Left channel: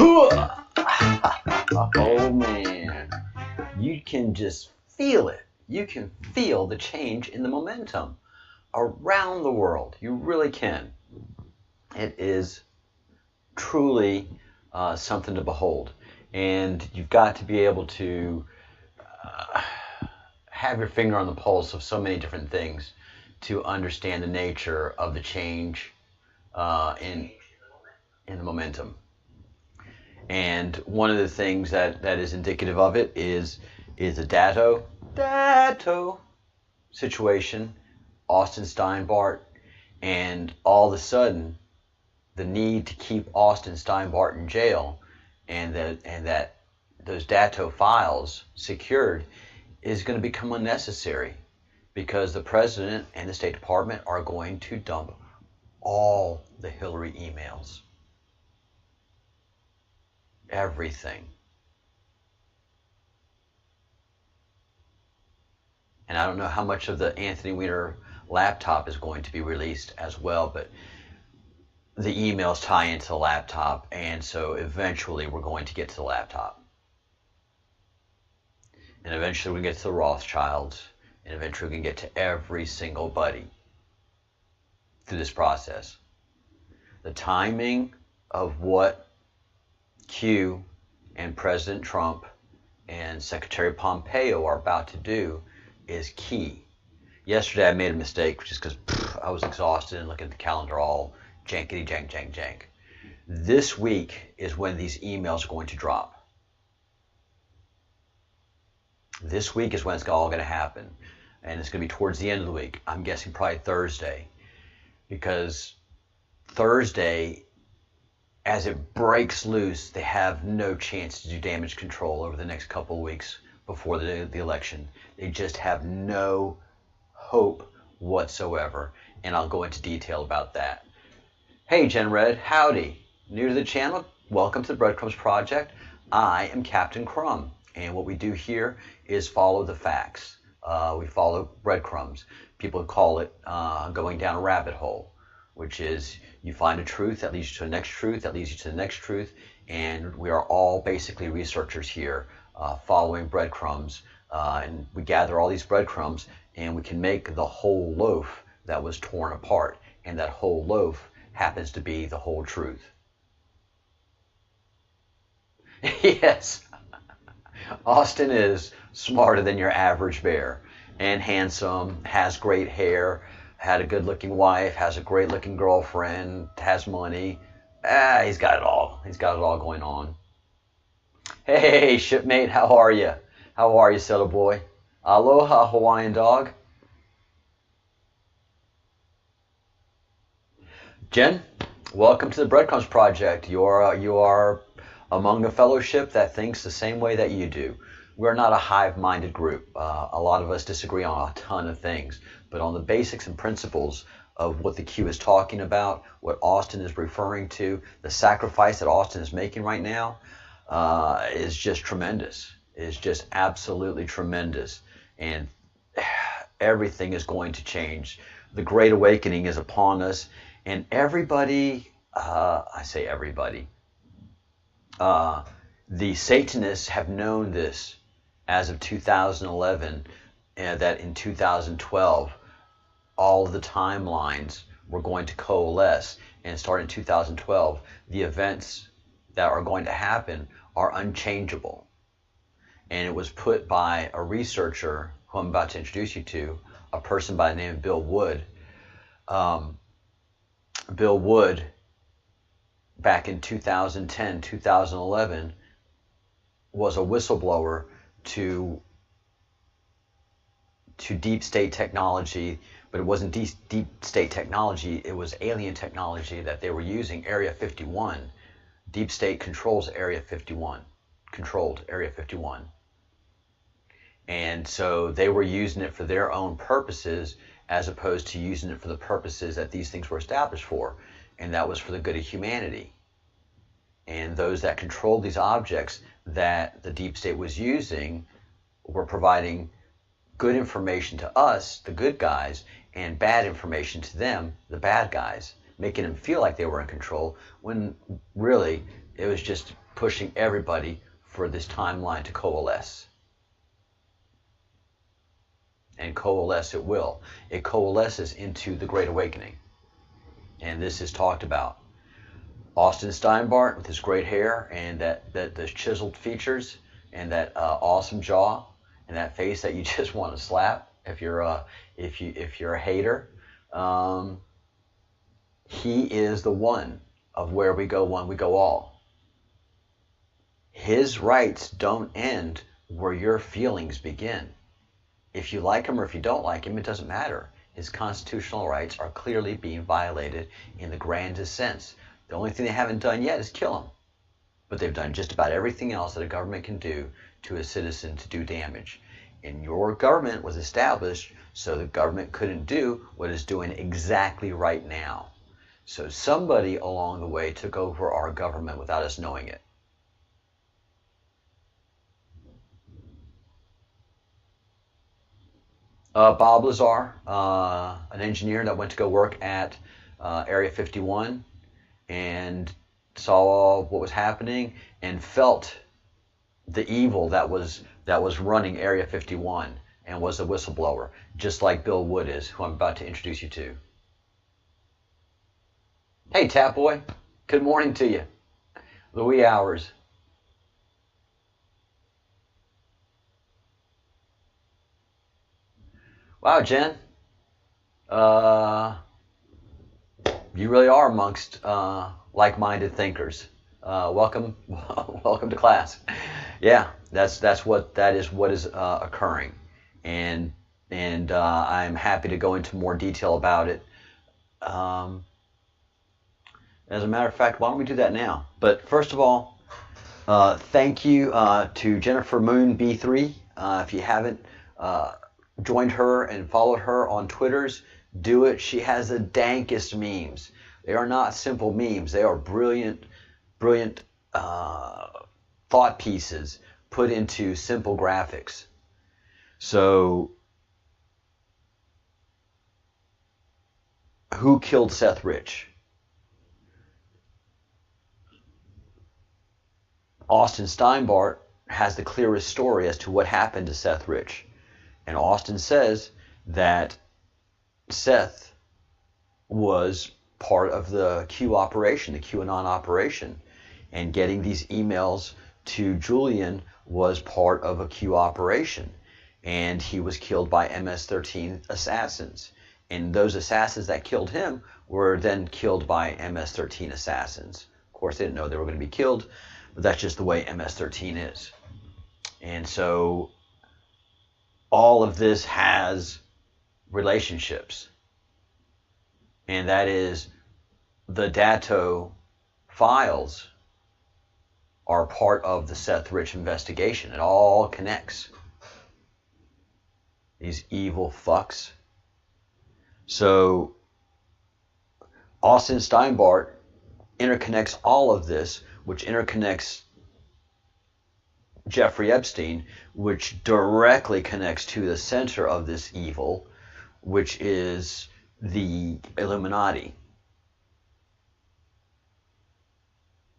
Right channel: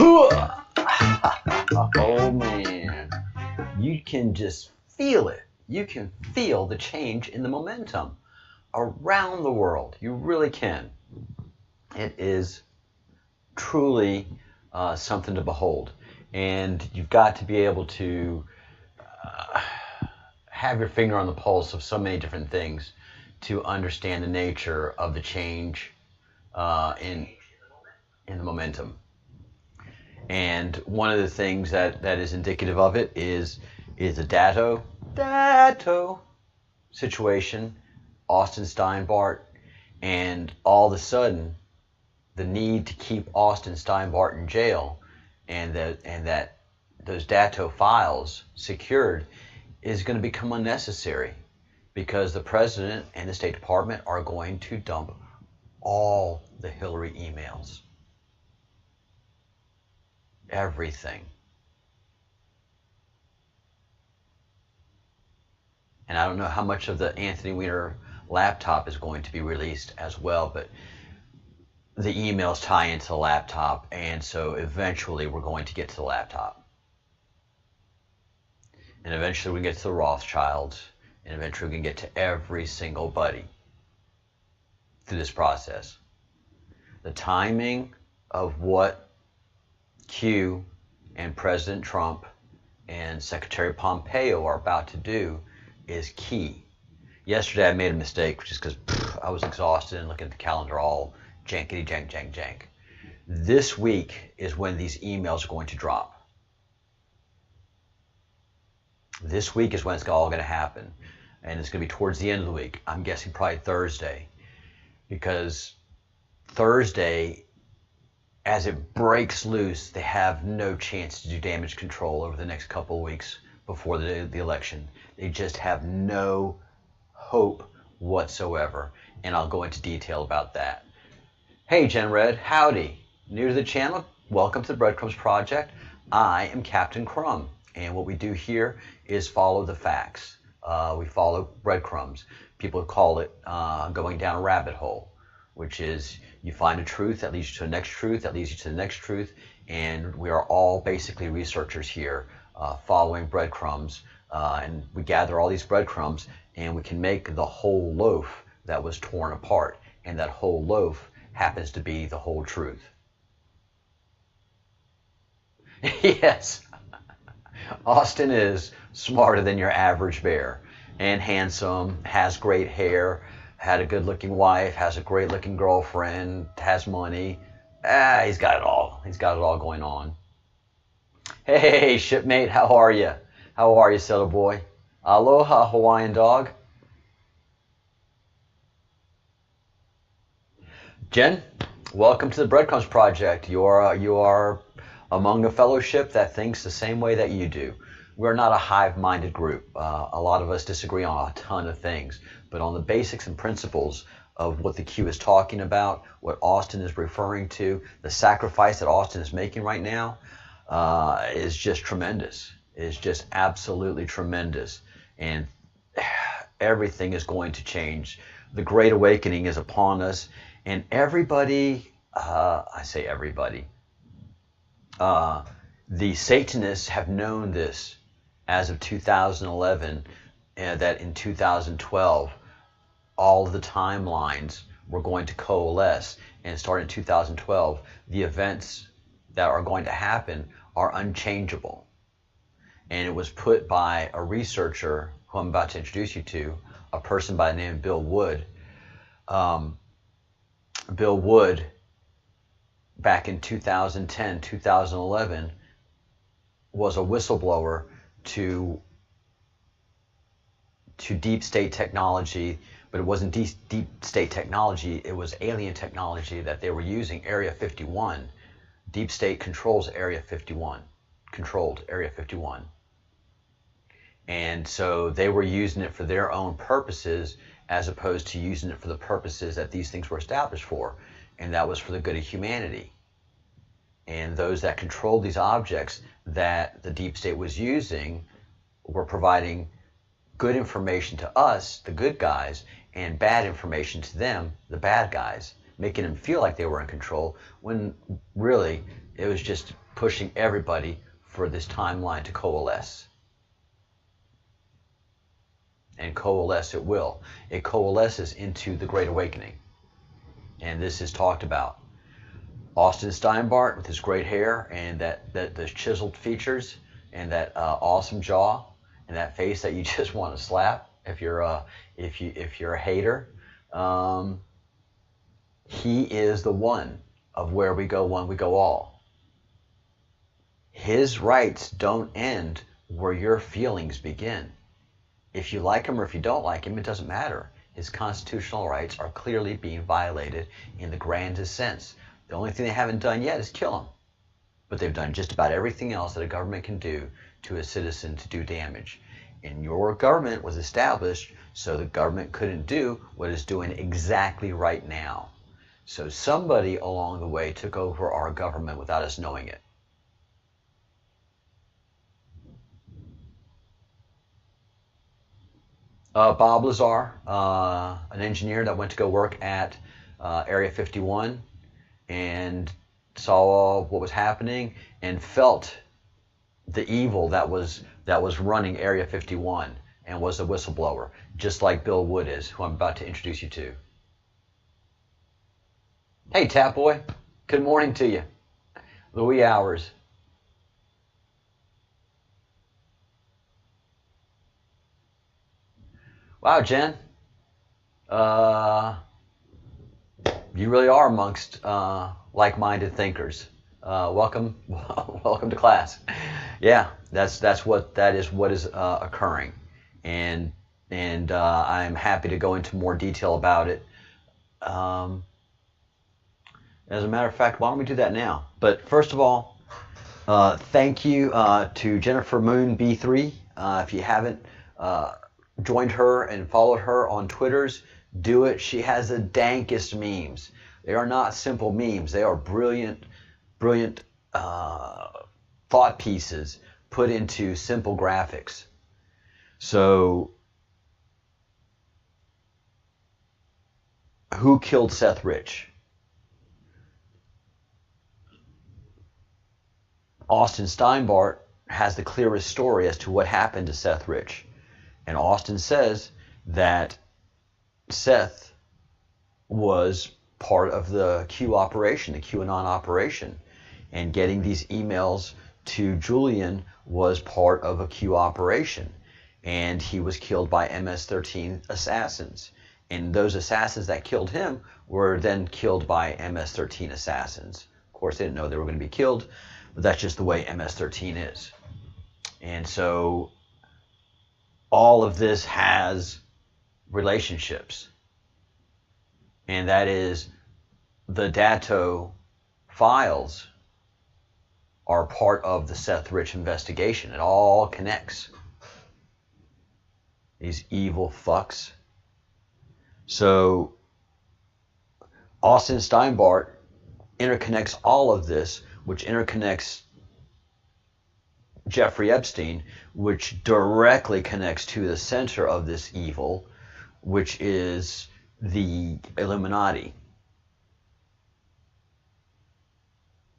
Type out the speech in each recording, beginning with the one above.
Oh man, you can just feel it. You can feel the change in the momentum around the world. You really can. It is truly something to behold. And you've got to be able to have your finger on the pulse of so many different things to understand the nature of the change in the momentum. And one of the things that is indicative of it is the dato situation, Austin Steinbart, and all of a sudden the need to keep Austin Steinbart in jail and that those dato files secured is going to become unnecessary because the president and the State Department are going to dump all the Hillary emails. Everything. And I don't know how much of the Anthony Weiner laptop is going to be released as well, but the emails tie into the laptop, and so eventually we're going to get to the laptop. And eventually we get to the Rothschilds, and eventually we can get to every single buddy through this process. The timing of what Q and President Trump and Secretary Pompeo are about to do is key. Yesterday I made a mistake just because I was exhausted and looking at the calendar all jankety jank. This week is when these emails are going to drop. This week is when it's all going to happen. And it's going to be towards the end of the week. I'm guessing probably Thursday. Because Thursday, as it breaks loose, they have no chance to do damage control over the next couple of weeks before the election. They just have no hope whatsoever. And I'll go into detail about that. Hey, Jen Red, howdy. New to the channel? Welcome to the Breadcrumbs Project. I am Captain Crumb. And what we do here is follow the facts. We follow breadcrumbs. People call it going down a rabbit hole, which is you find a truth that leads you to the next truth, that leads you to the next truth, and we are all basically researchers here following breadcrumbs, and we gather all these breadcrumbs and we can make the whole loaf that was torn apart, and that whole loaf happens to be the whole truth. Yes, Austin is smarter than your average bear, and handsome, has great hair, had a good-looking wife, has a great-looking girlfriend, has money. He's got it all. He's got it all going on. Hey, shipmate, how are you? How are you, settle boy? Aloha, Hawaiian dog. Jen, welcome to the Breadcrumbs Project. You are among a fellowship that thinks the same way that you do. We're not a hive-minded group. A lot of us disagree on a ton of things, but on the basics and principles of what the Q is talking about, what Austin is referring to, the sacrifice that Austin is making right now is just tremendous. Is just absolutely tremendous. And everything is going to change. The Great Awakening is upon us, and everybody, I say everybody, the Satanists have known this as of 2011, that in 2012, all of the timelines were going to coalesce, and starting in 2012, the events that are going to happen are unchangeable. And it was put by a researcher who I'm about to introduce you to, a person by the name of Bill Wood. Bill Wood, back in 2010, 2011, was a whistleblower to deep state technology, but it wasn't deep state technology, it was alien technology that they were using, Area 51. Deep state controls Area 51, controlled Area 51. And so they were using it for their own purposes as opposed to using it for the purposes that these things were established for, and that was for the good of humanity. And those that controlled these objects that the deep state was using were providing good information to us, the good guys, and bad information to them, the bad guys, making them feel like they were in control, when really it was just pushing everybody for this timeline to coalesce. And coalesce it will. It coalesces into the Great Awakening. And this is talked about. Austin Steinbart with his great hair and the chiseled features and that awesome jaw and that face that you just want to slap if you're a hater. He is the one of where we go one, we go all. His rights don't end where your feelings begin. If you like him or if you don't like him, it doesn't matter. His constitutional rights are clearly being violated in the grandest sense. The only thing they haven't done yet is kill him. But they've done just about everything else that a government can do to a citizen to do damage. And your government was established so the government couldn't do what it's doing exactly right now. So somebody along the way took over our government without us knowing it. Bob Lazar, an engineer that went to go work at Area 51 and saw what was happening and felt the evil that was running Area 51 and was a whistleblower, just like Bill Wood is, who I'm about to introduce you to. Hey, Tap Boy. Good morning to you. The wee hours. Wow, Jen. You really are amongst like-minded thinkers. Welcome, welcome to class. Yeah, that is what is occurring, and I'm happy to go into more detail about it. As a matter of fact, why don't we do that now? But first of all, thank you to Jennifer Moon B3. If you haven't joined her and followed her on Twitters, do it. She has the dankest memes. They are not simple memes. They are brilliant thought pieces put into simple graphics. So, who killed Seth Rich? Austin Steinbart has the clearest story as to what happened to Seth Rich. And Austin says that Seth was part of the Q operation, the QAnon operation. And getting these emails to Julian was part of a Q operation. And he was killed by MS-13 assassins. And those assassins that killed him were then killed by MS-13 assassins. Of course, they didn't know they were going to be killed, but that's just the way MS-13 is. And so all of this has relationships. And that is the Datto files are part of the Seth Rich investigation. It all connects. These evil fucks. So Austin Steinbart interconnects all of this, which interconnects Jeffrey Epstein, which directly connects to the center of this evil, which is the Illuminati.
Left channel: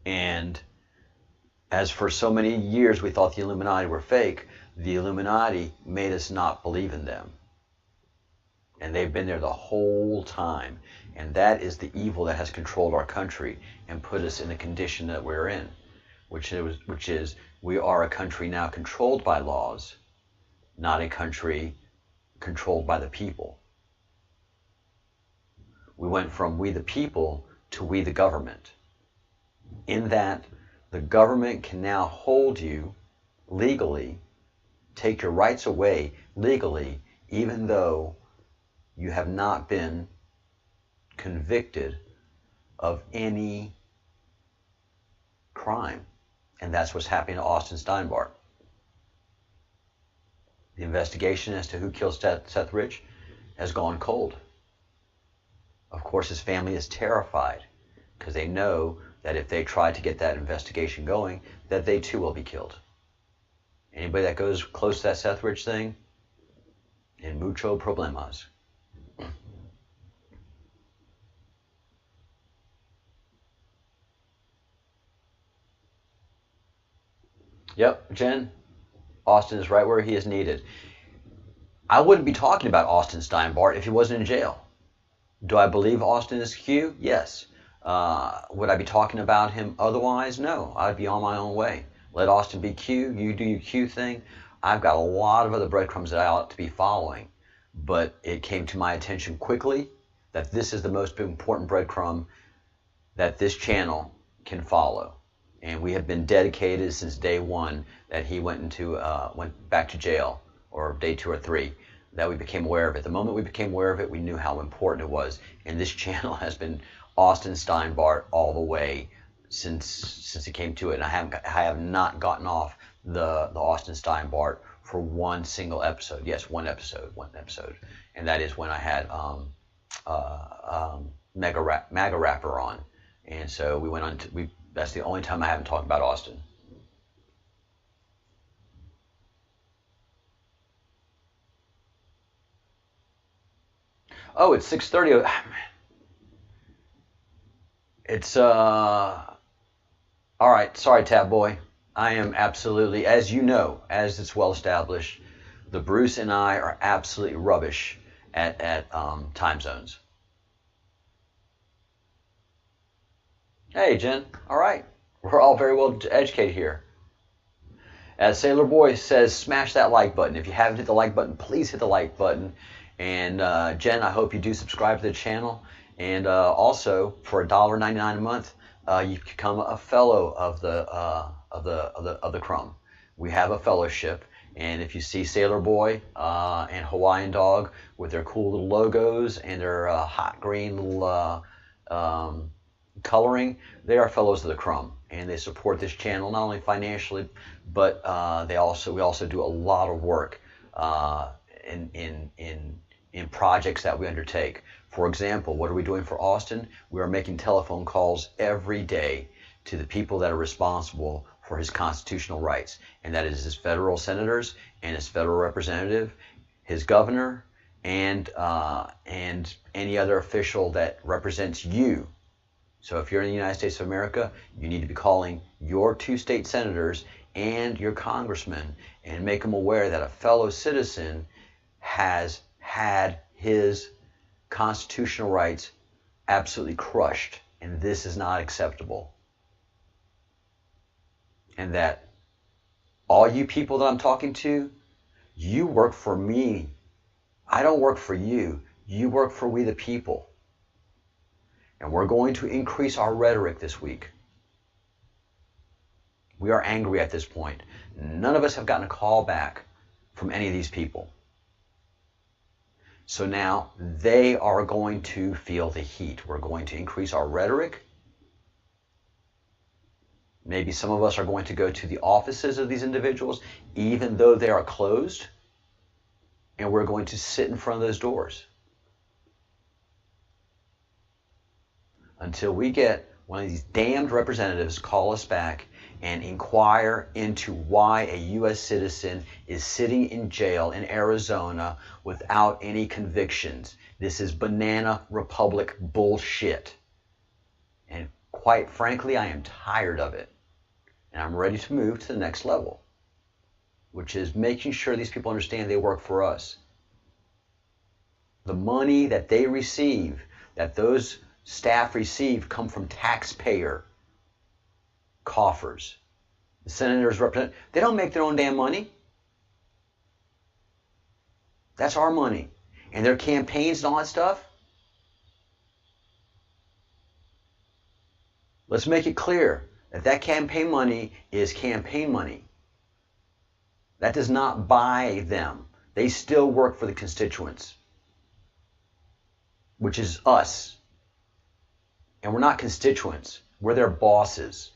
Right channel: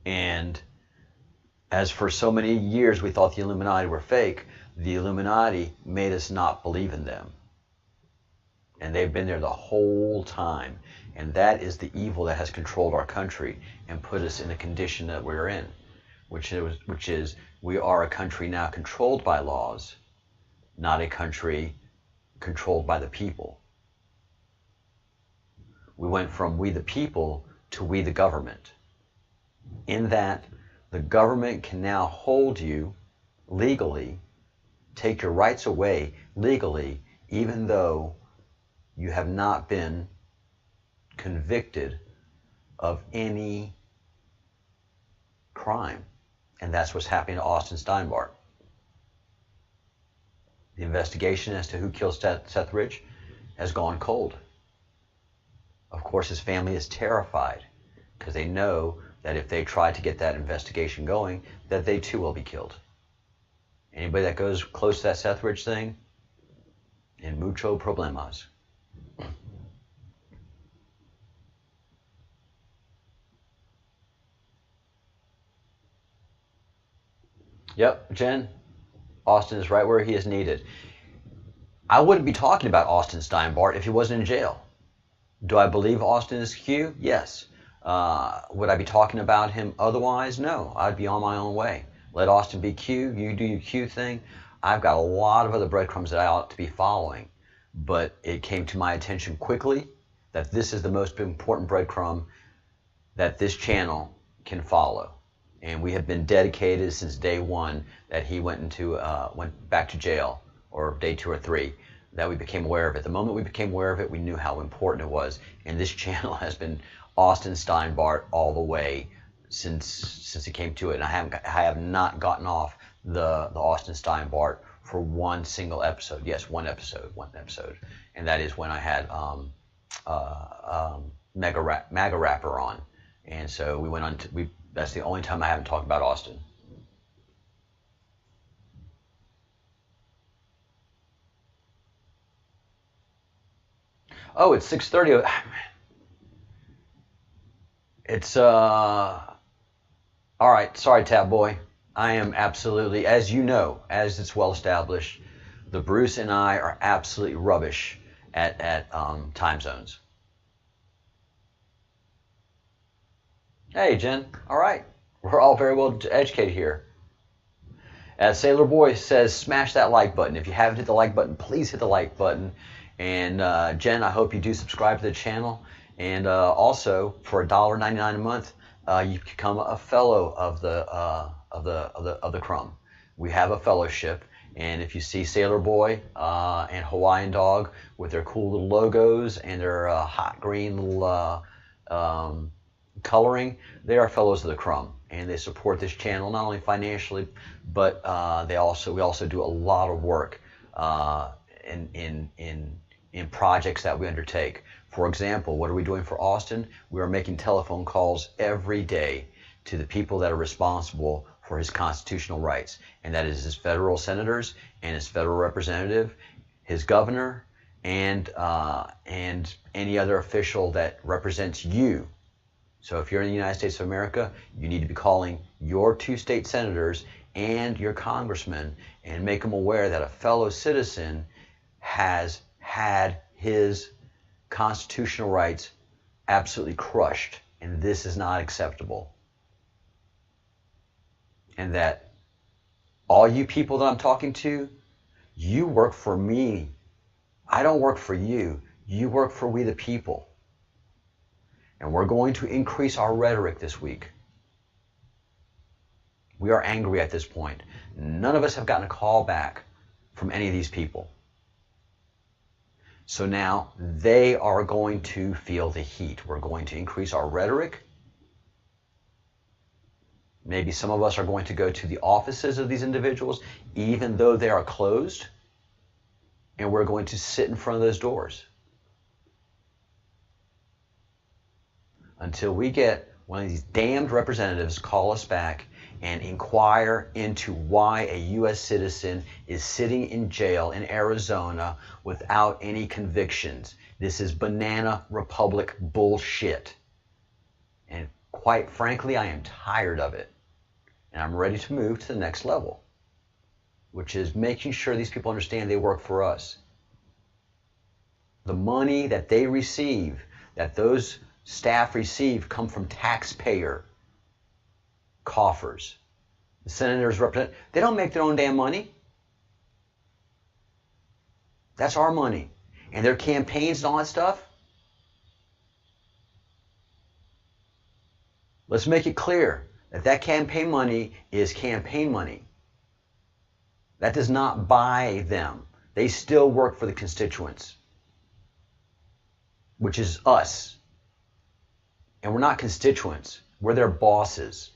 And as for so many years we thought the Illuminati were fake, the Illuminati made us not believe in them. And they've been there the whole time. And that is the evil that has controlled our country and put us in the condition that we're in, which is we are a country now controlled by laws, not a country controlled by the people. We went from we the people to we the government. In that, the government can now hold you legally, take your rights away legally, even though you have not been convicted of any crime. And that's what's happening to Austin Steinbart. The investigation as to who killed Seth Rich has gone cold. Of course, his family is terrified because they know that if they try to get that investigation going, that they too will be killed. Anybody that goes close to that Seth Rich thing, en mucho problemas. Yep, Jen, Austin is right where he is needed. I wouldn't be talking about Austin Steinbart if he wasn't in jail. Do I believe Austin is Q? Yes. Would I be talking about him otherwise? No. I'd be on my own way. Let Austin be Q. You do your Q thing. I've got a lot of other breadcrumbs that I ought to be following. But it came to my attention quickly that this is the most important breadcrumb that this channel can follow. And we have been dedicated since day one that he went back to jail, or day 2 or 3, that we became aware of it. The moment we became aware of it, we knew how important it was. And this channel has been Austin Steinbart all the way since he came to it. And I have not gotten off the Austin Steinbart for one single episode. Yes, one episode. And that is when I had MAGA Rapper on. And so we went on that's the only time I haven't talked about Austin. Oh, it's 6:30. It's all right. Sorry, Tab Boy. I am absolutely, as you know, as it's well established, the Bruce and I are absolutely rubbish at time zones. Hey, Jen. All right. We're all very well educated here. As Sailor Boy says, smash that like button. If you haven't hit the like button, please hit the like button. And Jen, I hope you do subscribe to the channel. And also, for $1.99 a month, you become a fellow of the Crumb. We have a fellowship, and if you see Sailor Boy and Hawaiian Dog with their cool little logos and their hot green little coloring, they are fellows of the Crumb, and they support this channel not only financially, but we also do a lot of work in projects that we undertake. For example, what are we doing for Austin? We are making telephone calls every day to the people that are responsible for his constitutional rights, and that is his federal senators and his federal representative, his governor, and any other official that represents you. So if you're in the United States of America, you need to be calling your 2 state senators and your congressman and make them aware that a fellow citizen has had his constitutional rights absolutely crushed, and this is not acceptable. And that all you people that I'm talking to, you work for me. I don't work for you. You work for we the people. And we're going to increase our rhetoric this week. We are angry at this point. None of us have gotten a call back from any of these people. So now they are going to feel the heat. We're going to increase our rhetoric. Maybe some of us are going to go to the offices of these individuals, even though they are closed, and we're going to sit in front of those doors until we get one of these damned representatives call us back and inquire into why a U.S. citizen is sitting in jail in Arizona without any convictions. This is banana republic bullshit. And quite frankly, I am tired of it. And I'm ready to move to the next level, which is making sure these people understand they work for us. The money that they receive, that those staff receive, come from taxpayer coffers. The senators represent, they don't make their own damn money. That's our money. And their campaigns and all that stuff. Let's make it clear that that campaign money is campaign money. That does not buy them. They still work for the constituents, which is us. And we're not constituents. We're their bosses.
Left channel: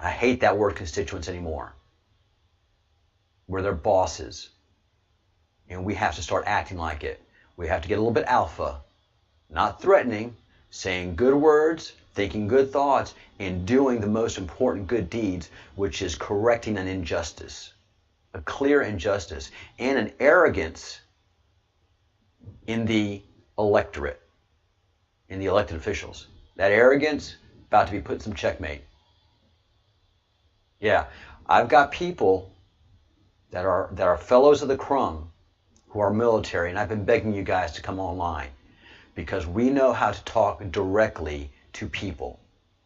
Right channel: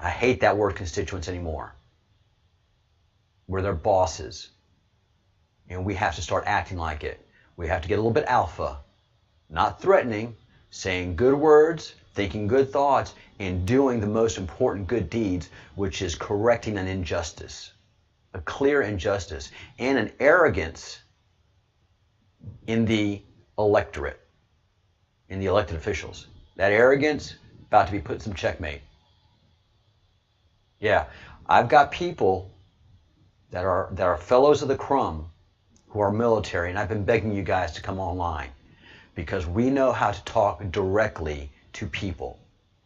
I hate that word constituents anymore. We're their bosses. And we have to start acting like it. We have to get a little bit alpha, not threatening, saying good words, thinking good thoughts, and doing the most important good deeds, which is correcting an injustice, a clear injustice, and an arrogance in the electorate, in the elected officials. That arrogance about to be put in some checkmate. Yeah, I've got people that are fellows of the crumb who are military, and I've been begging you guys to come online because we know how to talk directly to people.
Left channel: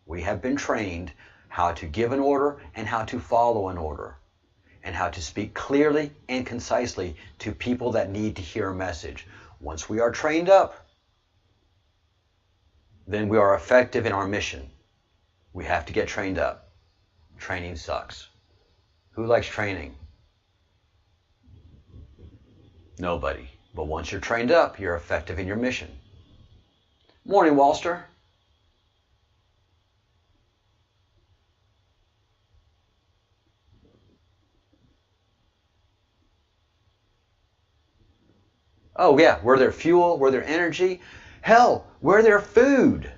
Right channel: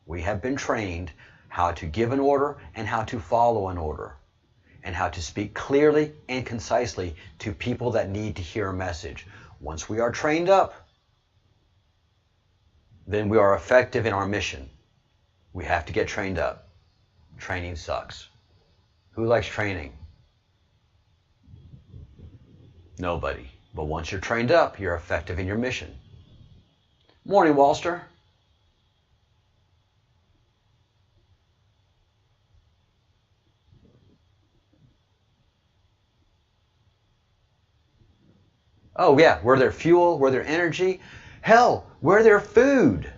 We have been trained how to give an order and how to follow an order, and how to speak clearly and concisely to people that need to hear a message. Once we are trained up, then we are effective in our mission. We have to get trained up. Training sucks. Who likes training? Nobody. But once you're trained up, you're effective in your mission. Morning, Walster. Oh yeah, we're their fuel, we're their energy. Hell, we're their food.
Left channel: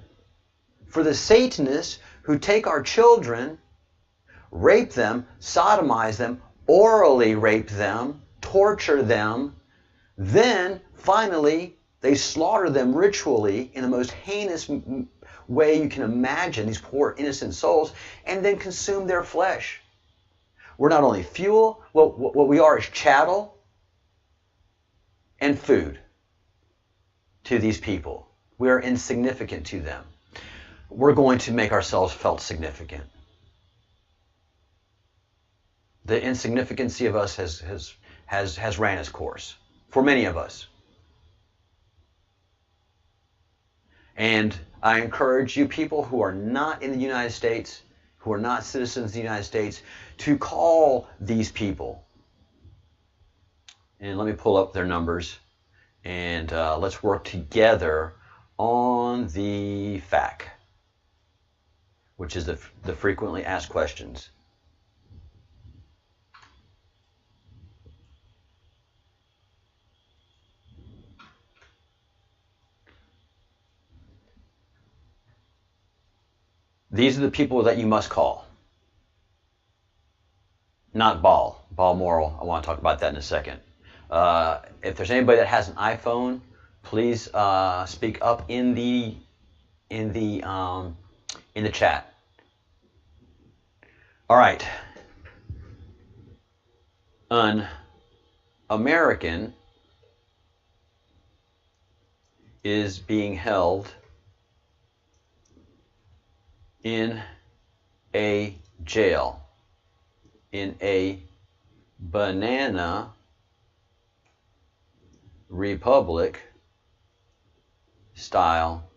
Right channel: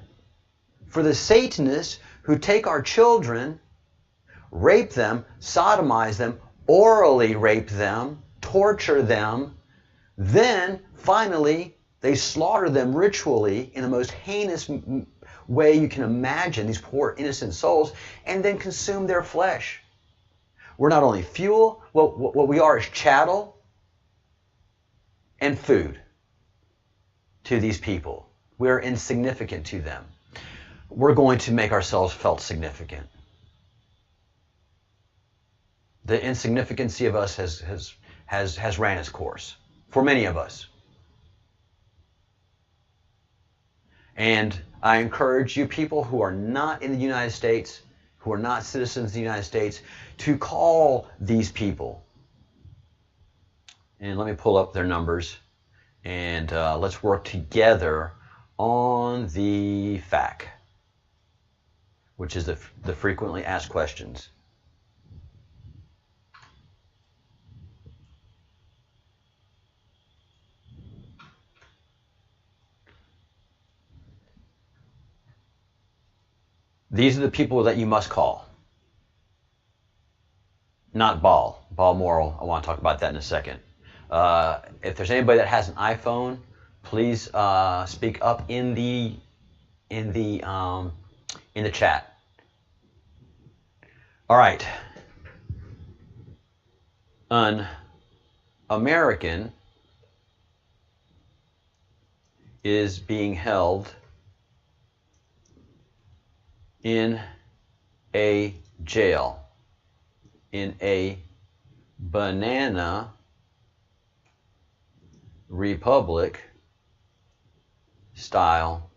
For the Satanists who take our children, rape them, sodomize them, orally rape them, torture them, then finally they slaughter them ritually in the most heinous way you can imagine, these poor innocent souls, and then consume their flesh. We're not only fuel, what we are is chattel and food to these people. We are insignificant to them. We're going to make ourselves felt significant. The insignificancy of us has ran its course for many of us. And I encourage you people who are not in the United States, who are not citizens of the United States, to call these people. And let me pull up their numbers, and let's work together on the FAQ, which is the frequently asked questions. These are the people that you must call. Not Balmoral. I want to talk about that in a second. If there's anybody that has an iPhone, please speak up in the chat. All right. An American is being held in a jail, in a banana republic style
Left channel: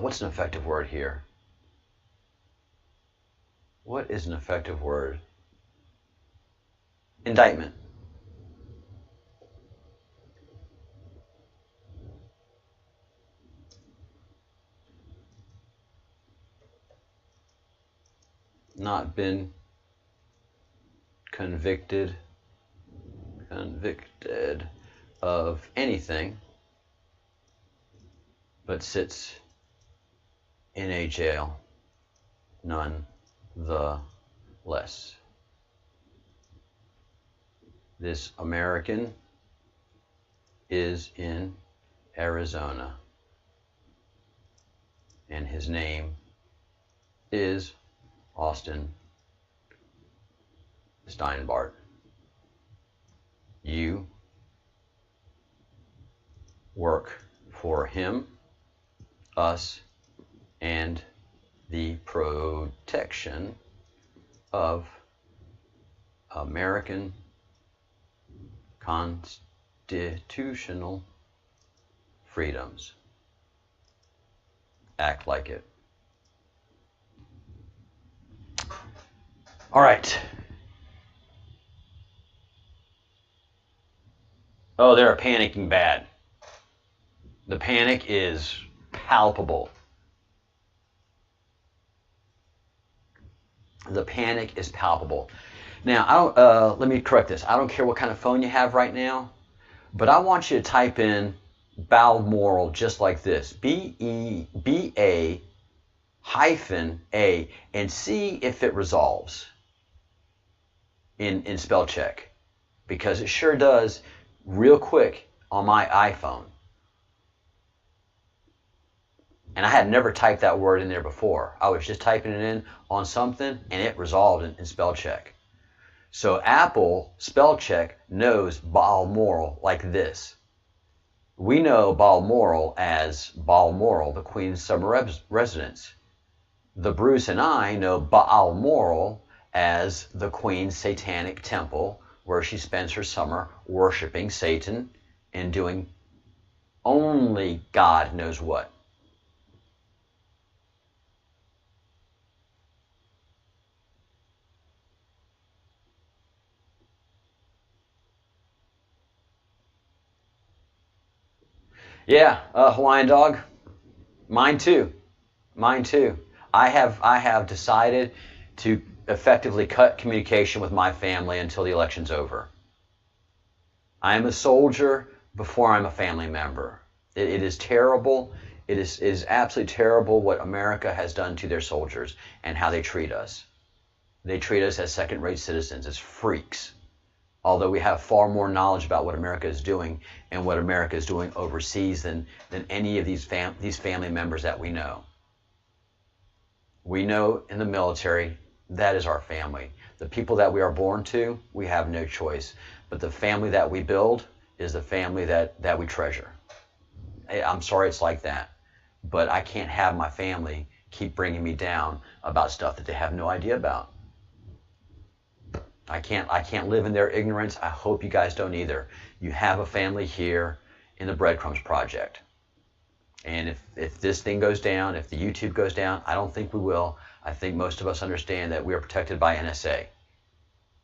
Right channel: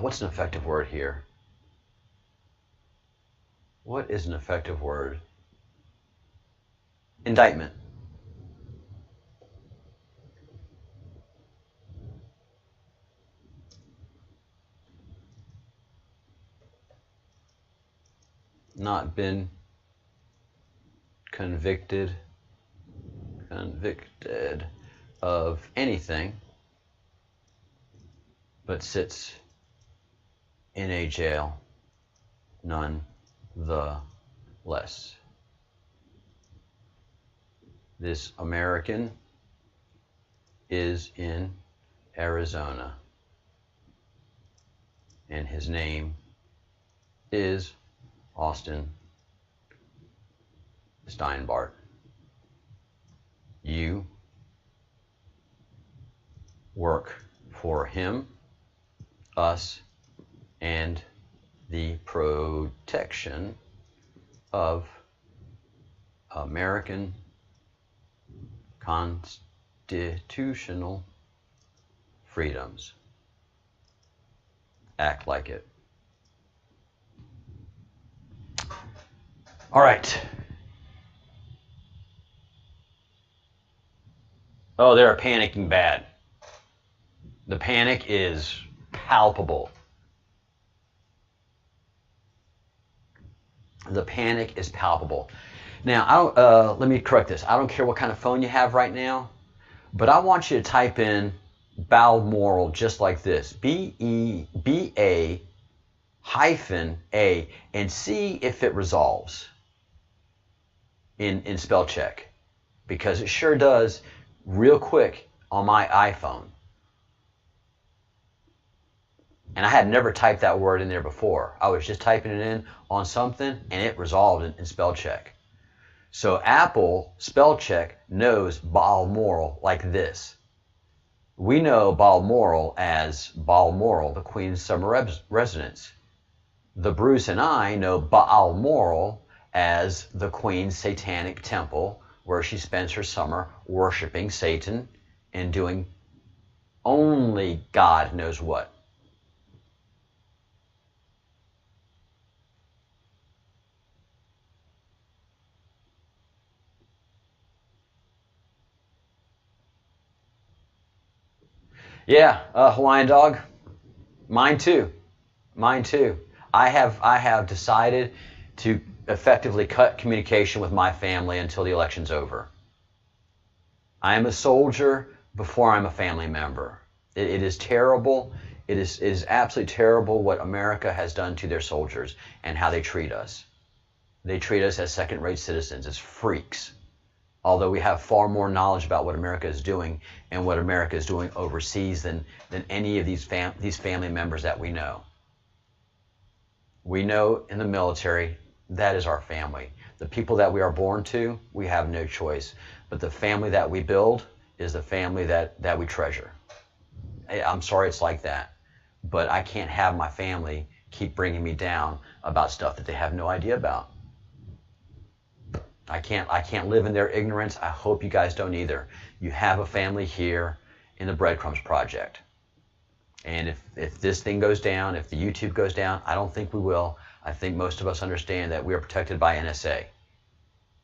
what's an effective word here? What is an effective word? Indictment. Not been convicted of anything, but sits in a jail none the less. This American is in Arizona, and his name is Austin Steinbart. You work for him, us, and the protection of American constitutional freedoms. Act like it. All right. Oh, they're panicking bad. The panic is palpable. The panic is palpable. Now, let me correct this. I don't care what kind of phone you have right now, but I want you to type in Balmoral just like this. B-E-B-A -A, and see if it resolves in spell check, because it sure does real quick on my iPhone. And I had never typed that word in there before. I was just typing it in on something, and it resolved in spell check. So Apple spell check knows Balmoral like this. We know Balmoral as Balmoral, the Queen's summer residence. The Bruce and I know Balmoral as the Queen's satanic temple, where she spends her summer worshiping Satan and doing only God knows what. Yeah, Hawaiian dog. Mine too. Mine too. I have decided to effectively cut communication with my family until the election's over. I am a soldier before I'm a family member. It is terrible. It is absolutely terrible what America has done to their soldiers and how they treat us. They treat us as second-rate citizens, as freaks. Although we have far more knowledge about what America is doing and what America is doing overseas than any of these family members that we know. We know in the military, that is our family. The people that we are born to, we have no choice. But the family that we build is the family that we treasure. I'm sorry it's like that, but I can't have my family keep bringing me down about stuff that they have no idea about. I can't live in their ignorance. I hope you guys don't either. You have a family here in the Breadcrumbs Project. And if this thing goes down, if the YouTube goes down, I don't think we will. I think most of us understand that we are protected by NSA,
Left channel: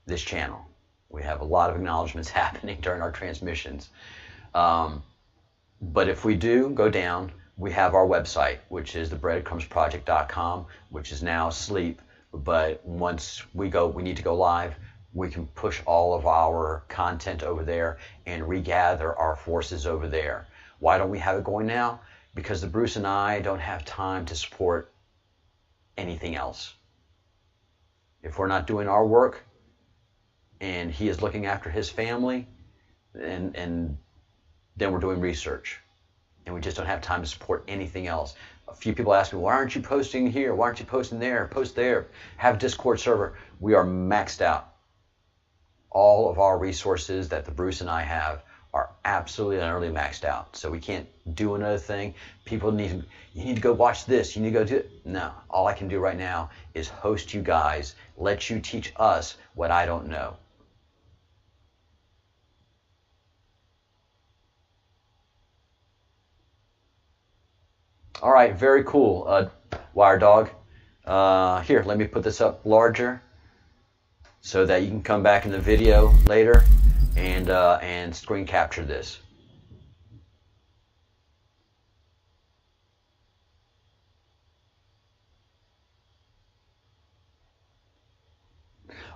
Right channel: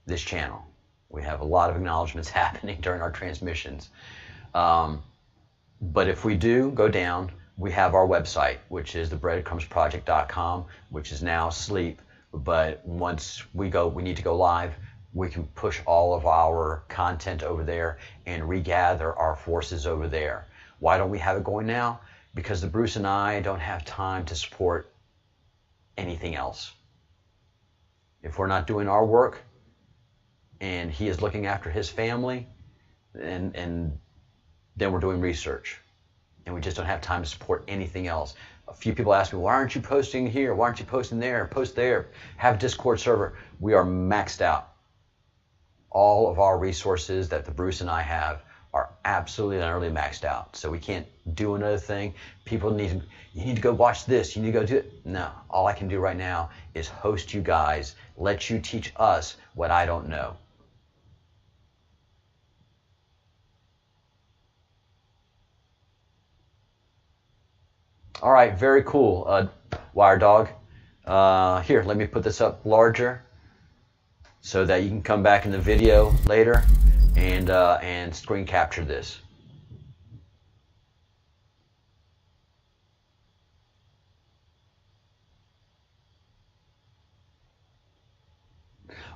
this channel. We have a lot of acknowledgments happening during our transmissions. But if we do go down, we have our website, which is thebreadcrumbsproject.com, which is now asleep. But once we need to go live, we can push all of our content over there and regather our forces over there. Why don't we have it going now? Because the Bruce and I don't have time to support anything else. If we're not doing our work and he is looking after his family, and then we're doing research. And we just don't have time to support anything else. A few people ask me, why aren't you posting here? Why aren't you posting there? Post there. Have a Discord server. We are maxed out. All of our resources that the Bruce and I have are absolutely and utterly maxed out. So we can't do another thing. People you need to go watch this. You need to go do it. No. All I can do right now is host you guys, let you teach us what I don't know. All right, very cool, Wire Dog. Here, let me put this up larger so that you can come back in the video later and screen capture this.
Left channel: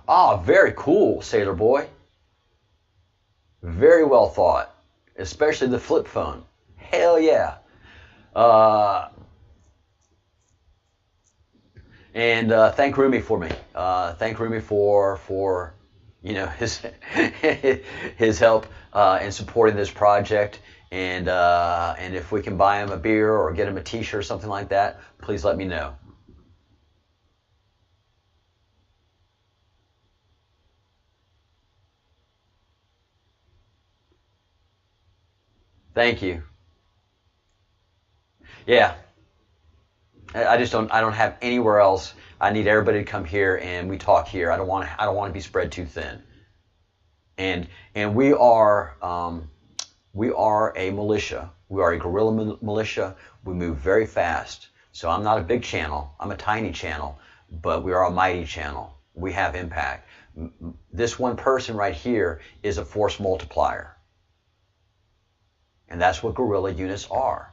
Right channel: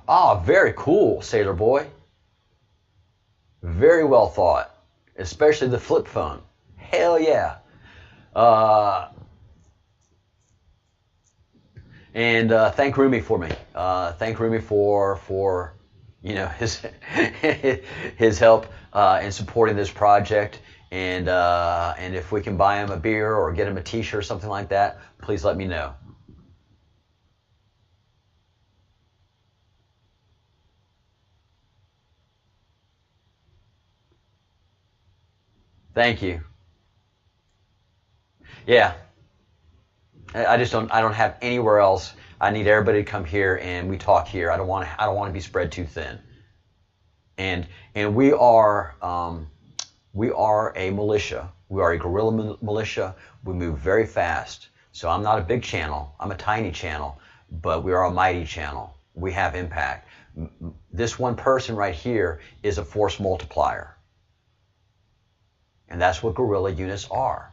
Ah, very cool, Sailor Boy. Very well thought, especially the flip phone. Hell yeah. And thank Rumi for me. Thank Rumi for his his help in supporting this project. And if we can buy him a beer or get him a T-shirt or something like that, please let me know. Thank you. Yeah. I don't have anywhere else. I need everybody to come here and we talk here. I don't want to be spread too thin. And we are a militia. We are a guerrilla militia. We move very fast. So I'm not a big channel. I'm a tiny channel, but we are a mighty channel. We have impact. This one person right here is a force multiplier. And that's what guerrilla units are.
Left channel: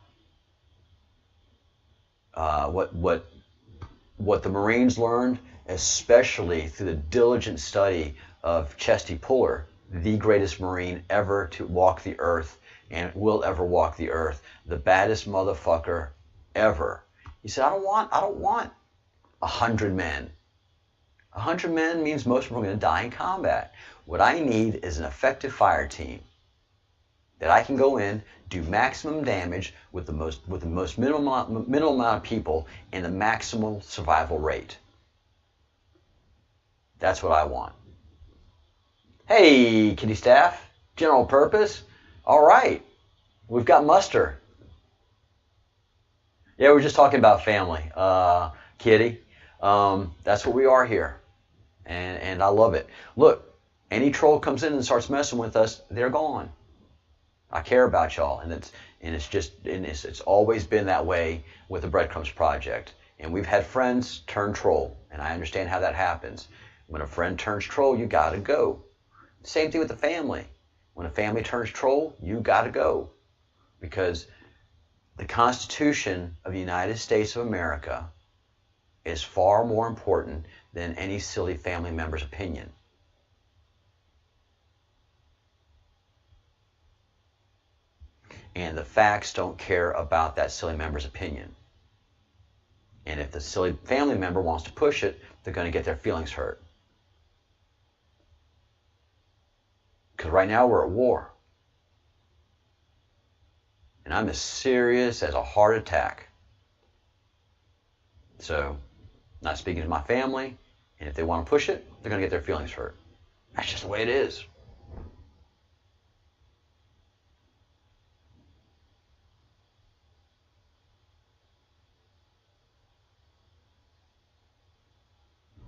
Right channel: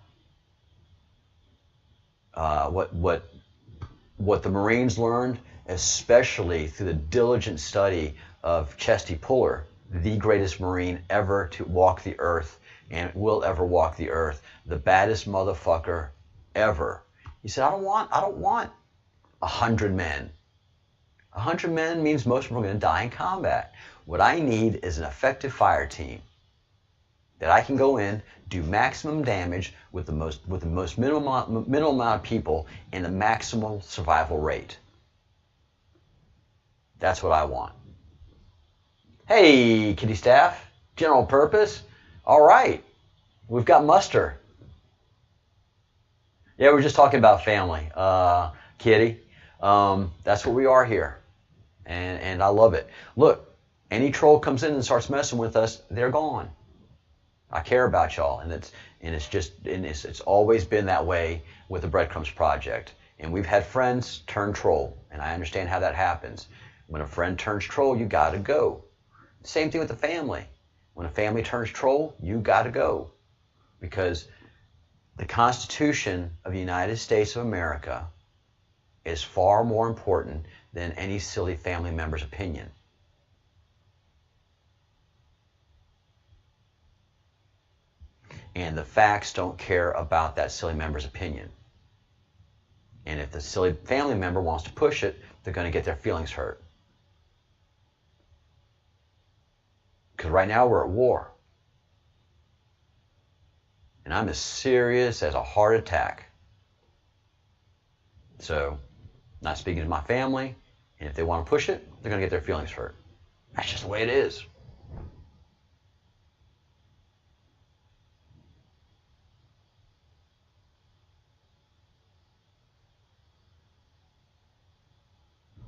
What the Marines learned, especially through the diligent study of Chesty Puller, the greatest Marine ever to walk the earth and will ever walk the earth, the baddest motherfucker ever. He said, I don't want 100 men. 100 men means most of them are going to die in combat. What I need is an effective fire team that I can go in, do maximum damage with the most minimal amount of people and the maximal survival rate. That's what I want. Hey, kitty staff, general purpose. All right, we've got muster. Yeah, we're just talking about family, kitty. That's what we are here, and I love it. Look, any troll comes in and starts messing with us, they're gone. I care about y'all, and it's always been that way with the Breadcrumbs Project. And we've had friends turn troll, and I understand how that happens. When a friend turns troll, you gotta go. Same thing with the family. When a family turns troll, you gotta go, because the Constitution of the United States of America is far more important than any silly family member's opinion. And the facts don't care about that silly member's opinion. And if the silly family member wants to push it, they're going to get their feelings hurt. Because right now we're at war. And I'm as serious as a heart attack. So, not speaking to my family, and if they want to push it, they're going to get their feelings hurt. That's just the way it is.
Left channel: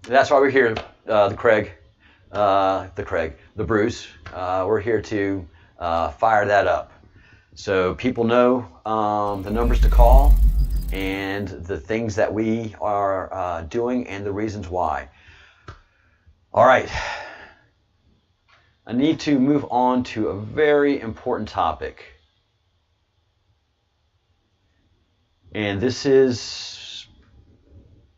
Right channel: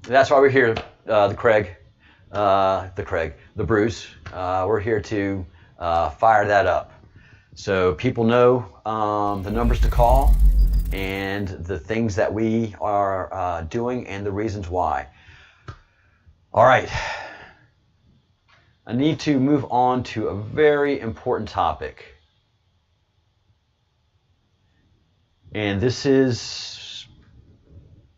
That's why we're here, the Bruce. We're here to fire that up. So people know the numbers to call and the things that we are doing and the reasons why. All right. I need to move on to a very important topic. And this is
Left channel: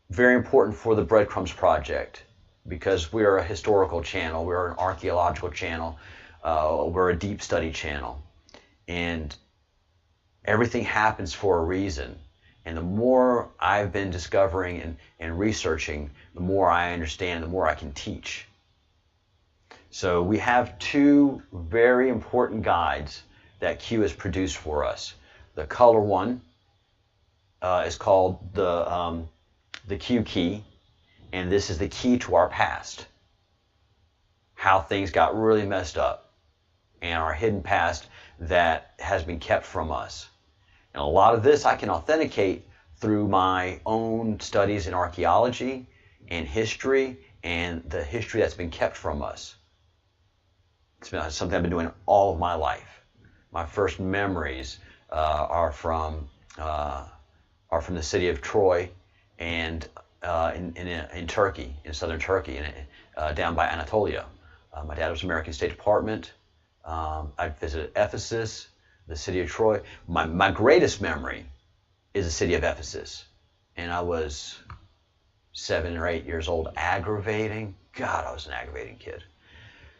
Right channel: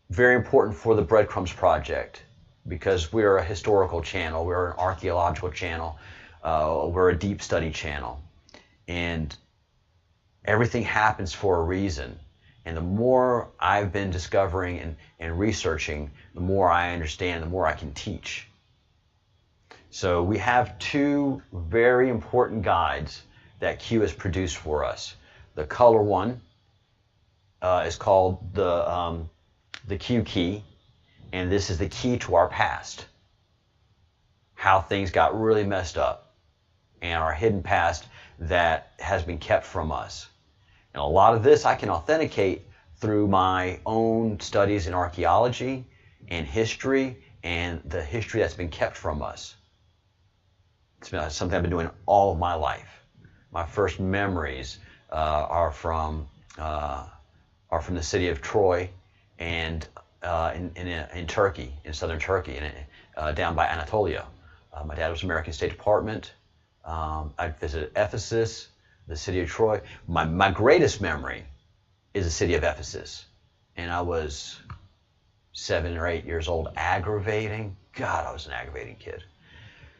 very important for the Breadcrumbs Project, because we're a historical channel, we're an archaeological channel, we're a deep study channel, and everything happens for a reason. And the more I've been discovering and researching, the more I understand, the more I can teach. So we have two very important guides that Q has produced for us. The color one is called the Q key, and this is the key to our past. How things got really messed up and our hidden past that has been kept from us. And a lot of this I can authenticate through my own studies in archaeology and history, and the history that's been kept from us. It's been something I've been doing all of my life. My first memories are from the city of Troy, and in Turkey, in southern Turkey, down by Anatolia. My dad was American State Department. I visited Ephesus, the city of Troy. My greatest memory is the city of Ephesus. And I was 7 or 8 years old, aggravating. God, I was an aggravating kid.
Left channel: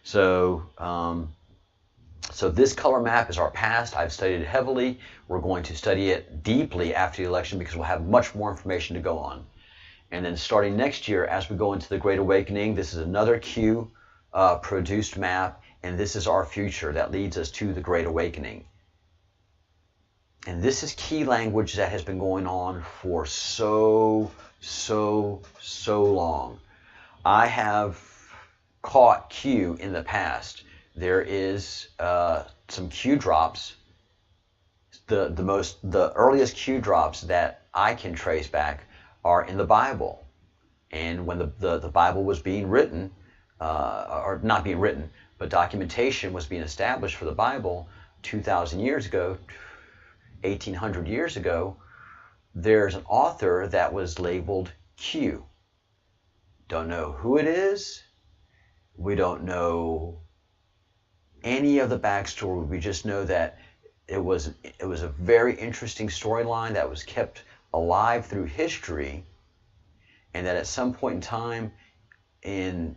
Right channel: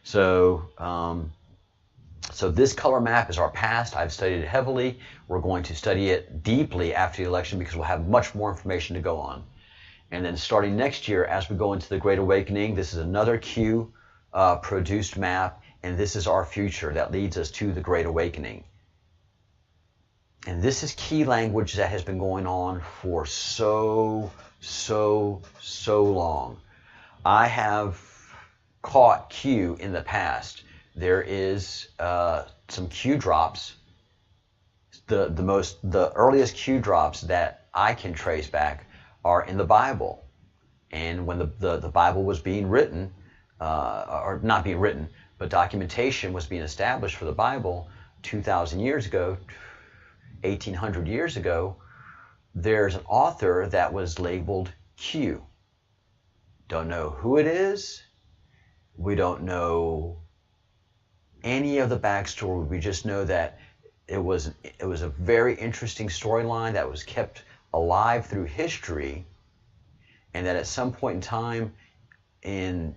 So this color map is our past. I've studied it heavily. We're going to study it deeply after the election because we'll have much more information to go on. And then starting next year, as we go into the Great Awakening, this is another Q produced map, and this is our future that leads us to the Great Awakening. And this is key language that has been going on for so long. I have caught Q in the past. There is some Q drops. The earliest Q drops that I can trace back are in the Bible. And when the Bible was being written, or not being written, but documentation was being established for the Bible 2,000 years ago, 1,800 years ago, there's an author that was labeled Q. Don't know who it is. We don't know any of the backstory. We just know that it was a very interesting storyline that was kept alive through history, and that at some point in time in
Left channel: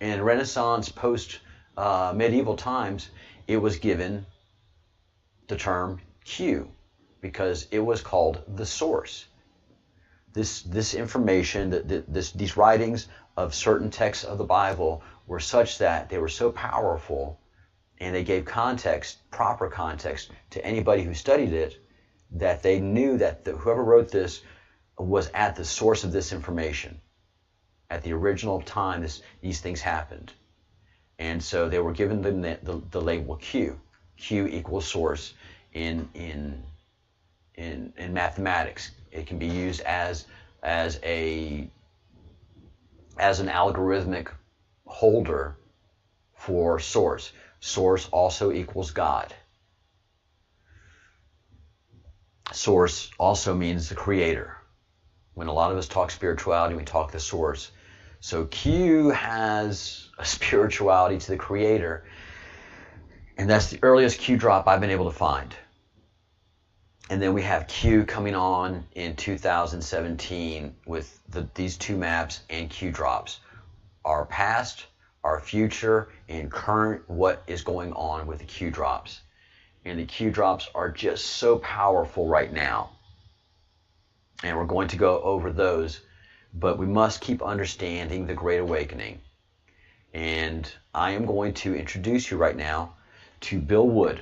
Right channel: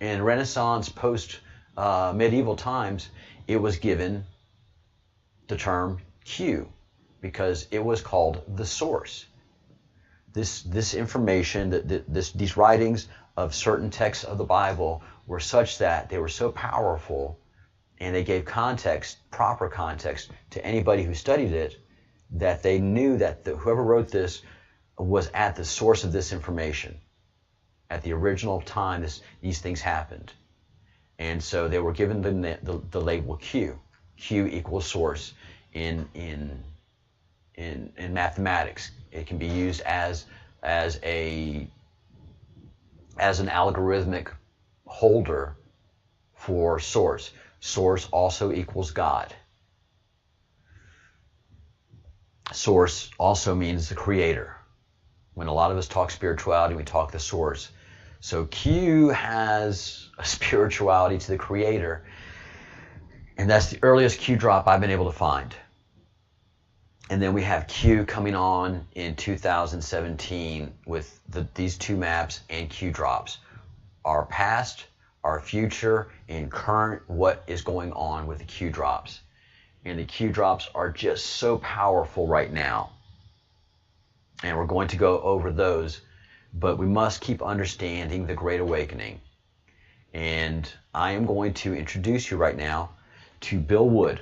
Renaissance, post medieval times, it was given the term Q because it was called the source. This information, these writings of certain texts of the Bible were such that they were so powerful and they gave context, proper context, to anybody who studied it, that they knew that whoever wrote this was at the source of this information. At the original time, these things happened. And so they were given the label Q. Q equals source in mathematics. It can be used as an algorithmic holder for source. Source also equals God. Source also means the creator. When a lot of us talk spirituality, we talk the source. So Q has a spirituality to the creator, and that's the earliest Q drop I've been able to find. And then we have Q coming on in 2017 with these two maps and Q drops. Our past, our future, and current, what is going on with the Q drops. And the Q drops are just so powerful right now. And we're going to go over those, but we must keep understanding the Great Awakening. And I am going to introduce you right now to Bill Wood.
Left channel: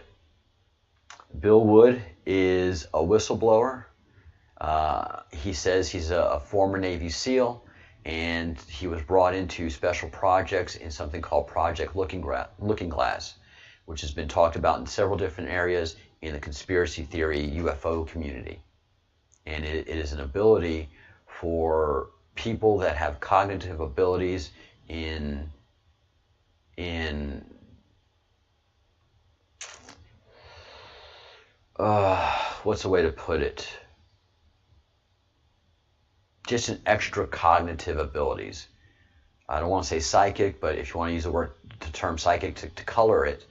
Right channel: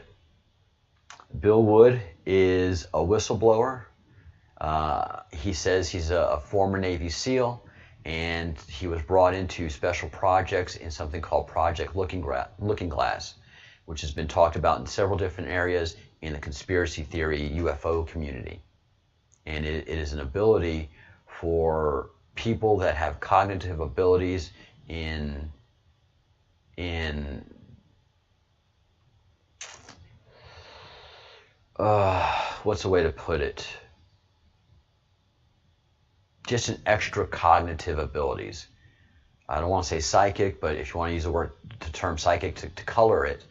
Bill Wood is a whistleblower. He says he's a former Navy SEAL, and he was brought into special projects in something called Project Looking Glass, which has been talked about in several different areas in the conspiracy theory UFO community. And it is an ability for people that have cognitive abilities in what's the way to put it? Just an extra cognitive abilities. I don't want to say psychic, but if you want to use the term psychic to color it,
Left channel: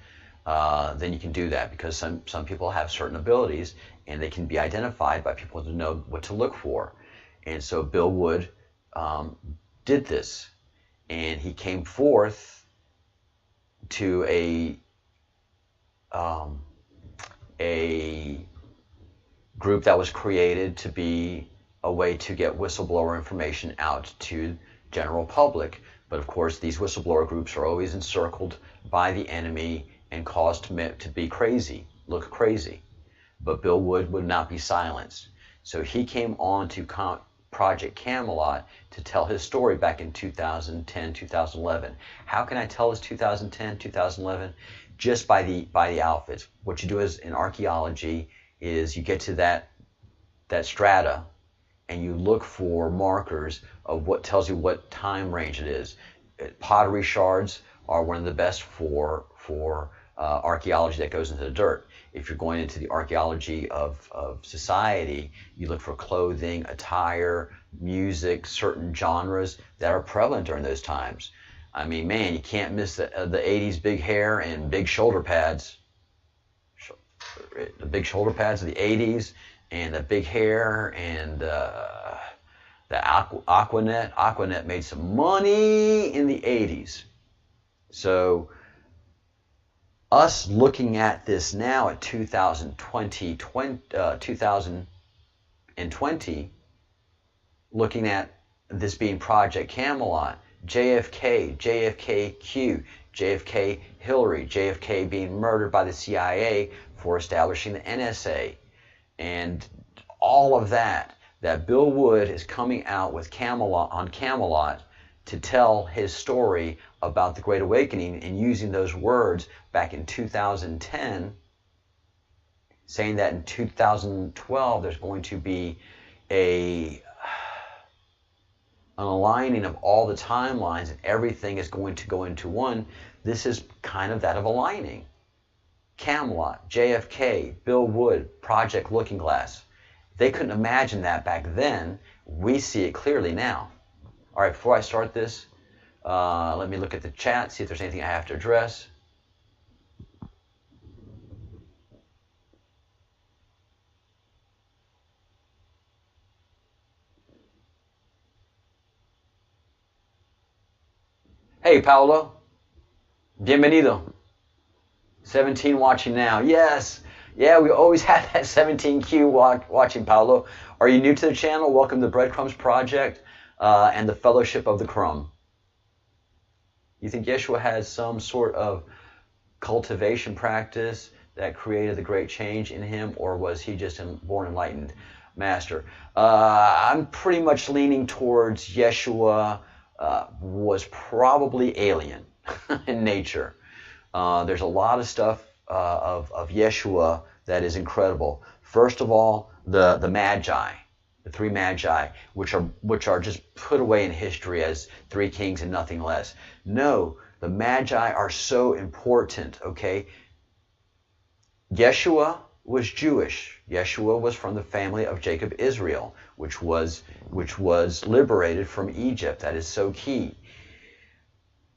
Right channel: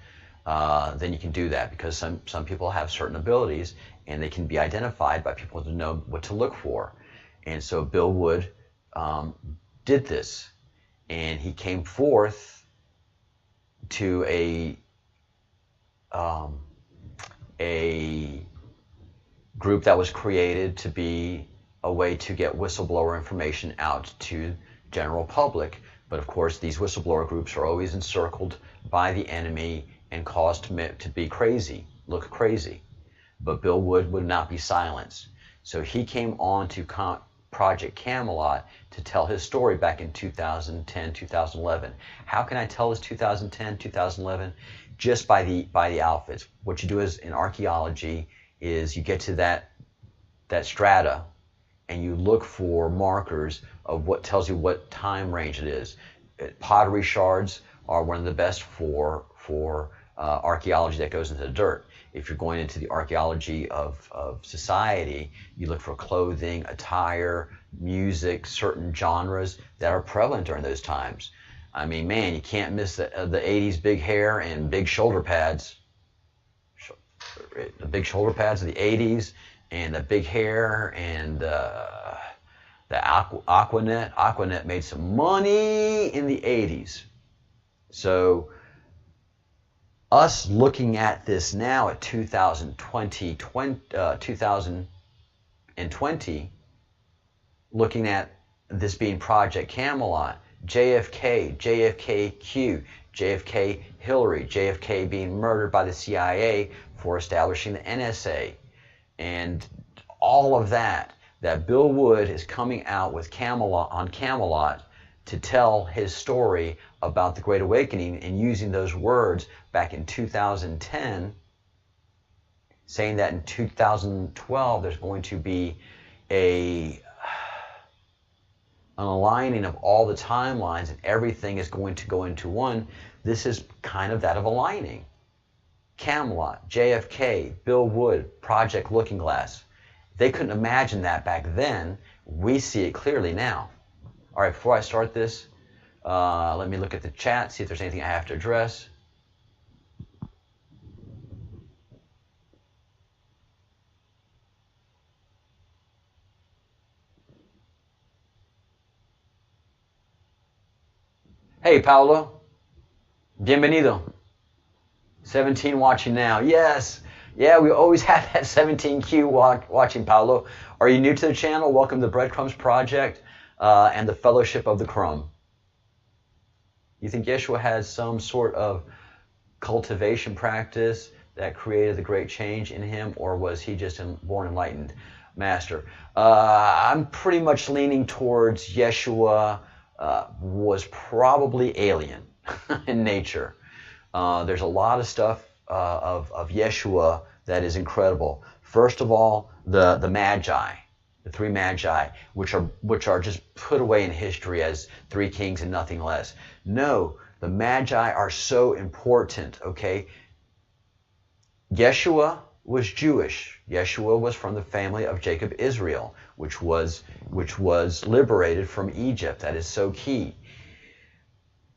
then you can do that, because some people have certain abilities and they can be identified by people to know what to look for. And so Bill Wood did this, and he came forth to a group that was created to be a way to get whistleblower information out to general public. But of course, these whistleblower groups are always encircled by the enemy and caused to be crazy, look crazy. But Bill Wood would not be silenced. So he came on to Project Camelot to tell his story back in 2010, 2011. How can I tell this 2010, 2011? Just by the outfits. What you do is in archaeology is you get to that strata and you look for markers of what tells you what time range it is. Pottery shards are one of the best for archaeology that goes into the dirt. If you're going into the archaeology of society, you look for clothing, attire, music, certain genres that are prevalent during those times. I mean, man, you can't miss the 80s big hair and big shoulder pads. The big shoulder pads of the 80s and the big hair and the Aquanet. Aquanet made some money in the 80s. So us looking at this now at 2020, looking at this being Project Camelot, JFK, JFK-Q, JFK Hillary, JFK being murdered by the CIA for establishing the NSA, and all of that Bill Wood is coming out with Camelot to tell his story about the Great Awakening, and using those words back in 2010, saying that in 2012 there's going to be an aligning of all the timelines and everything is going to go into one. This is kind of that of aligning. Camelot, JFK, Bill Wood, Project Looking Glass. They couldn't imagine that back then. We see it clearly now. All right, before I start this, let me look at the chat, see if there's anything I have to address. Hey, Paulo. Bienvenido. 17 watching now. Yes. Yeah, we always have that 17Q watching, Paulo. Are you new to the channel? Welcome to the Breadcrumbs Project and the Fellowship of the Crumb. You think Yeshua has some sort of cultivation practice that created the great change in him, or was he just a born enlightened master? I'm pretty much leaning towards Yeshua was probably alien in nature. There's a lot of stuff of Yeshua that is incredible. First of all, the Magi, the three Magi, which are just put away in history as three kings and nothing less. No, the Magi are so important, okay? Yeshua was Jewish. Yeshua was from the family of Jacob Israel, which was liberated from Egypt. That is so key.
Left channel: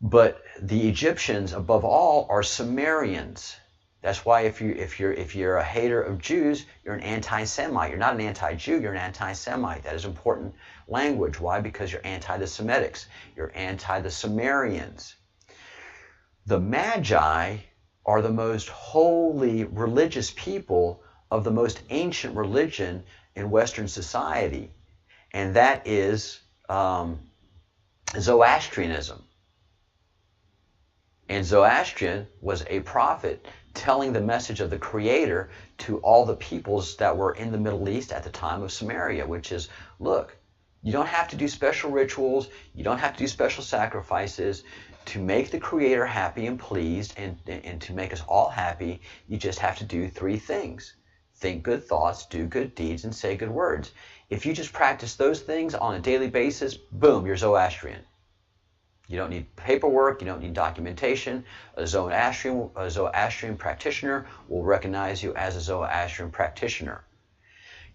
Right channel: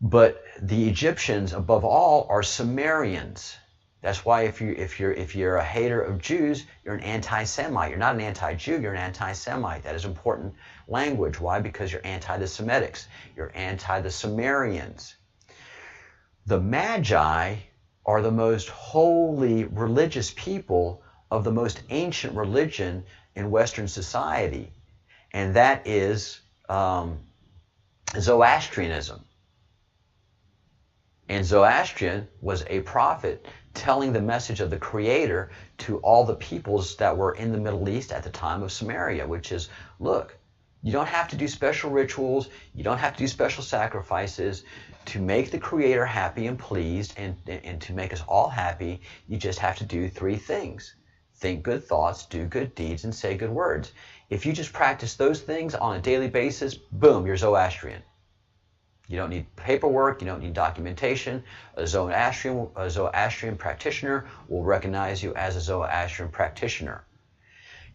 But the Egyptians, above all, are Sumerians. That's why if you're a hater of Jews, you're an anti-Semite. You're not an anti-Jew, you're an anti-Semite. That is important language. Why? Because you're anti the Semitics. You're anti the Sumerians. The Magi are the most holy religious people of the most ancient religion in Western society, and that is Zoroastrianism. And Zoroastrian was a prophet telling the message of the Creator to all the peoples that were in the Middle East at the time of Samaria, which is, look, you don't have to do special rituals, you don't have to do special sacrifices to make the Creator happy and pleased, and to make us all happy. You just have to do three things: think good thoughts, do good deeds, and say good words. If you just practice those things on a daily basis, boom, you're Zoroastrian. You don't need paperwork, you don't need documentation. A Zoroastrian practitioner will recognize you as a Zoroastrian practitioner.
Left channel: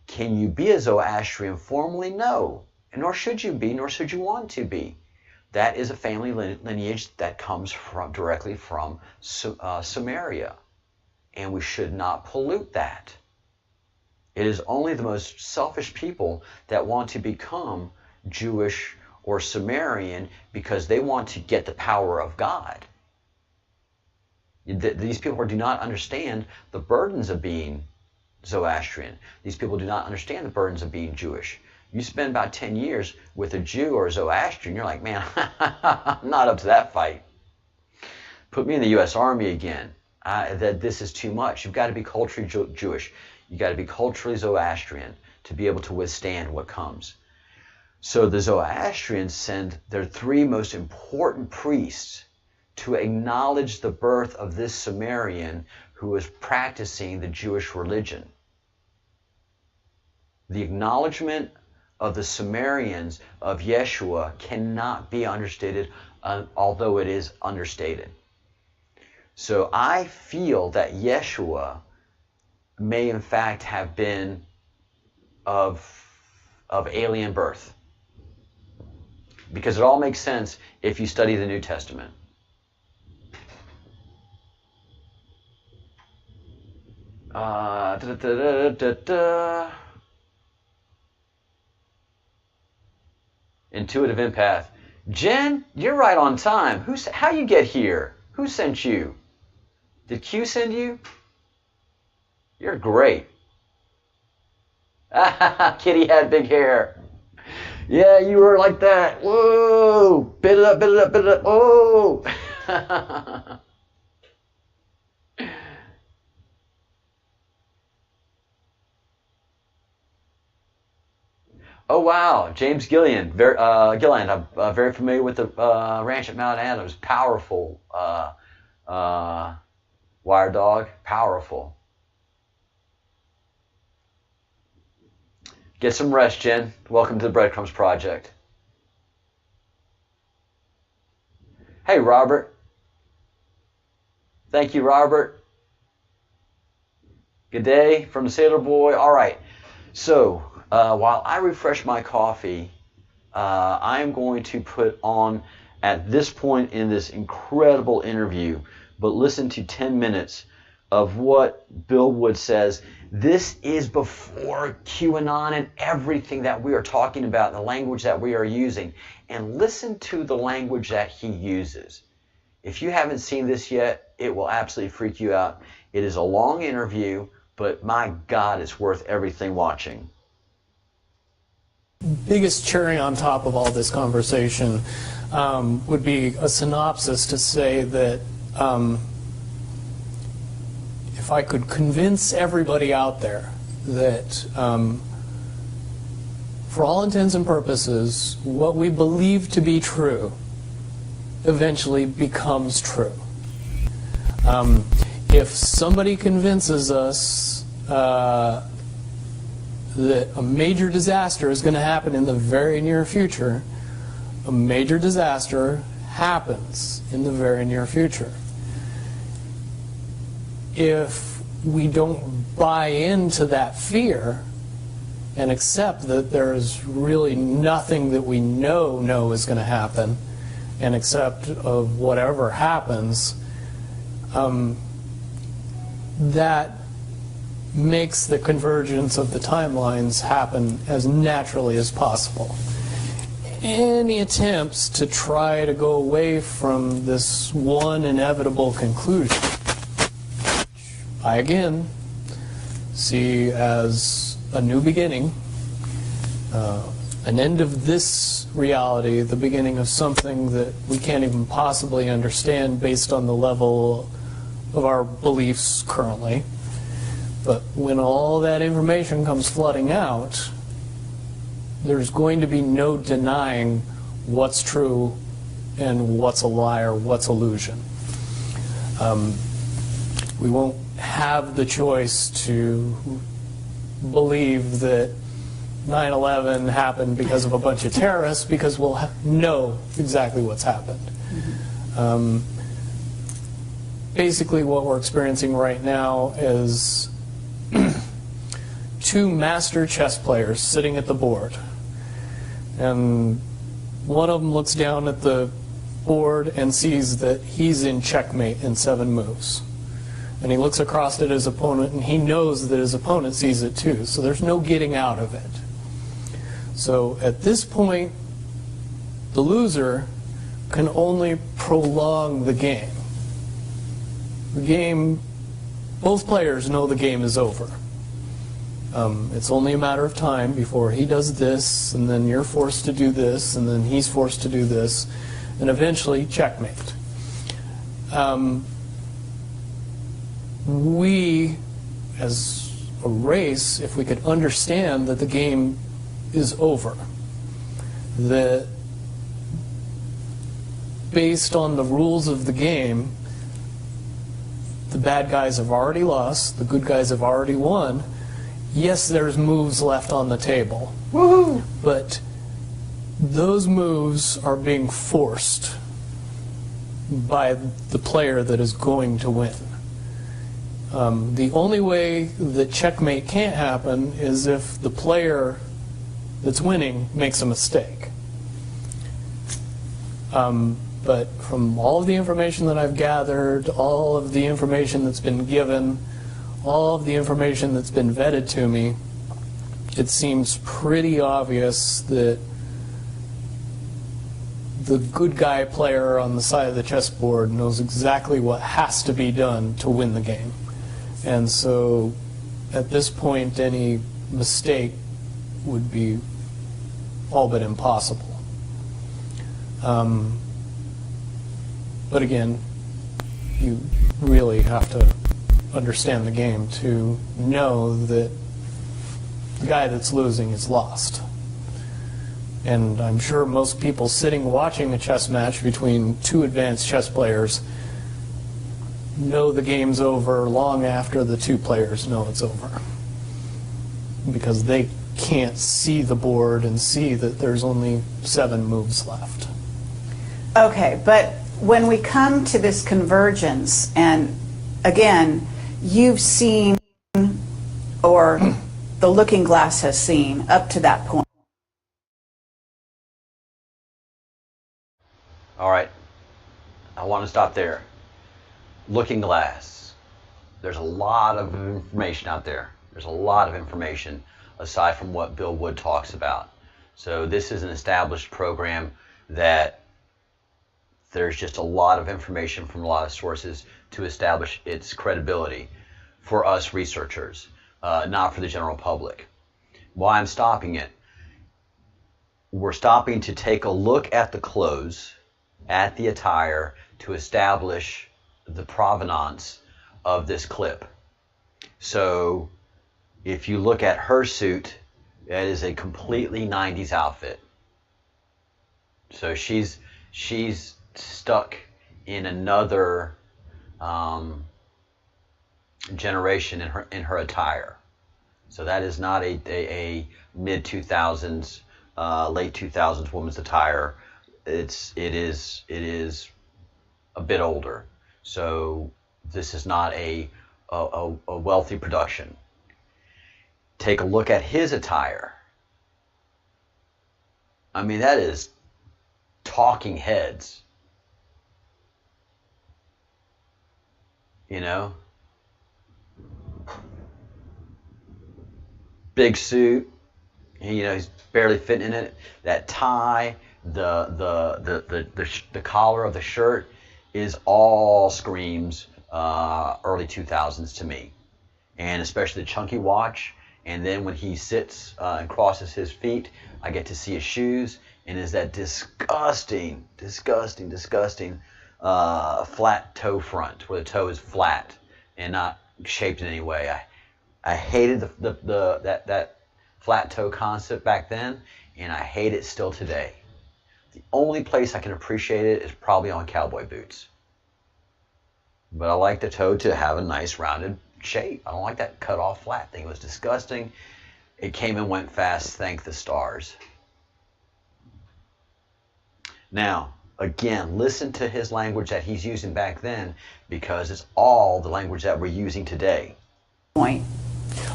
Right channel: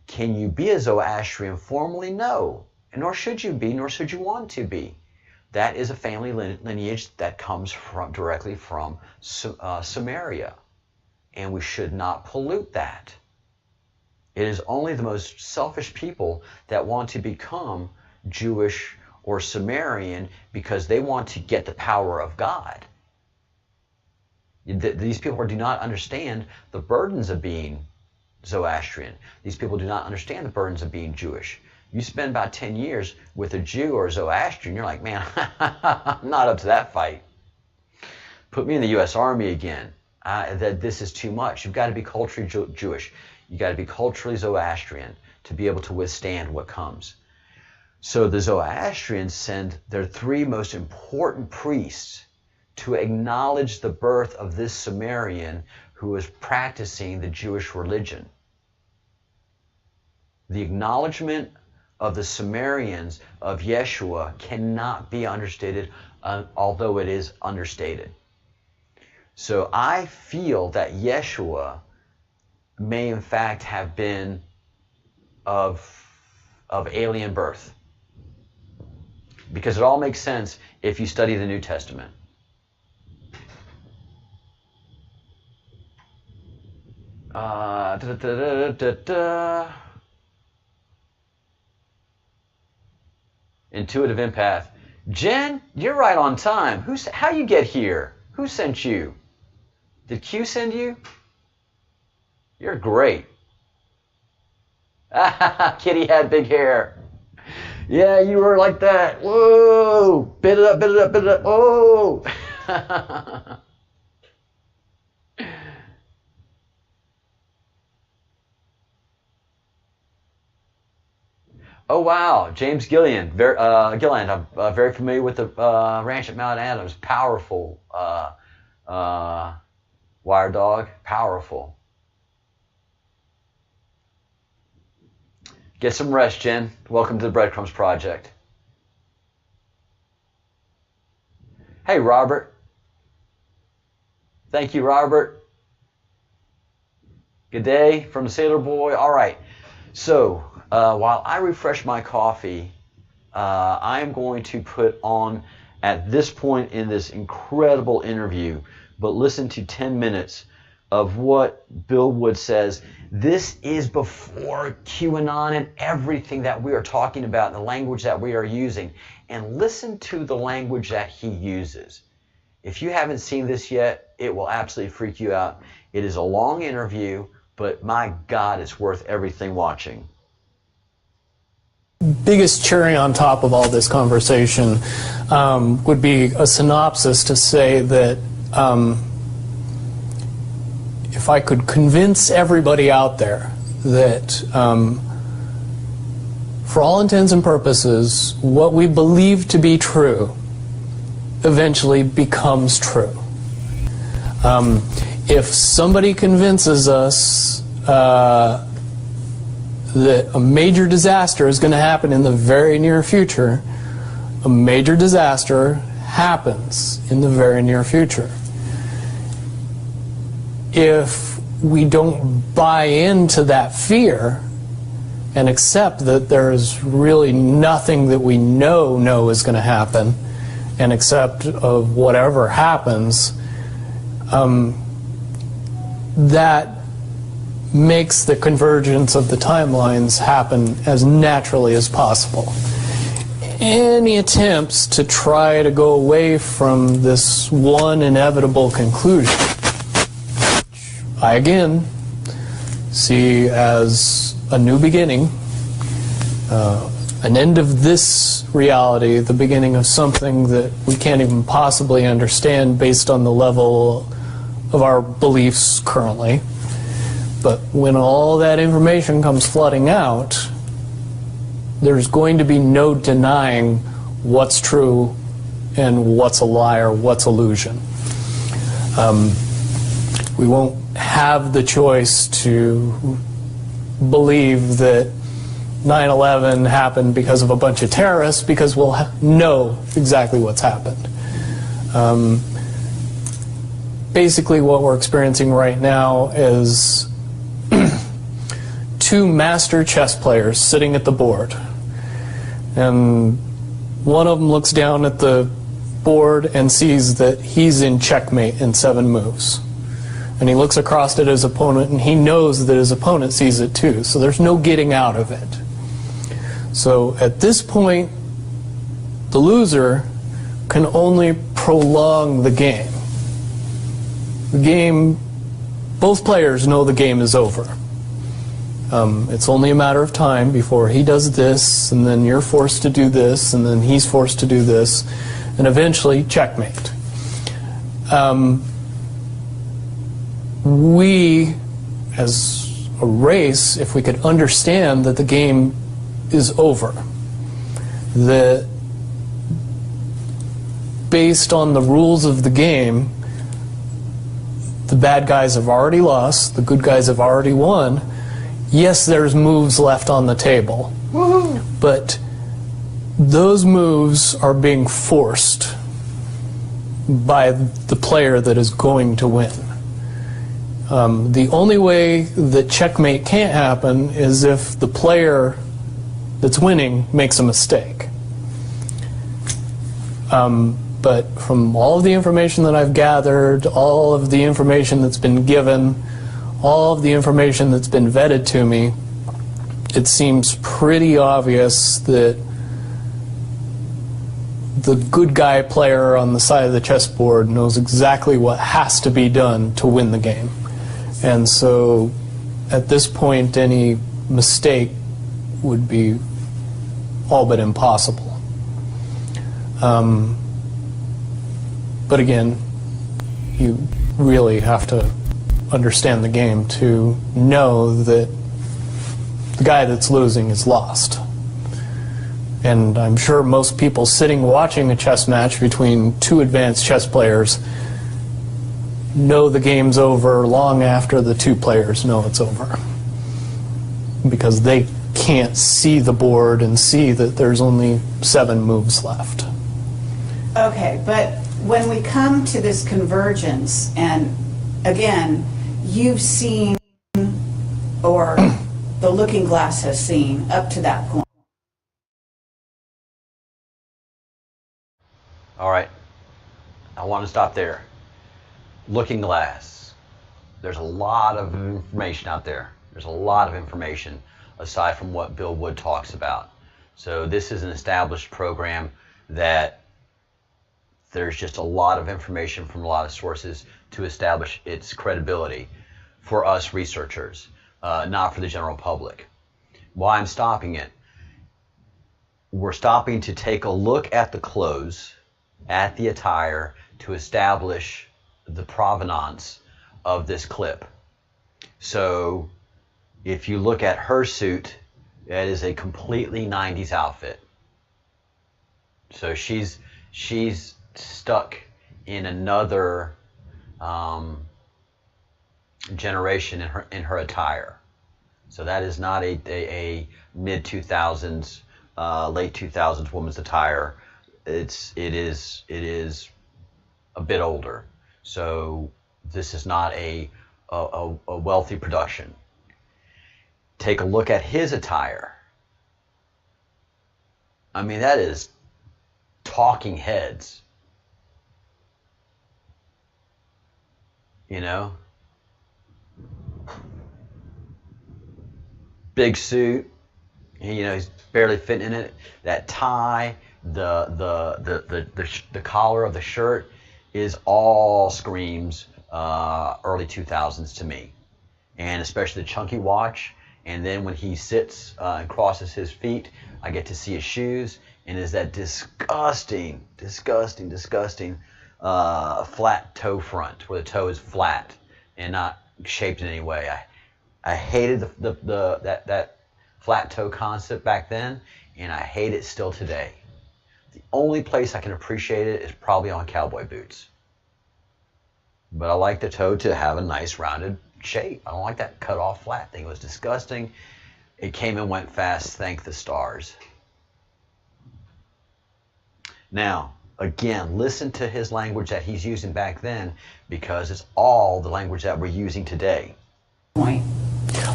Can you be a Zoroastrian formally? No, nor should you be, nor should you want to be. That is a family lineage that comes directly from Samaria, and we should not pollute that. It is only the most selfish people that want to become Jewish or Sumerian because they want to get the power of God. These people do not understand the burdens of being Zoroastrian. These people do not understand the burdens of being Jewish. You spend about 10 years with a Jew or a Zoroastrian, you're like, man, I'm not up to that fight. Put me in the U.S. Army again. This is too much. You've got to be culturally Jewish. You've got to be culturally Zoroastrian to be able to withstand what comes. So the Zoroastrians send their three most important priests to acknowledge the birth of this Sumerian who was practicing the Jewish religion. The acknowledgement of the Sumerians of Yeshua cannot be understated, although it is understated. So I feel that Yeshua may in fact have been of alien birth, because it all makes sense if you study the New Testament. Intuitive empath. Jen, you're right on time. How you get here? Who sent you? Did Q send you? You're great. Kitty had big hair. Yeah, you were like that. Whoa! Bit it up, bit it up, bit it up. Oh! Oh wow, James Gilliland. I'm very familiar with the ranch at Mount Adams. Powerful wire dog. Powerful. Get some rest, Jen. Welcome to the Breadcrumbs Project. Hey, Robert. Thank you, Robert. Good day from the Sailor Boy. All right. So, while I refresh my coffee, I am going to put on, at this point in this incredible interview, but listen to 10 minutes of what Bill Wood says. This is before QAnon and everything that we are talking about, and the language that we are using. And listen to the language that he uses. If you haven't seen this yet, it will absolutely freak you out. It is a long interview, but my God, it's worth everything watching. Biggest cherry on top of all this conversation would be a synopsis to say that if I could convince everybody out there that for all intents and purposes, what we believe to be true eventually becomes true. If somebody convinces us that a major disaster is going to happen in the very near future, a major disaster happens in the very near future. If we don't buy into that fear and accept that there's really nothing that we know is going to happen, and accept of whatever happens, that makes the convergence of the timelines happen as naturally as possible. Any attempts to try to go away from this one inevitable conclusion, I again see as a new beginning, an end of this reality, the beginning of something that we can't even possibly understand based on the level of our beliefs currently. But when all that information comes flooding out, there's going to be no denying what's true and what's a lie or what's illusion. We won't have the choice to believe that 9/11 happened because of a bunch of terrorists, because we'll know exactly what's happened. Basically what we're experiencing right now is two master chess players sitting at the board, and one of them looks down at the board and sees that he's in checkmate in 7 moves, and he looks across at his opponent and he knows that his opponent sees it too, so there's no getting out of it. So at this point, the loser can only prolong the game. The game, both players know the game is over. It's only a matter of time before he does this, and then you're forced to do this, and then he's forced to do this, and eventually checkmate. We, as a race, if we could understand that the game is over, that based on the rules of the game, the bad guys have already lost, the good guys have already won. Yes, there's moves left on the table. Woohoo! But those moves are being forced by the player that is going to win. The only way that checkmate can't happen is if the player that's winning makes a mistake. But from all of the information that I've gathered, all of the information that's been given, all of the information that's been vetted to me, it seems pretty obvious that the good guy player on the side of the chessboard knows exactly what has to be done to win the game. And so at this point, any mistake would be all but impossible. But again, you really have to understand the game to know that the guy that's losing is lost. And I'm sure most people sitting watching a chess match between two advanced chess players know the game's over long after the two players know it's over, because they can't see the board and see that there's only 7 moves left. Okay, but when we come to this convergence, and again, you've seen, or the looking glass has seen, up to that point. All right, I want to stop there. Looking glass. There's a lot of information out there. There's a lot of information aside from what Bill Wood talks about. So this is an established program that there's just a lot of information from a lot of sources to establish its credibility for us researchers, not for the general public. Why I'm stopping it? We're stopping to take a look at the clothes, at the attire, to establish the provenance of this clip. So if you look at her suit, that is a completely 90s outfit. So she's stuck in another generation in her attire. So that is not a mid 2000s, late 2000s woman's attire. It is a bit older. So this is not a wealthy production. Take a look at his attire. I mean, that is talking heads. You know? Big suit. He's barely fitting in it. That tie, the collar of the shirt is all screams early 2000s to me. And especially the chunky watch. And then when he sits and crosses his feet, I get to see his shoes, and is that disgusting flat toe front, where the toe is flat and not shaped in any way. I hated that flat toe concept back then, and I hate it still today. The only place I can appreciate it is probably on cowboy boots. But I like the toe to have a nice rounded shape. I don't like that cut off flat thing. It was disgusting. It came and went fast, thank the stars. Now, again, listen to his language that he's using back then, because it's all the language that we're using today. Point.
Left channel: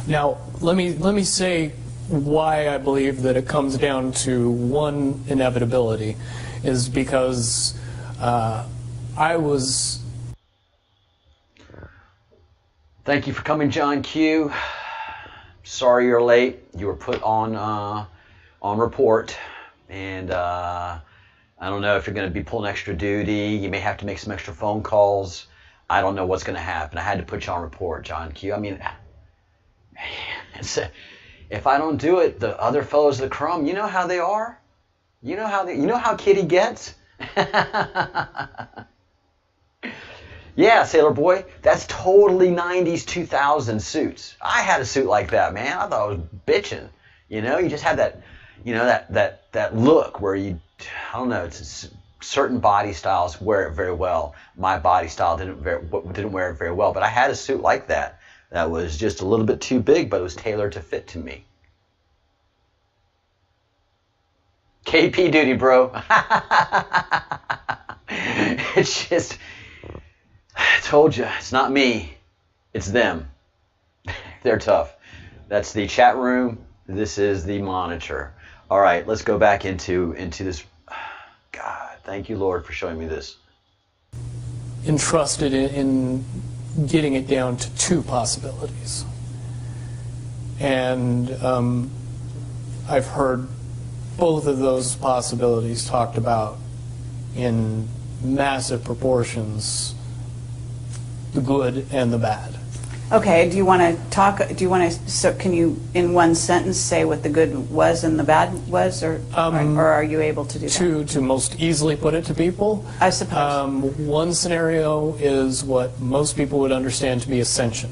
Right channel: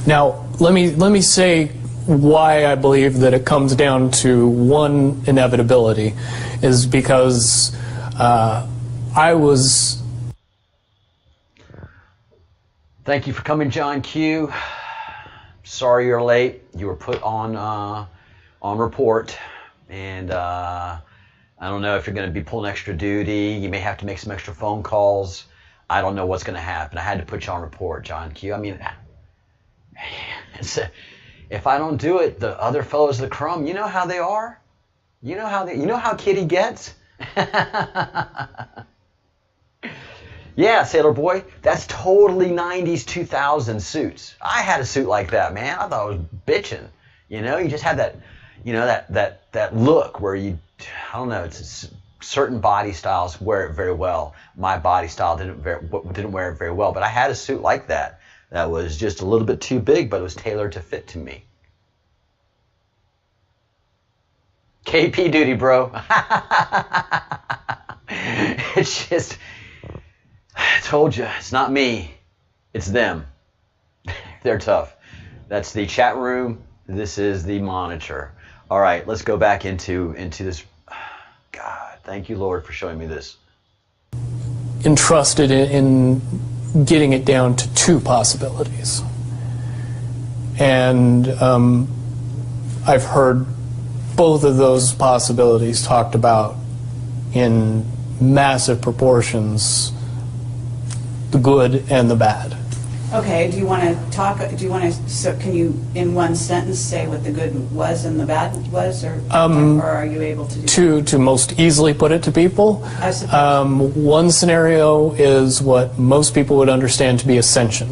Now, let me say why I believe that it comes down to one inevitability is because I was... Thank you for coming, John Q. Sorry you're late. You were put on report, and I don't know if you're going to be pulling extra duty. You may have to make some extra phone calls. I don't know what's going to happen. I had to put you on report, John Q. I mean, if I don't do it, the other fellows of the crumb, you know how they are. You know how Kitty gets. Yeah, Sailor Boy, that's totally 90s, 2000s suits. I had a suit like that, man. I thought I was bitching. You just had that, that look where you, I don't know, it's certain body styles wear it very well. My body style didn't wear it very well, but I had a suit like that was just a little bit too big, but it was tailored to fit to me. KP duty, bro. It's just... I told you, it's not me, it's them. They're tough. That's the chat room. This is the monitor. All right, let's go back into this. God, thank you, Lord, for showing me this. Entrusted in getting it down to two possibilities. And I've heard both of those possibilities talked about in massive proportions. The good and the bad. Okay, so can you in one sentence say what the good was and the bad was, or are you able to do that? To most easily put it to people, I suppose. One scenario is what most people would understand to be ascension,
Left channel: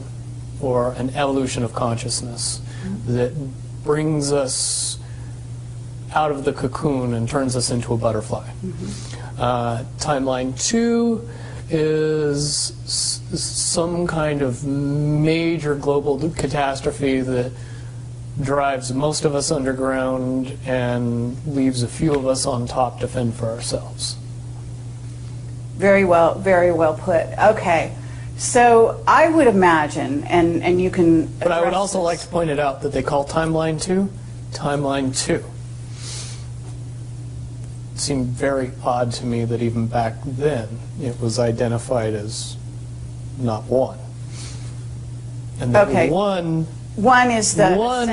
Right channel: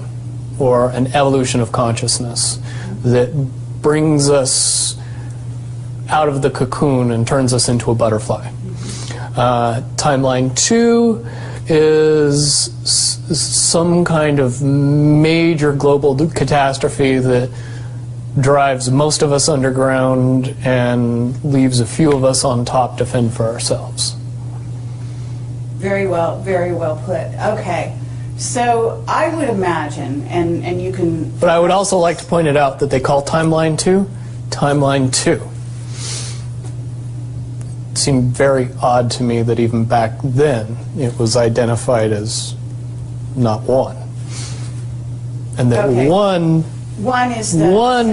or an evolution of consciousness that brings us out of the cocoon and turns us into a butterfly. Timeline 2 is some kind of major global catastrophe that drives most of us underground and leaves a few of us on top to fend for ourselves. Very well put. Okay, so I would imagine, and you can... But I would also like to point it out that they call Timeline 2 Timeline 2. It seemed very odd to me that even back then it was identified as not one. And that one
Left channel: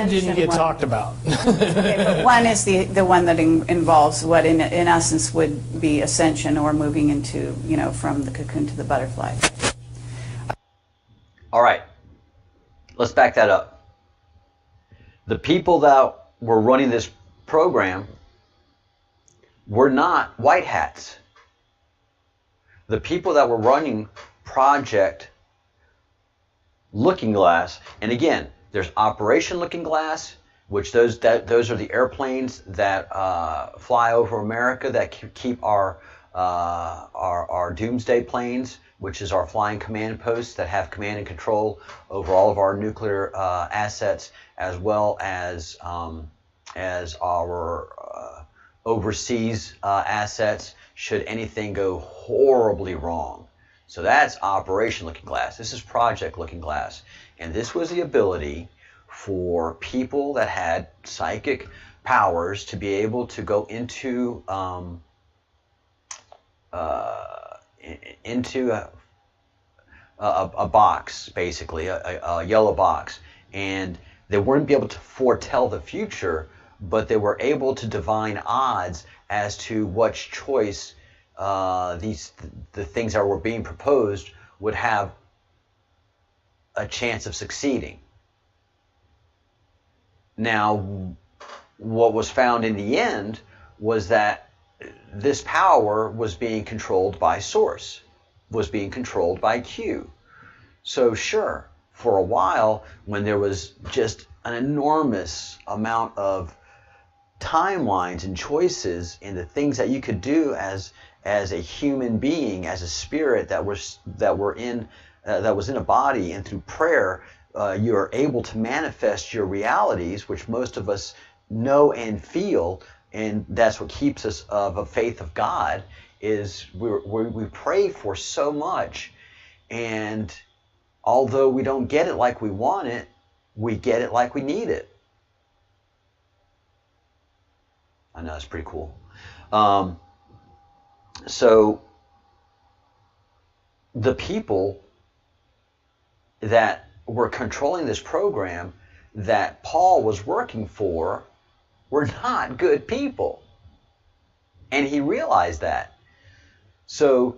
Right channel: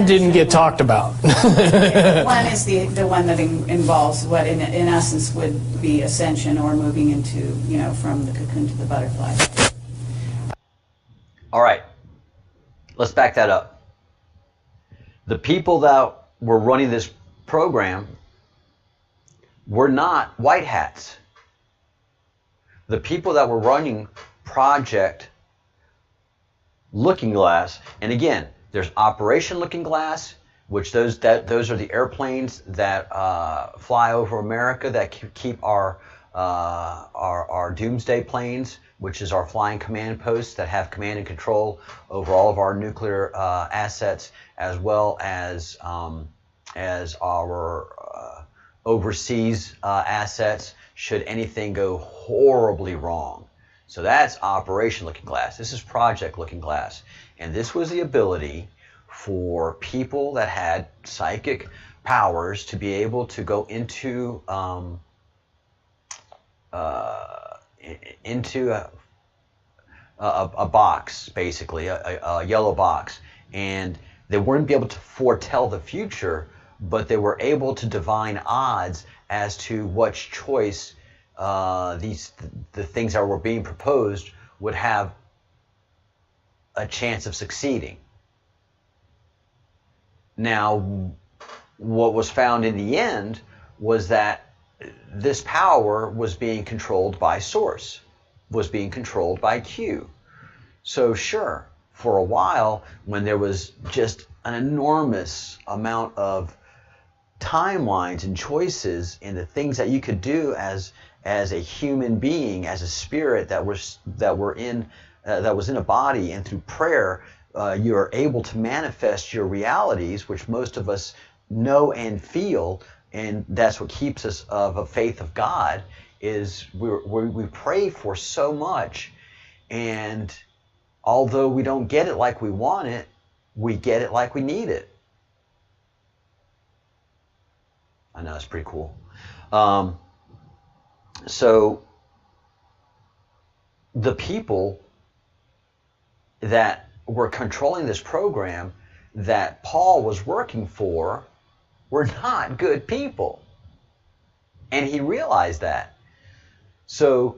didn't get talked about. One is the one that involves what in essence would be ascension, or moving into, from the cocoon to the butterfly. All right, let's back that up. The people that were running this program were not white hats. The people that were running Project looking glass. And again, there's Operation Looking Glass, which those are the airplanes that fly over America that keep our doomsday planes, which is our flying command posts that have command and control over all of our nuclear assets, as well as our overseas assets should anything go horribly wrong. So that's Operation Looking Glass. This is Project Looking Glass. And this was the ability for people that had psychic powers to be able to go into a box, basically, a yellow box. And they wouldn't be able to foretell the future, but they were able to divine odds as to which choice the things that were being proposed would have a chance of succeeding. Now, what was found in the end was that this power was being controlled by Source, was being controlled by Q. So sure, for a while, when there was just an enormous amount of timelines and choices in the things that you could do as a human being, as a spirit that was in a body, and through prayer, you're able to manifest your realities, which most of us know and feel, and that's what keeps us of a faith of God. Is we pray for so much, and although we don't get it like we want it, we get it like we need it. I know, it's pretty cool. So the people that were controlling this program that Paul was working for were not good people. And he realized that. So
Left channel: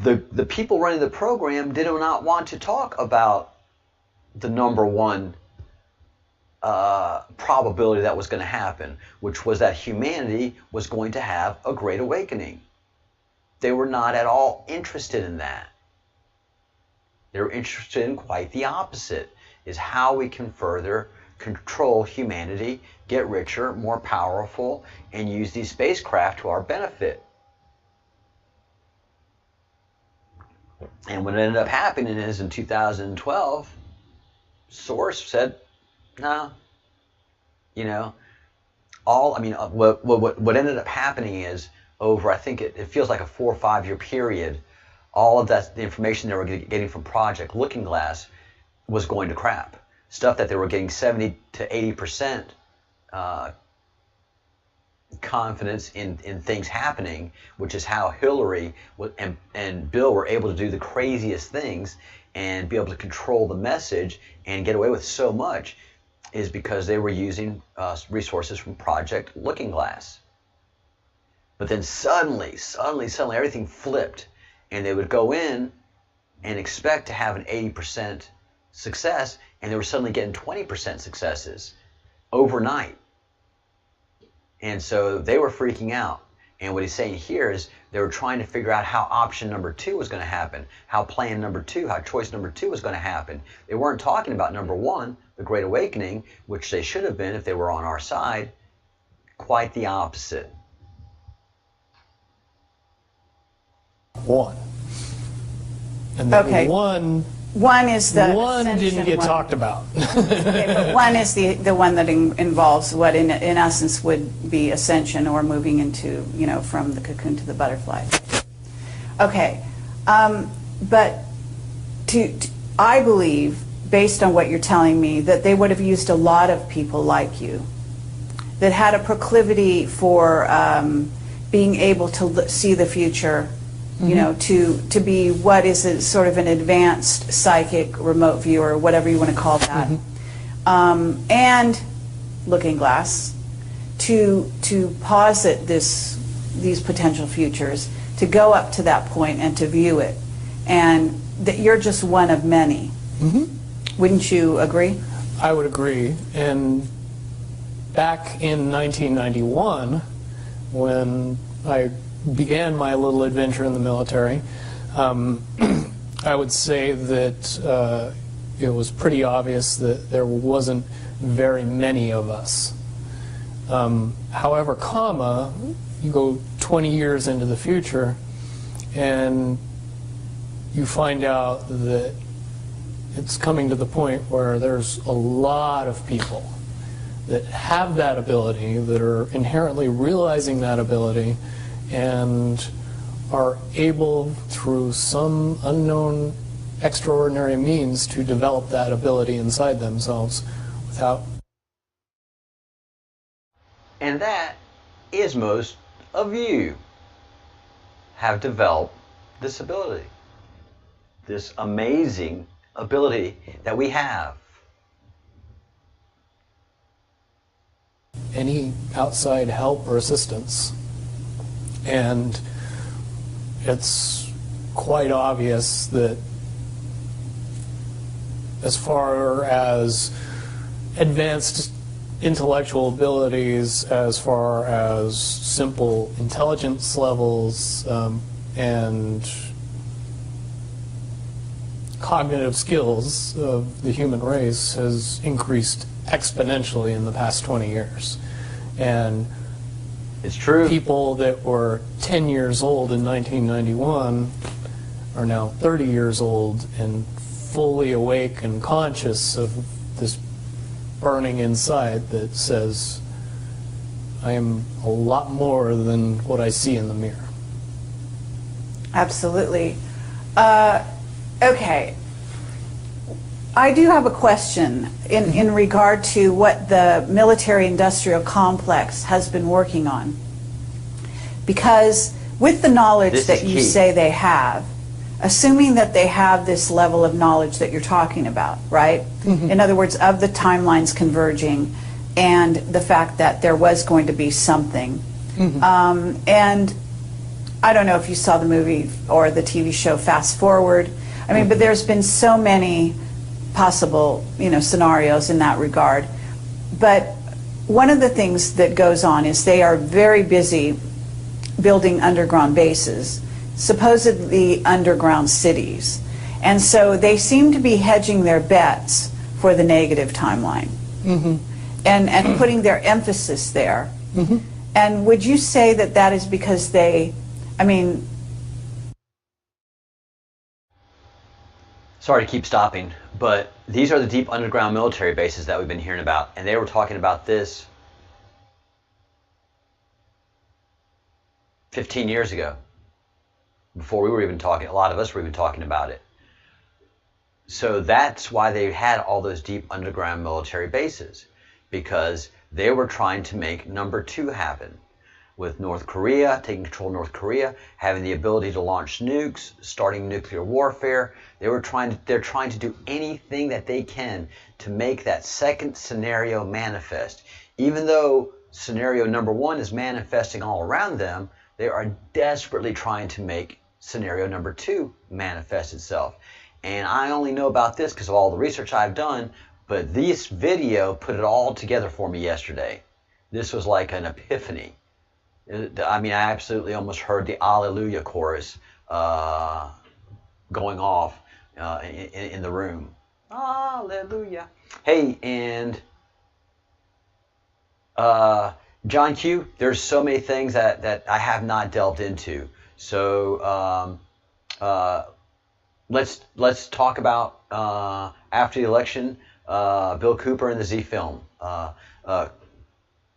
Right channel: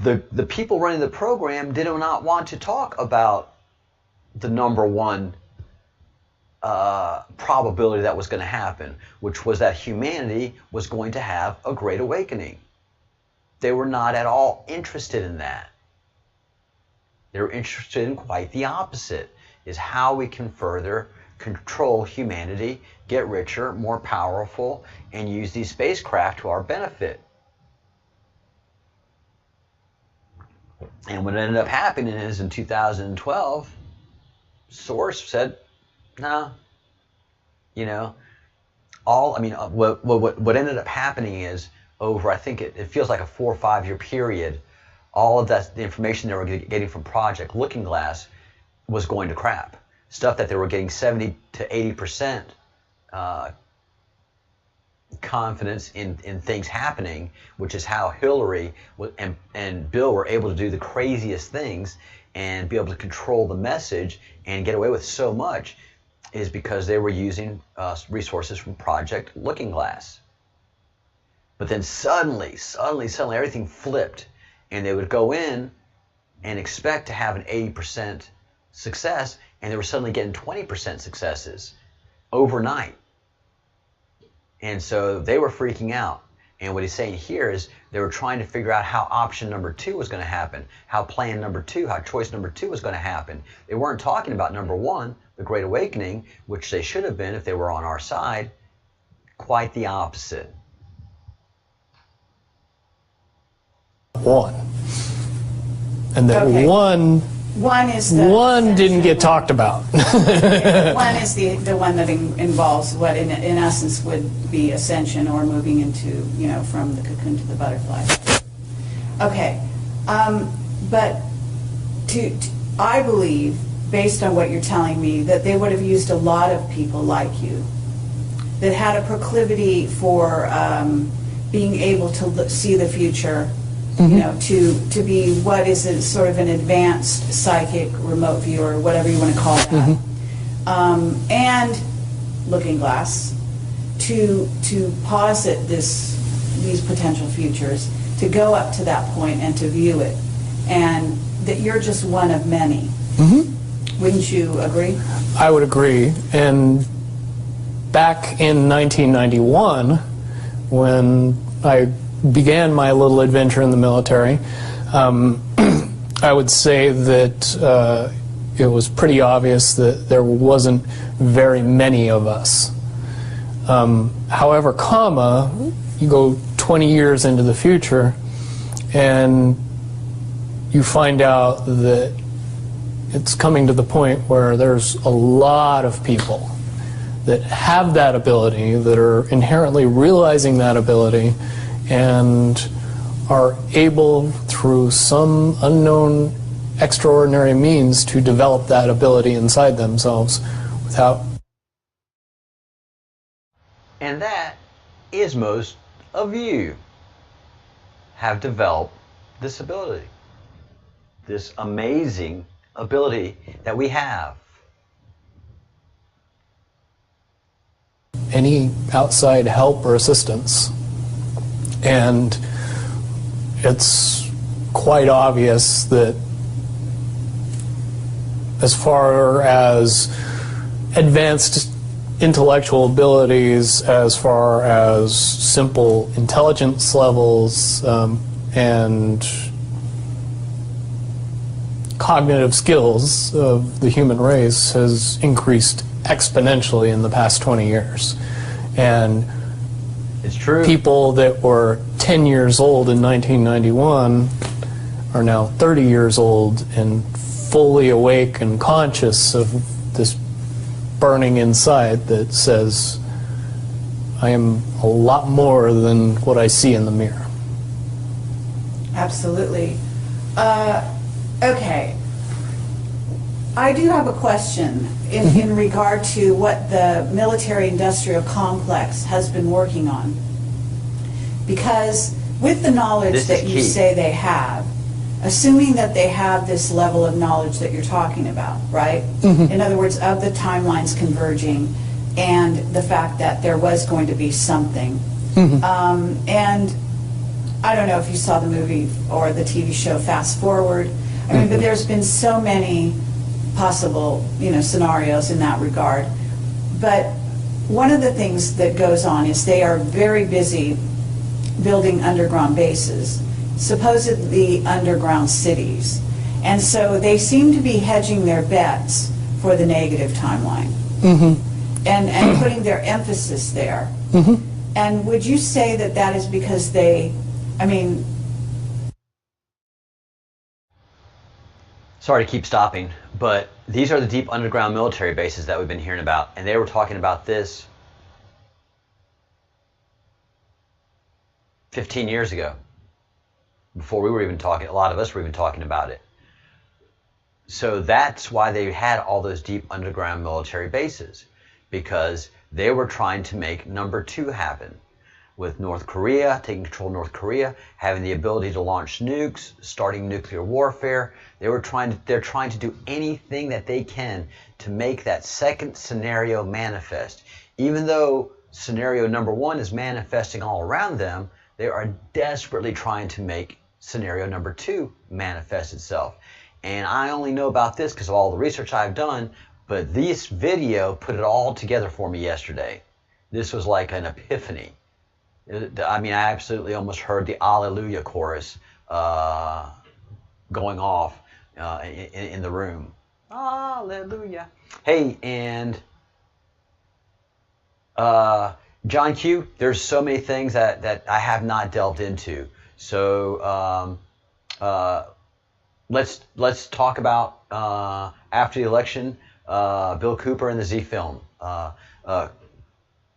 the people running the program did not want to talk about the number one probability that was going to happen, which was that humanity was going to have a great awakening. They were not at all interested in that. They were interested in quite the opposite, is how we can further control humanity, get richer, more powerful, and use these spacecraft to our benefit. And what ended up happening is in 2012, Source said, no, what ended up happening is over, I think it feels like a 4 or 5 year period, all of that, the information they were getting from Project Looking Glass was going to crap. Stuff that they were getting 70 to 80% confidence in things happening, which is how Hillary and Bill were able to do the craziest things and be able to control the message and get away with so much, is because they were using resources from Project Looking Glass. But then suddenly, everything flipped, and they would go in and expect to have an 80% success, and they were suddenly getting 20% successes overnight. And so they were freaking out. And what he's saying here is they were trying to figure out how option number 2 was going to happen, how plan number 2, how choice number 2 was going to happen. They weren't talking about number 1, the Great Awakening, which they should have been if they were on our side. Quite the opposite. One. And then Okay. one didn't get talked about. One is the one that involves what in essence would be ascension, or moving into, from the cocoon to the butterfly. Okay, but I believe, based on what you're telling me, that they would have used a lot of people like you that had a proclivity for being able to see the future. To be what is a sort of an advanced psychic remote viewer, whatever you want to call that, and looking glass, to posit these potential futures, to go up to that point and to view it, and that you're just one of many. Wouldn't you agree? I would agree. And back in 1991, when I began my little adventure in the military, I would say that it was pretty obvious that there wasn't very many of us. However, you go 20 years into the future and you find out that it's coming to the point where there's a lot of people that have that ability, that are inherently realizing that ability, and are able, through some unknown extraordinary means, to develop that ability inside themselves without... And that is most of you have developed this ability, this amazing ability that we have. Any outside help or assistance. And it's quite obvious that as far as advanced intellectual abilities, as far as simple intelligence levels, and cognitive skills of the human race has increased exponentially in the past 20 years. And it's true. People that were 10 years old in 1991 are now 30 years old and fully awake and conscious of this burning inside that says, I am a lot more than what I see in the mirror. Absolutely. Okay. I do have a question in regard to what the military-industrial complex has been working on. Because with the knowledge that you say they have, assuming that they have this level of knowledge that you're talking about, right? In other words, of the timelines converging and the fact that there was going to be something. And I don't know if you saw the movie or the TV show Fast Forward. I mean, but there's been so many possible, scenarios in that regard. But one of the things that goes on is they are very busy building underground bases, supposedly underground cities. And so they seem to be hedging their bets for the negative timeline and putting their emphasis there. And would you say that that is because they, Sorry to keep stopping, but these are the deep underground military bases that we've been hearing about, and they were talking about this 15 years ago, before we were even talking, a lot of us were even talking about it. So that's why they had all those deep underground military bases, because they were trying to make number 2 happen. With North Korea, taking control of North Korea, having the ability to launch nukes, starting nuclear warfare. They're trying to do anything that they can to make that second scenario manifest. Even though scenario number 1 is manifesting all around them, they are desperately trying to make scenario number 2 manifest itself. And I only know about this because of all the research I've done, but this video put it all together for me yesterday. This was like an epiphany. I mean, I absolutely almost heard the Alleluia chorus going off in the room. Hallelujah. Hey, and John Q, there's so many things that I have not delved into. So let's talk about after the election, Bill Cooper and the Z film.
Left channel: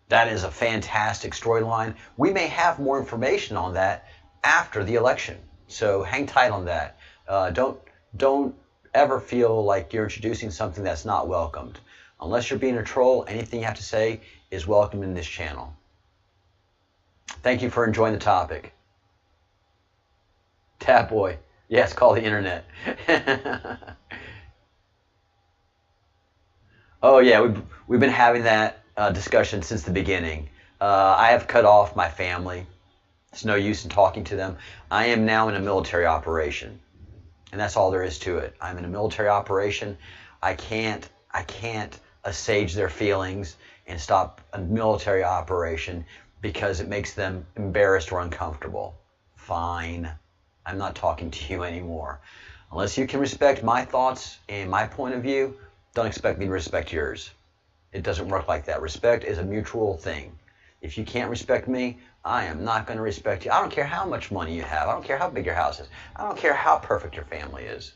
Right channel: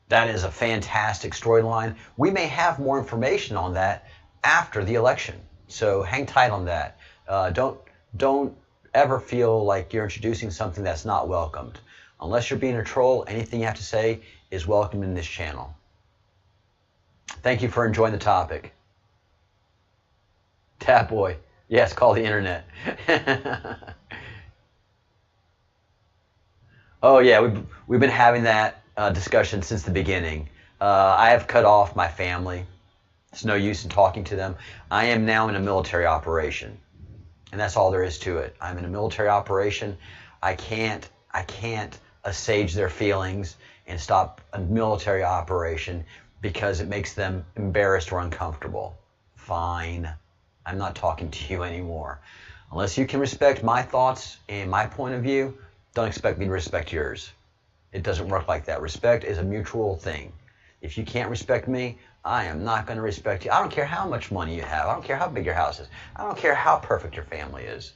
That is a fantastic storyline. We may have more information on that after the election, so hang tight on that. Don't ever feel like you're introducing something that's not welcomed. Unless you're being a troll, anything you have to say is welcome in this channel. Thank you for enjoying the topic. Tap boy. Yes, call the internet. Oh yeah, we've been having that discussion since the beginning. I have cut off my family. There's no use in talking to them. I am now in a military operation, and that's all there is to it. I'm in a military operation. I can't assuage their feelings and stop a military operation because it makes them embarrassed or uncomfortable. Fine. I'm not talking to you anymore. Unless you can respect my thoughts and my point of view, don't expect me to respect yours. It doesn't work like that. Respect is a mutual thing. If you can't respect me, I am not going to respect you. I don't care how much money you have. I don't care how big your house is. I don't care how perfect your family is.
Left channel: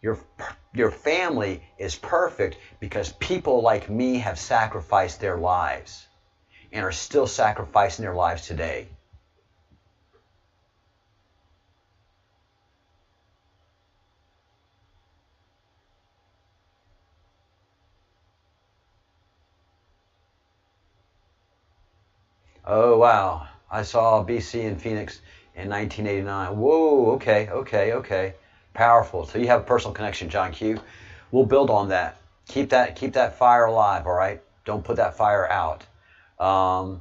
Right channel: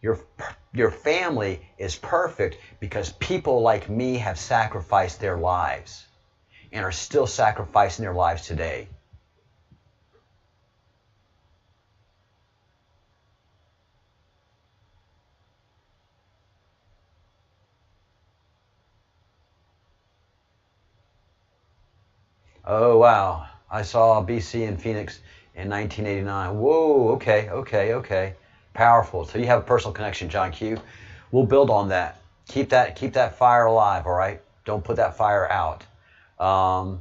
Your family is perfect because people like me have sacrificed their lives and are still sacrificing their lives today. Oh, wow. I saw BC in Phoenix in 1989. Whoa, okay. Powerful. So you have a personal connection, John Q. We'll build on that. Keep that fire alive, all right? Don't put that fire out. I'm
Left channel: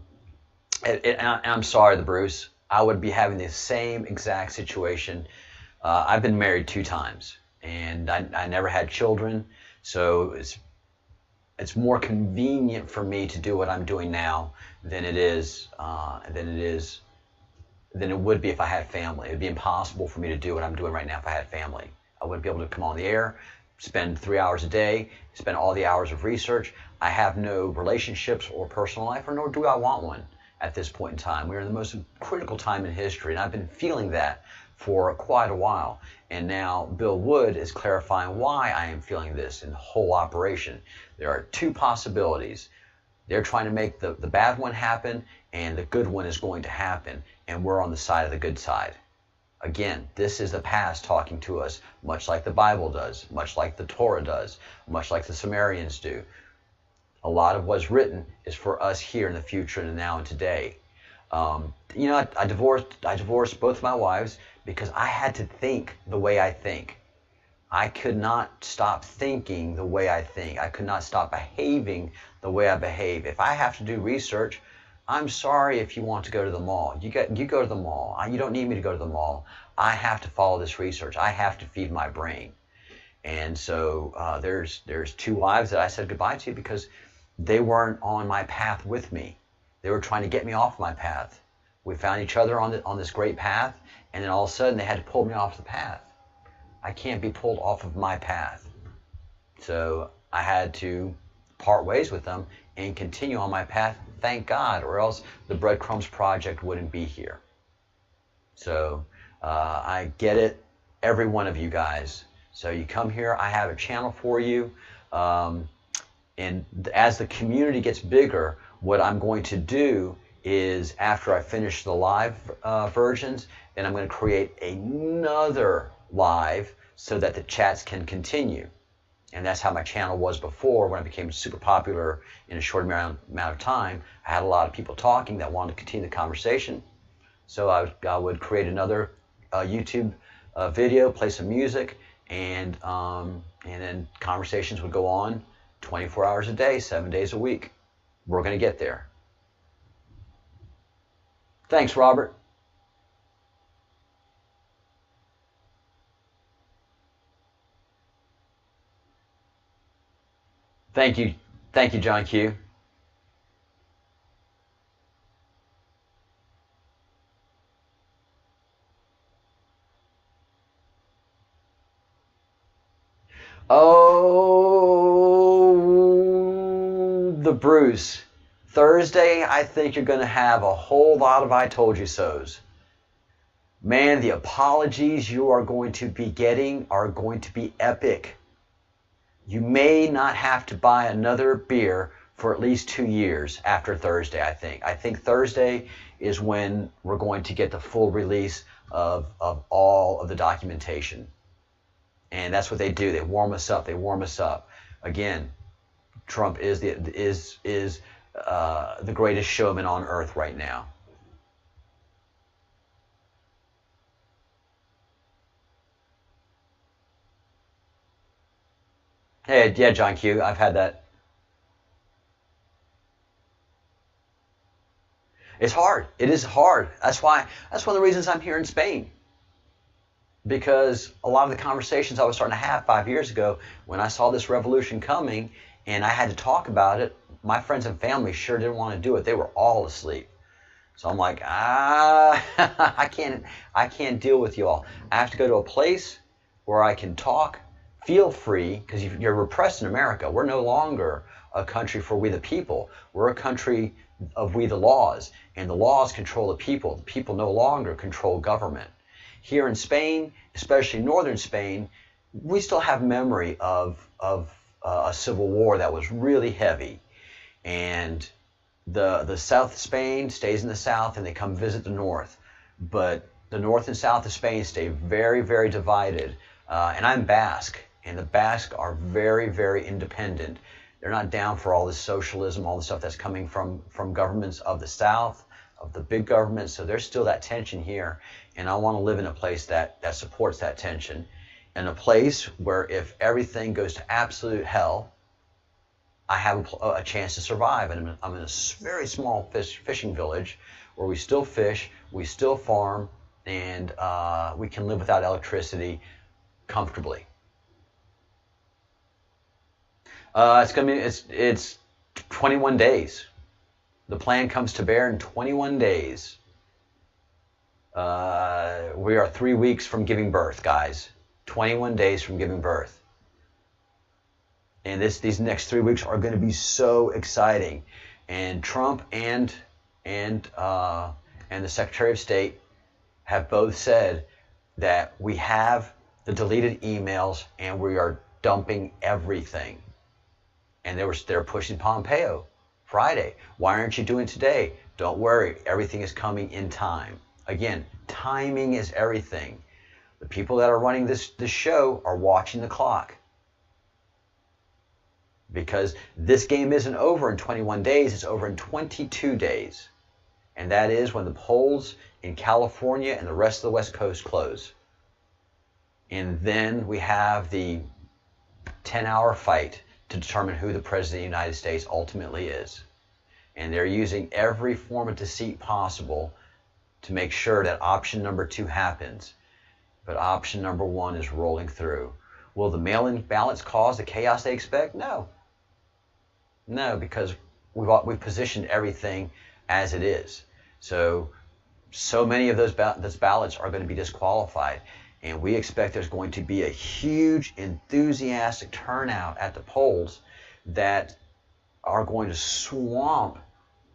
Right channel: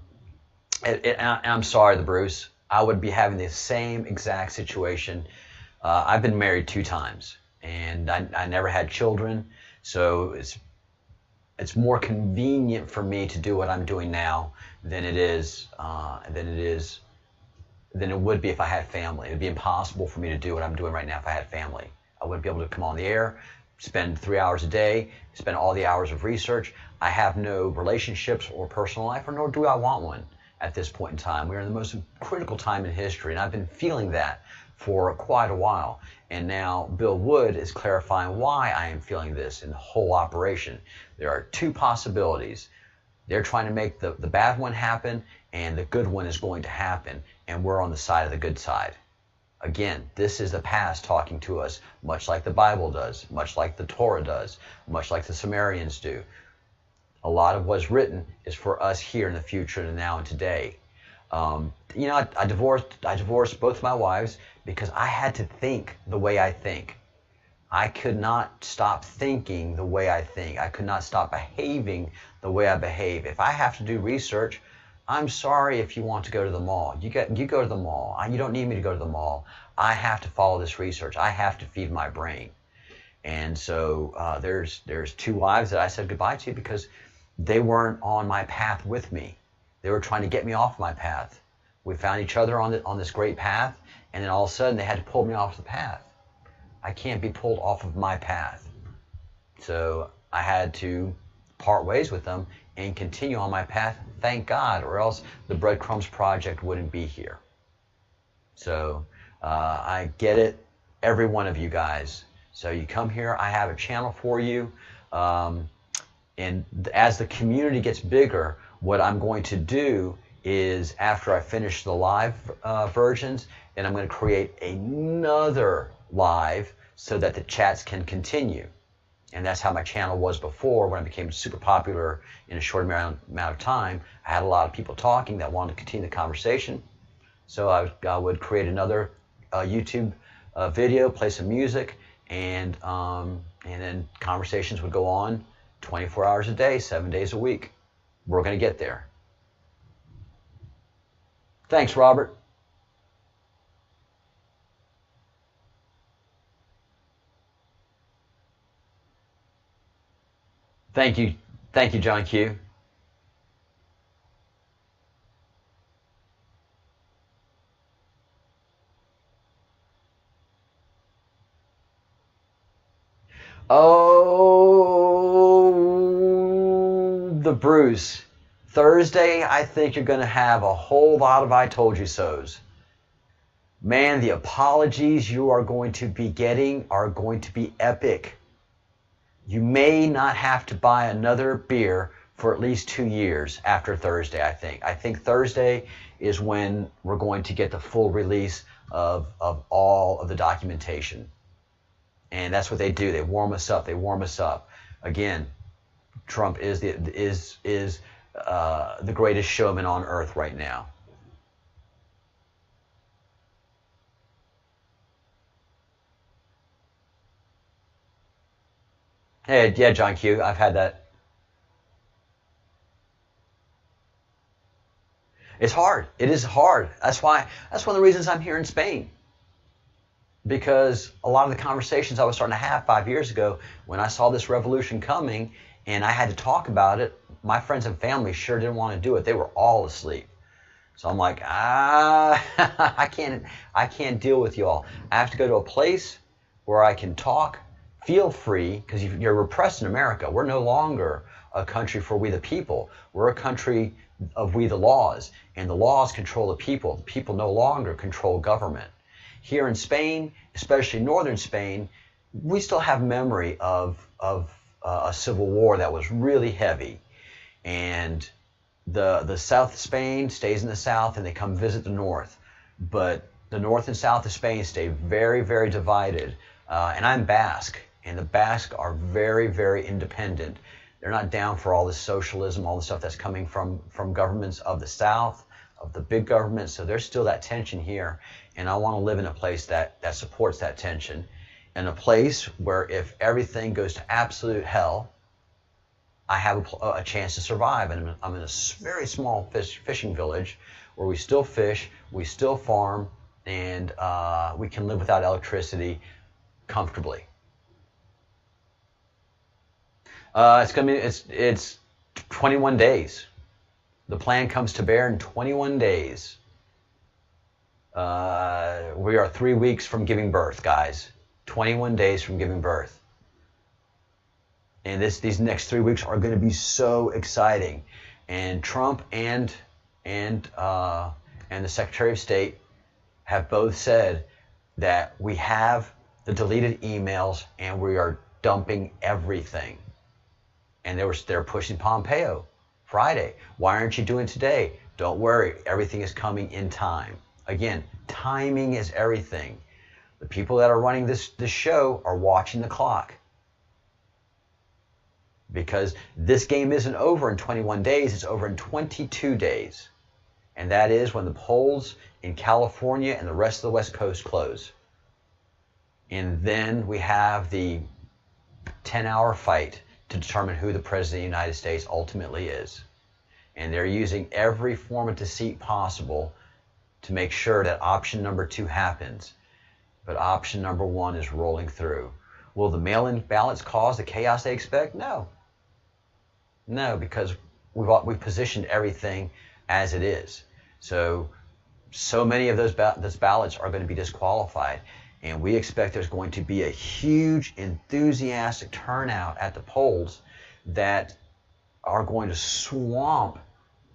sorry, the Bruce. I would be having the same exact situation. I've been married 2 times, and I never had children, so it's more convenient for me to do what I'm doing now than it would be if I had family. It would be impossible for me to do what I'm doing right now if I had family. I wouldn't be able to come on the air, spend 3 hours a day, spend all the hours of research. I have no relationships or personal life, or nor do I want one at this point in time. We're in the most critical time in history, and I've been feeling that for quite a while. And now Bill Wood is clarifying why I am feeling this in the whole operation. There are 2 possibilities. They're trying to make the bad one happen, and the good one is going to happen, and we're on the side of the good side. Again, this is the past talking to us, much like the Bible does, much like the Torah does, much like the Sumerians do. A lot of what's written is for us here in the future, and now and today. I divorced both my wives because I had to think the way I think. I could not stop thinking the way I think. I could not stop behaving the way I behave. If I have to do research, I'm sorry if you want to go to the mall. You go to the mall. You don't need me to go to the mall. I have to follow this research. I have to feed my brain. And so there's 2 wives that I said goodbye to because they weren't on my path with me. They were trying to get me off my path. We found each other on this great path, and then all of a sudden they had to pull me off the path. I can't be pulled off of my path. So I had to part ways with them and continue on my path, thank God, or else the Breadcrumbs project wouldn't be here. So I get it, every one of you guys. So you come here, I have a channel for you. And as the community gets bigger, what I'm going to do is after I finish the live versions, then I'm going to create another live so that the chats can continue. And that's how my channel was before when I became super popular in a short amount of time. I had a lot of people talking that wanted to continue the conversation. So I would create another YouTube video, play some music, and then conversations would go on 24 hours a day, 7 days a week. We're going to get there. Thanks, Robert. Thank you, John Q. Oh, the Bruce. Thursday, I think you're going to have a whole lot of I told you so's. Man, the apologies you are going to be getting are going to be epic. You may not have to buy another beer for at least 2 years after Thursday, I think. I think Thursday is when we're going to get the full release of all of the documentation. And that's what they do. They warm us up. They warm us up. Again, Trump is the greatest showman on earth right now. Hey, yeah, John Q. I've had that. It's hard. It is hard. That's one of the reasons I'm here in Spain. Because a lot of the conversations I was starting to have 5 years ago, when I saw this revolution coming and I had to talk about it, my friends and family sure didn't want to do it. They were all asleep. So I'm like, I can't deal with you all. I have to go to a place where I can talk, feel free, because you're repressed in America. We're no longer a country for we the people. We're a country of we the laws, and the laws control the people. The people no longer control government. Here in Spain, especially northern Spain, we still have memory of a civil war that was really heavy. And the south of Spain stays in the south, and they come visit the north. But the north and south of Spain stay very, very divided. And I'm Basque, and the Basque are very, very independent. They're not down for all this socialism, all the stuff that's coming from governments of the south, of the big governments. So there's still that tension here. And I want to live in a place that supports that tension. In a place where if everything goes to absolute hell, I have a chance to survive. And I'm in a very small fishing village where we still fish, we still farm, and we can live without electricity comfortably. It's 21 days. The plan comes to bear in 21 days. We are 3 weeks from giving birth, guys. 21 days from giving birth. And these next 3 weeks are going to be so exciting. And Trump and the Secretary of State have both said that we have the deleted emails and we are dumping everything. And they're pushing Pompeo Friday. Why aren't you doing it today? Don't worry, everything is coming in time. Again, timing is everything. The people that are running this show are watching the clock. Because this game isn't over in 21 days, it's over in 22 days. And that is when the polls in California and the rest of the West Coast close. And then we have the 10-hour fight to determine who the President of the United States ultimately is. And they're using every form of deceit possible to make sure that option number 2 happens. But option number 1 is rolling through. Will the mail-in ballots cause the chaos they expect? No. No, because we've positioned everything as it is. So many of those ballots are going to be disqualified. And we expect there's going to be a huge, enthusiastic turnout at the polls that are going to swamp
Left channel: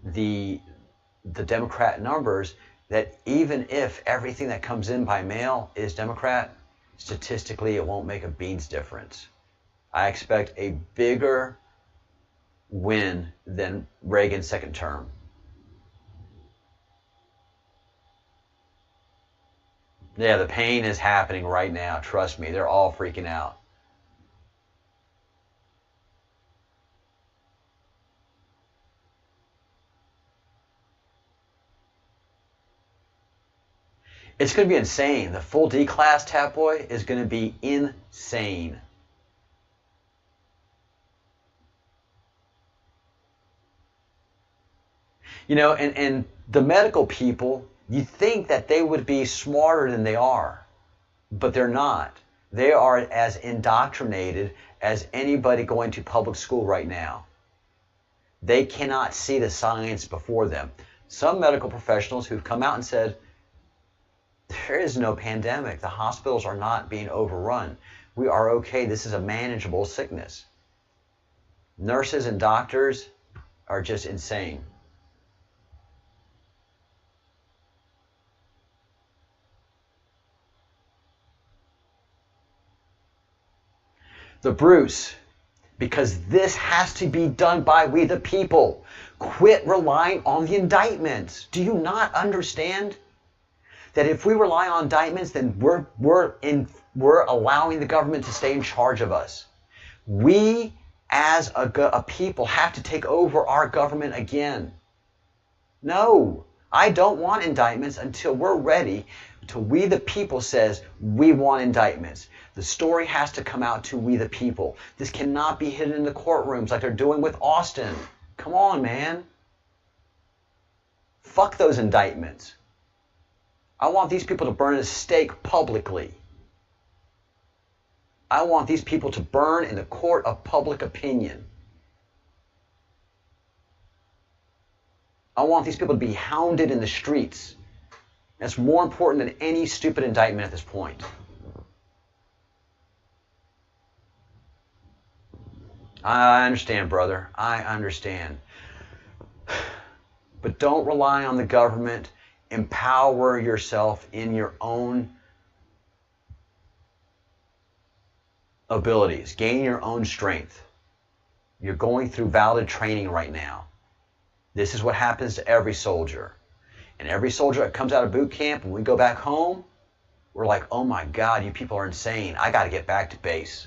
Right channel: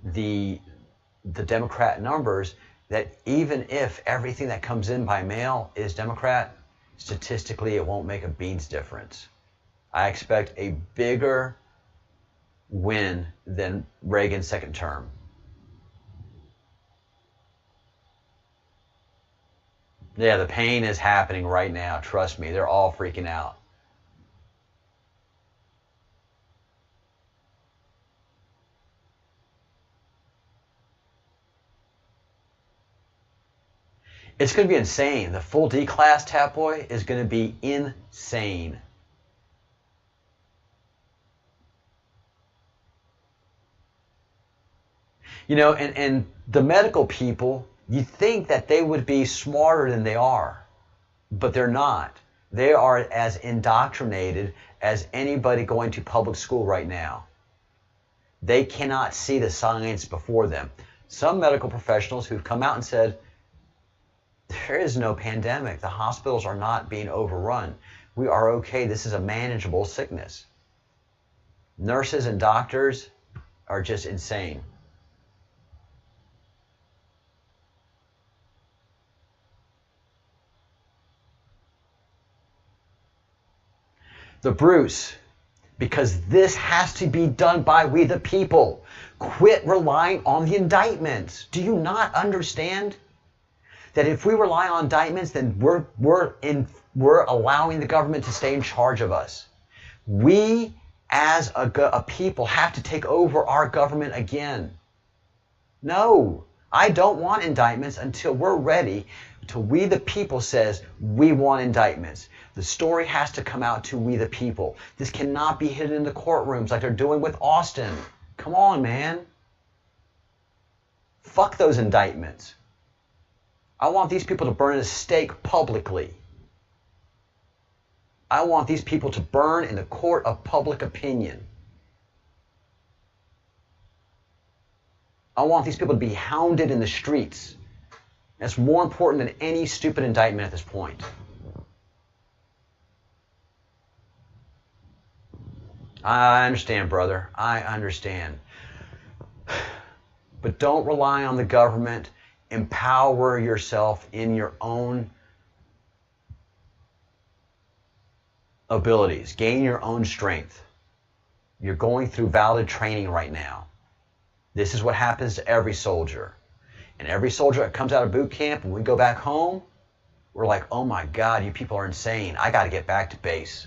the Democrat numbers, that even if everything that comes in by mail is Democrat, statistically it won't make a bean's difference. I expect a bigger win than Reagan's second term. Yeah, the pain is happening right now. Trust me, they're all freaking out. It's going to be insane. The full D class, Tap Boy, is going to be insane. You know, and the medical people, you think that they would be smarter than they are, but they're not. They are as indoctrinated as anybody going to public school right now. They cannot see the science before them. Some medical professionals who've come out and said, there is no pandemic. The hospitals are not being overrun. We are okay. This is a manageable sickness. Nurses and doctors are just insane. The Bruce, because this has to be done by we the people. Quit relying on the indictments. Do you not understand that if we rely on indictments, then we're allowing the government to stay in charge of us? We as a people have to take over our government again. No, I don't want indictments until we're ready, until we the people says we want indictments. The story has to come out to we the people. This cannot be hidden in the courtrooms like they're doing with Austin. Come on, man. Fuck those indictments. I want these people to burn at a stake publicly. I want these people to burn in the court of public opinion. I want these people to be hounded in the streets. That's more important than any stupid indictment at this point. I understand, brother. I understand. But don't rely on the government. Empower yourself in your own abilities. Gain your own strength. You're going through valid training right now. This is what happens to every soldier. And every soldier that comes out of boot camp, when we go back home, we're like, oh my God, you people are insane. I got to get back to base.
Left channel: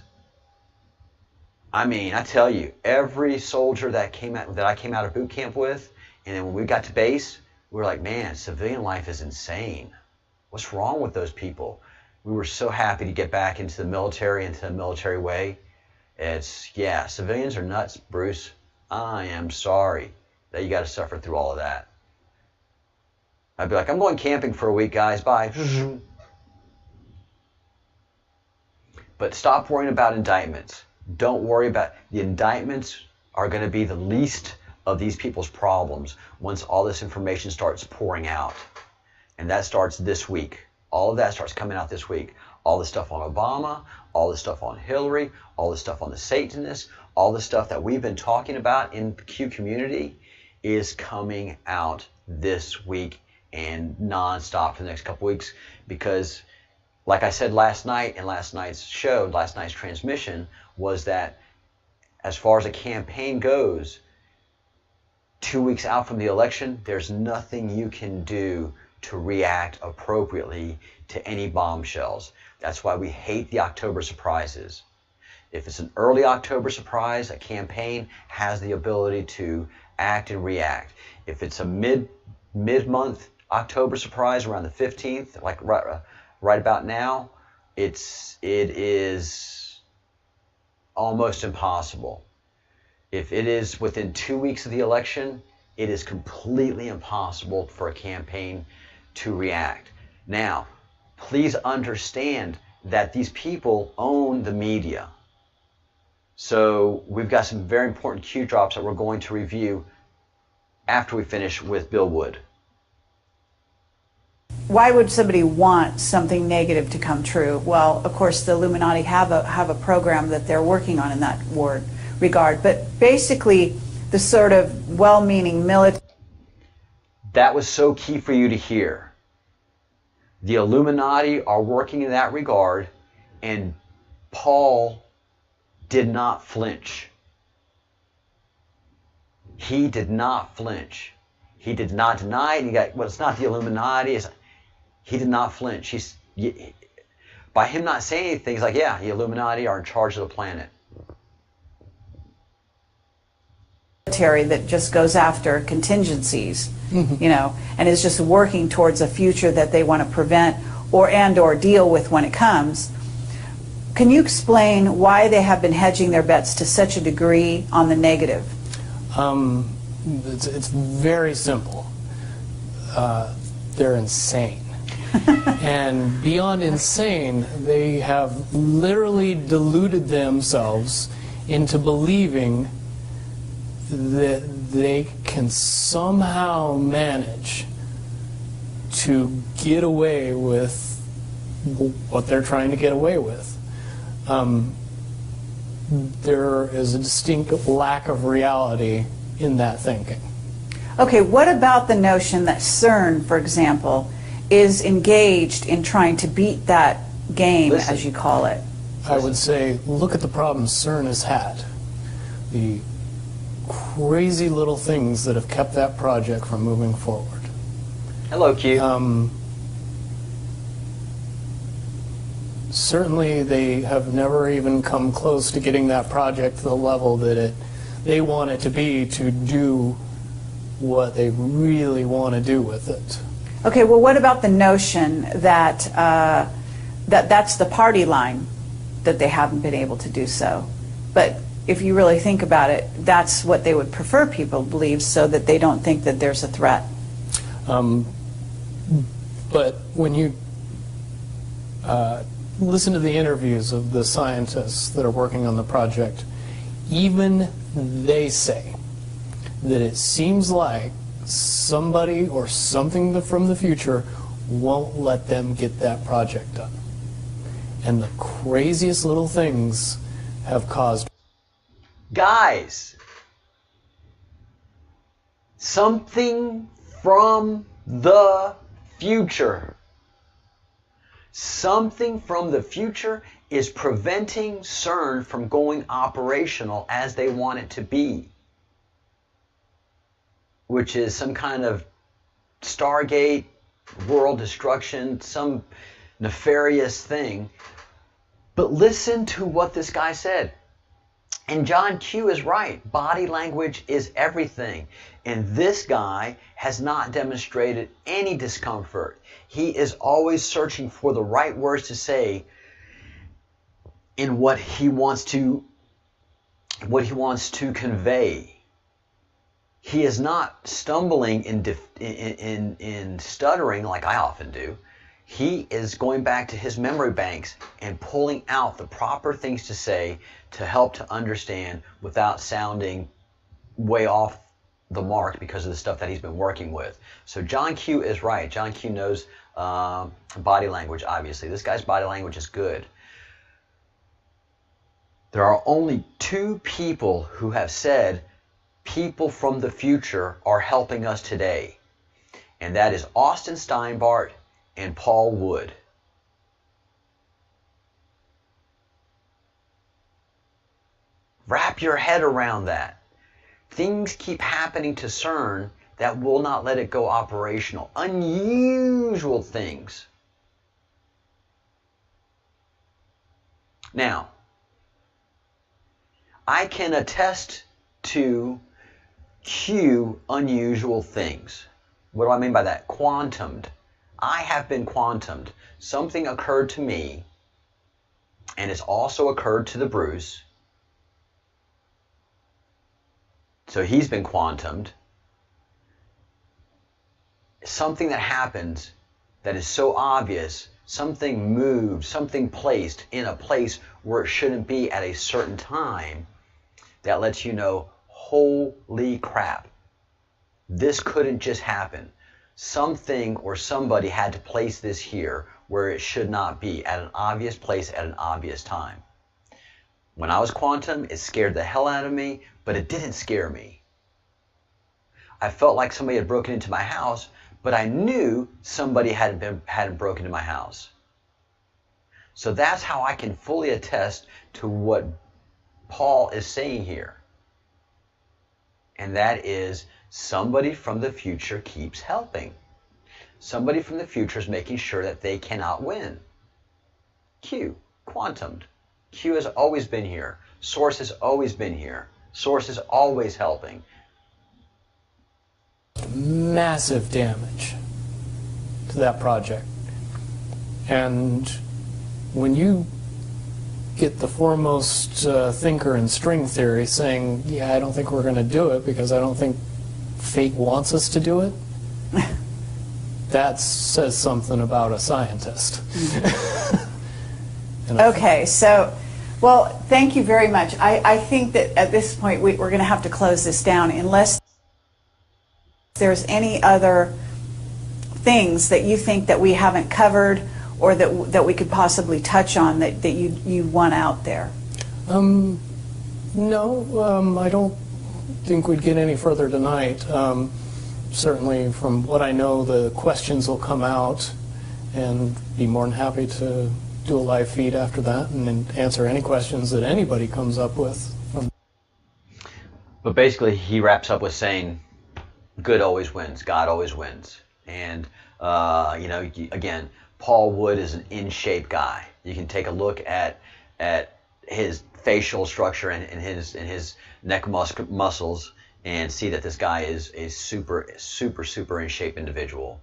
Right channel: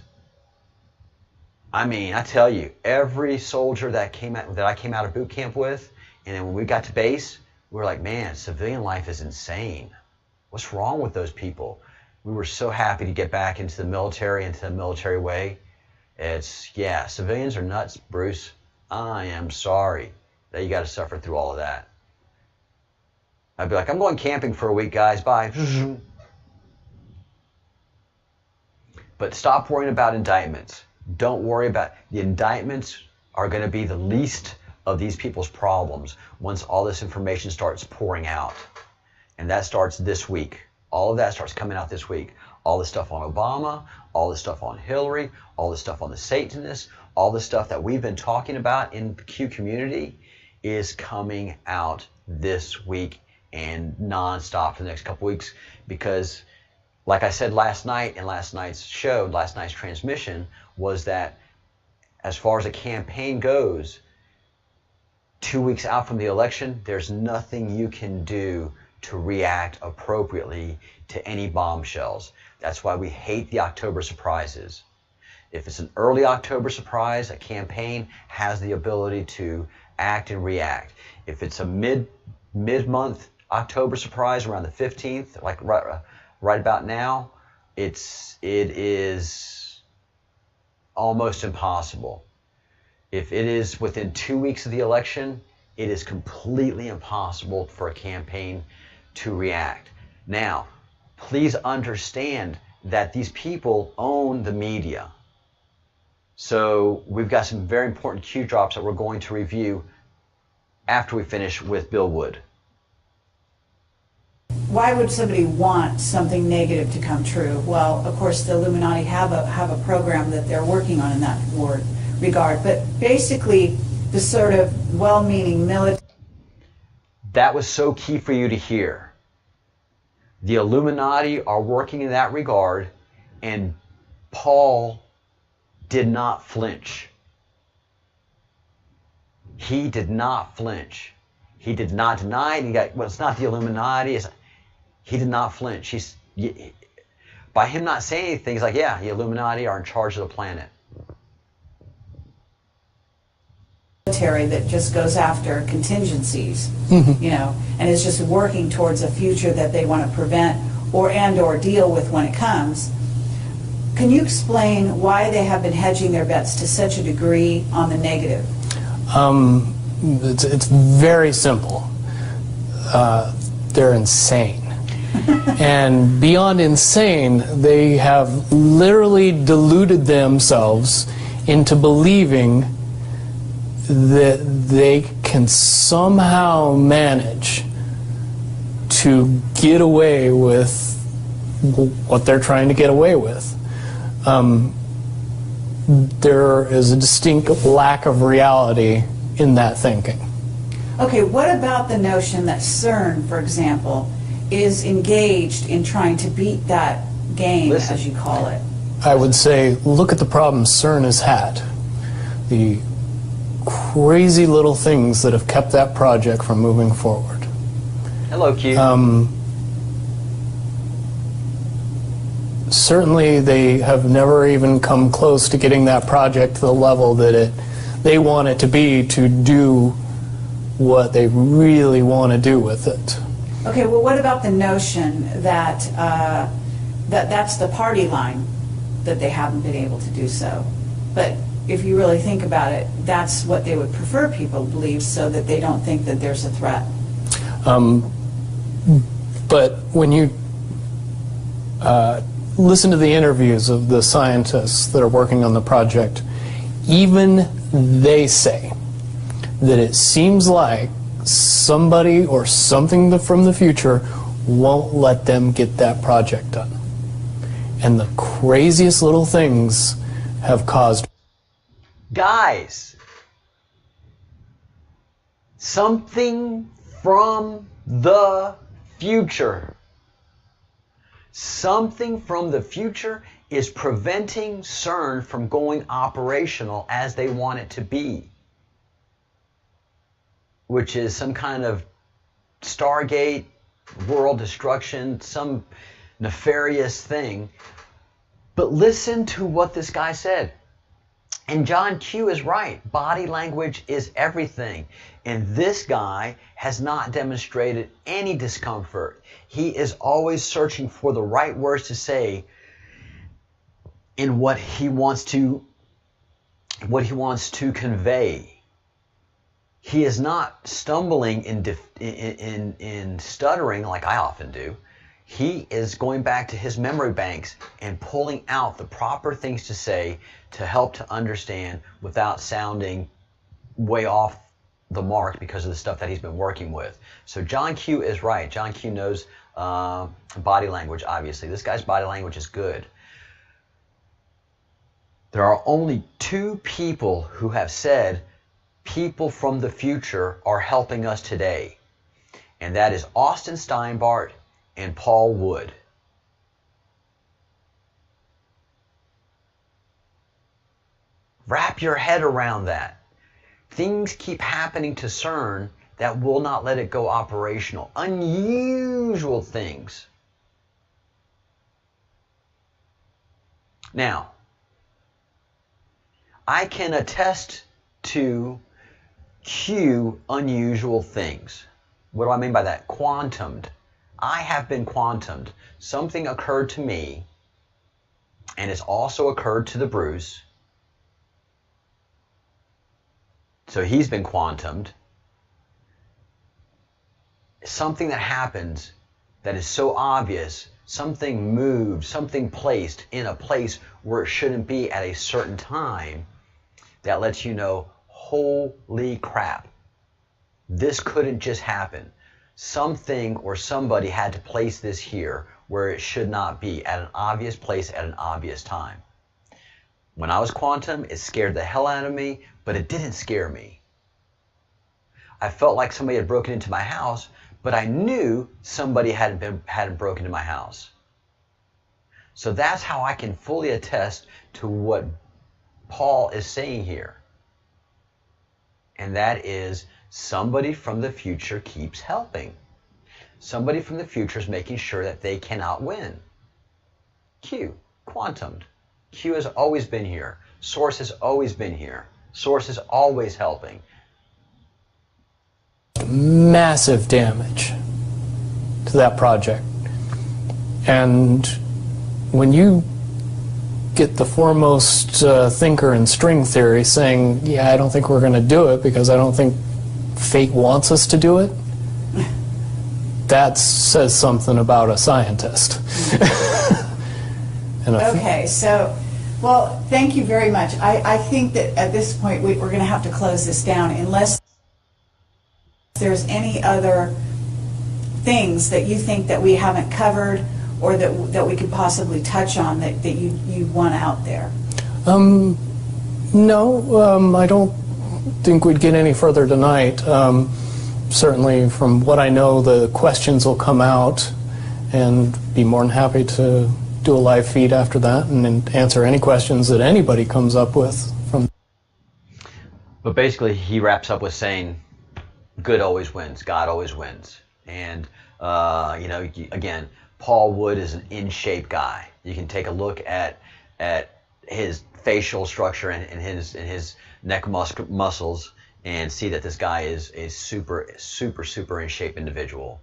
I mean, I tell you, every soldier that I came out of boot camp with, and then when we got to base, we were like, man, civilian life is insane. What's wrong with those people? We were so happy to get back into the military, into the military way. Yeah, civilians are nuts, Bruce. I am sorry that you got to suffer through all of that. I'd be like, I'm going camping for a week, guys. Bye. But stop worrying about indictments. Don't worry about the indictments are going to be the least of these people's problems once all this information starts pouring out. And that starts this week. All of that starts coming out this week. All the stuff on Obama, all the stuff on Hillary, all the stuff on the Satanists, all the stuff that we've been talking about in the Q community is coming out this week and nonstop for the next couple weeks, because like I said last night in last night's show, last night's transmission, was that as far as a campaign goes, 2 weeks out from the election, there's nothing you can do to react appropriately to any bombshells. That's why we hate the October surprises. If it's an early October surprise, a campaign has the ability to act and react. If it's a mid-month October surprise around the 15th, like right about now, it is almost impossible. If it is within 2 weeks of the election, it is completely impossible for a campaign to react. Now, please understand that these people own the media. So we've got some very important Q drops that we're going to review after we finish with Bill Wood. Why would somebody want something negative to come true? Well, of course, the Illuminati have a program that they're working on in that regard. But basically, the sort of well-meaning military... That was so key for you to hear. The Illuminati are working in that regard, and Paul did not flinch. He did not flinch. He did not deny it. Well, it's not the Illuminati. He did not flinch. By him not saying anything, he's like, yeah, the Illuminati are in charge of the planet. That just goes after contingencies, you know, and is just working towards a future that they want to prevent or deal with when it comes. Can you explain why they have been hedging their bets to such a degree on the negative? It's very simple. They're insane. And beyond insane, they have literally deluded themselves into believing that they can somehow manage to get away with what they're trying to get away with. There is a distinct lack of reality in that thinking. Okay, what about the notion that CERN, for example, is engaged in trying to beat that game, as you call it? I would say, look at the problems CERN has had. The crazy little things that have kept that project from moving forward. Hello, Q. Certainly they have never even come close to getting that project to the level that they want it to be to do what they really want to do with it. Okay, well, what about the notion that that's the party line, that they haven't been able to do so? But if you really think about it, that's what they would prefer people to believe, so that they don't think that there's a threat. But when you listen to the interviews of the scientists that are working on the project, even they say that it seems like somebody or something from the future won't let them get that project done. And the craziest little things have caused... Guys, something from the future. Something from the future is preventing CERN from going operational as they want it to be, which is some kind of Stargate, world destruction, some nefarious thing. But listen to what this guy said. And John Q is right. Body language is everything. And this guy has not demonstrated any discomfort. He is always searching for the right words to say in what he wants to convey. He is not stumbling in stuttering like I often do. He is going back to his memory banks and pulling out the proper things to say to help to understand without sounding way off the mark because of the stuff that he's been working with. So John Q is right. John Q knows body language, obviously. This guy's body language is good. There are only two people who have said people from the future are helping us today. And that is Austin Steinbart and Paul Wood. Wrap your head around that. Things keep happening to CERN that will not let it go operational. Unusual things. Now, I can attest to Q unusual things. What do I mean by that? Quantumed. I have been quantumed. Something occurred to me, and it's also occurred to the Bruce. So he's been quantumed. Something that happens that is so obvious, something moved, something placed in a place where it shouldn't be at a certain time, that lets you know, holy crap, this couldn't just happen. Something or somebody had to place this here where it should not be, at an obvious place at an obvious time. When I was quantum, it scared the hell out of me, but it didn't scare me. I felt like somebody had broken into my house, but I knew somebody hadn't broken into my house. So that's how I can fully attest to what Paul is saying here. And that is, somebody from the future keeps helping. Somebody from the future is making sure that they cannot win. Q, quantumed. Q has always been here. Source has always been here. Source is always helping. Massive damage to that project. And when you get the foremost thinker in string theory saying, yeah, I don't think we're going to do it because I don't think fate wants us to do it, that says something about a scientist. Okay, so, well, thank you very much. I think that at this point we're going to have to close this down unless there's any other things that you think that we haven't covered or that we could possibly touch on that you want out there. No, I don't think we'd get any further tonight. Certainly from what I know, the questions will come out, and be more than happy to do a live feed after that and answer any questions that anybody comes up with. But basically he wraps up with saying, good always wins, God always wins. And, again, Paul Wood is an in-shape guy. You can take a look at his facial structure and his neck muscles and see that this guy is a super in-shape individual.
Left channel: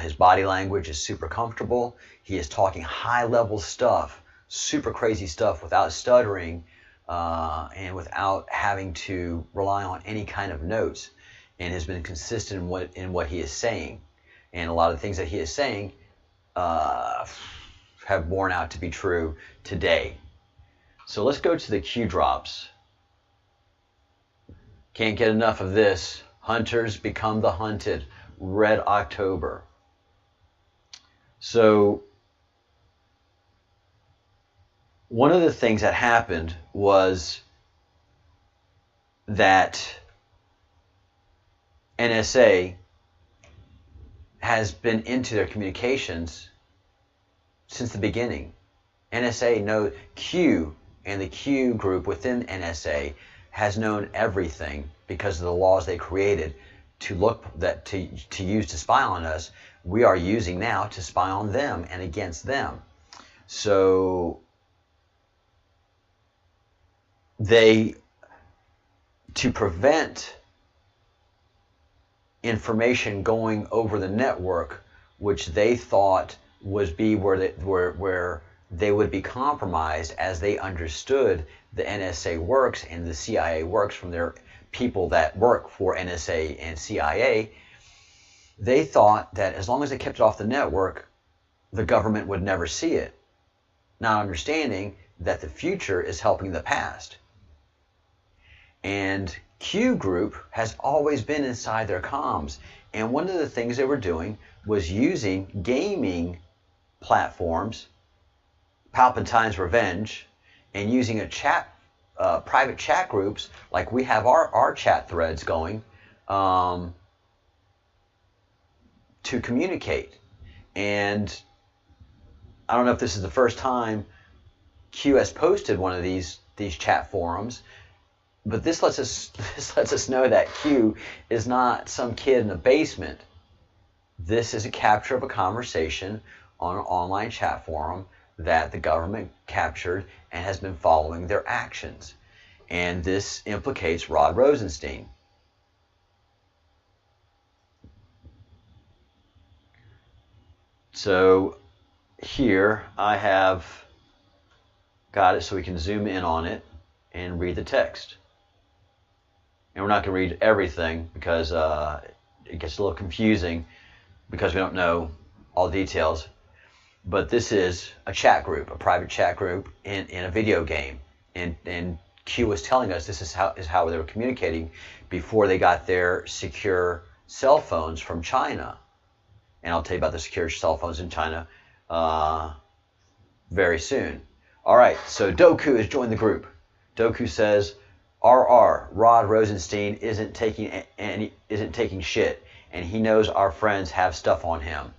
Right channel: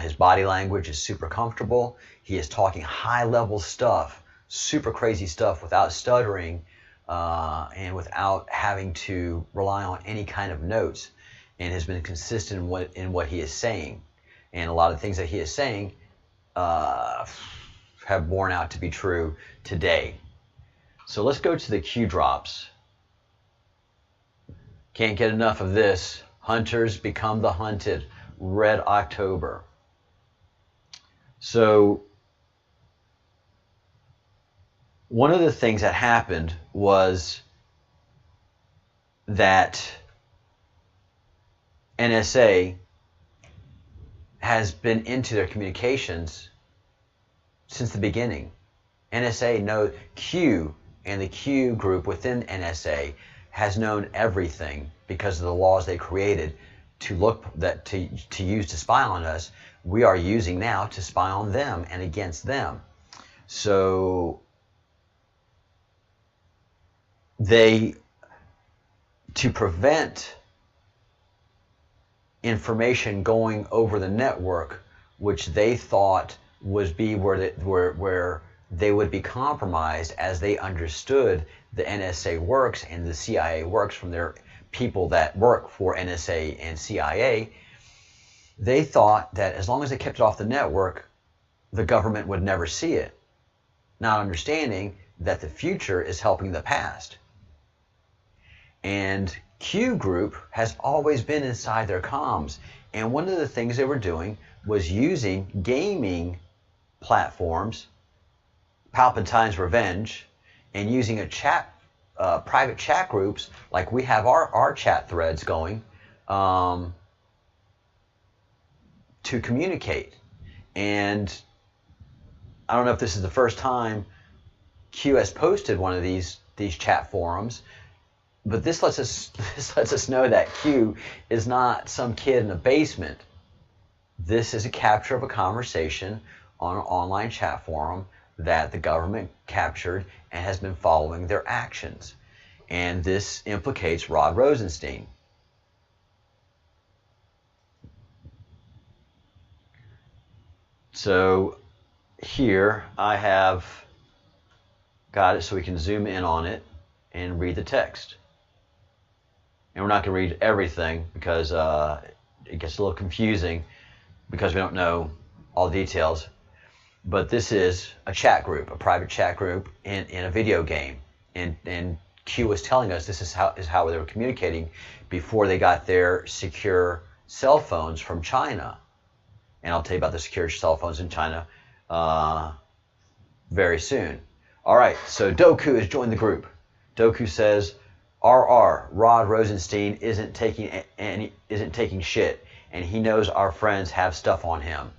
His body language is super comfortable. He is talking high-level stuff, super crazy stuff without stuttering and without having to rely on any kind of notes, and has been consistent in what he is saying. And a lot of the things that he is saying have borne out to be true today. So let's go to the Q drops. Can't get enough of this. Hunters become the hunted. Red October. So one of the things that happened was that NSA has been into their communications since the beginning. NSA knows Q, and the Q group within NSA has known everything because of the laws they created to use to spy on us. We are using now to spy on them and against them. So to prevent information going over the network, which they thought would be where they would be compromised, as they understood the NSA works and the CIA works from their people that work for NSA and CIA, they thought that as long as they kept it off the network, the government would never see it, not understanding that the future is helping the past. And Q Group has always been inside their comms, and one of the things they were doing was using gaming platforms, Palpatine's Revenge, and using a chat, private chat groups like we have our chat threads going, to communicate. And I don't know if this is the first time Q has posted one of these chat forums, but this lets us know that Q is not some kid in a basement. This is a capture of a conversation on an online chat forum that the government captured and has been following their actions. And this implicates Rod Rosenstein. So here I have got it so we can zoom in on it and read the text. And we're not going to read everything because it gets a little confusing because we don't know all the details. But this is a chat group, a private chat group in a video game. And Q was telling us this is how they were communicating before they got their secure cell phones from China. And I'll tell you about the secure cell phones in China very soon. All right, so Doku has joined the group. Doku says, RR, Rod Rosenstein isn't taking shit, and he knows our friends have stuff on him.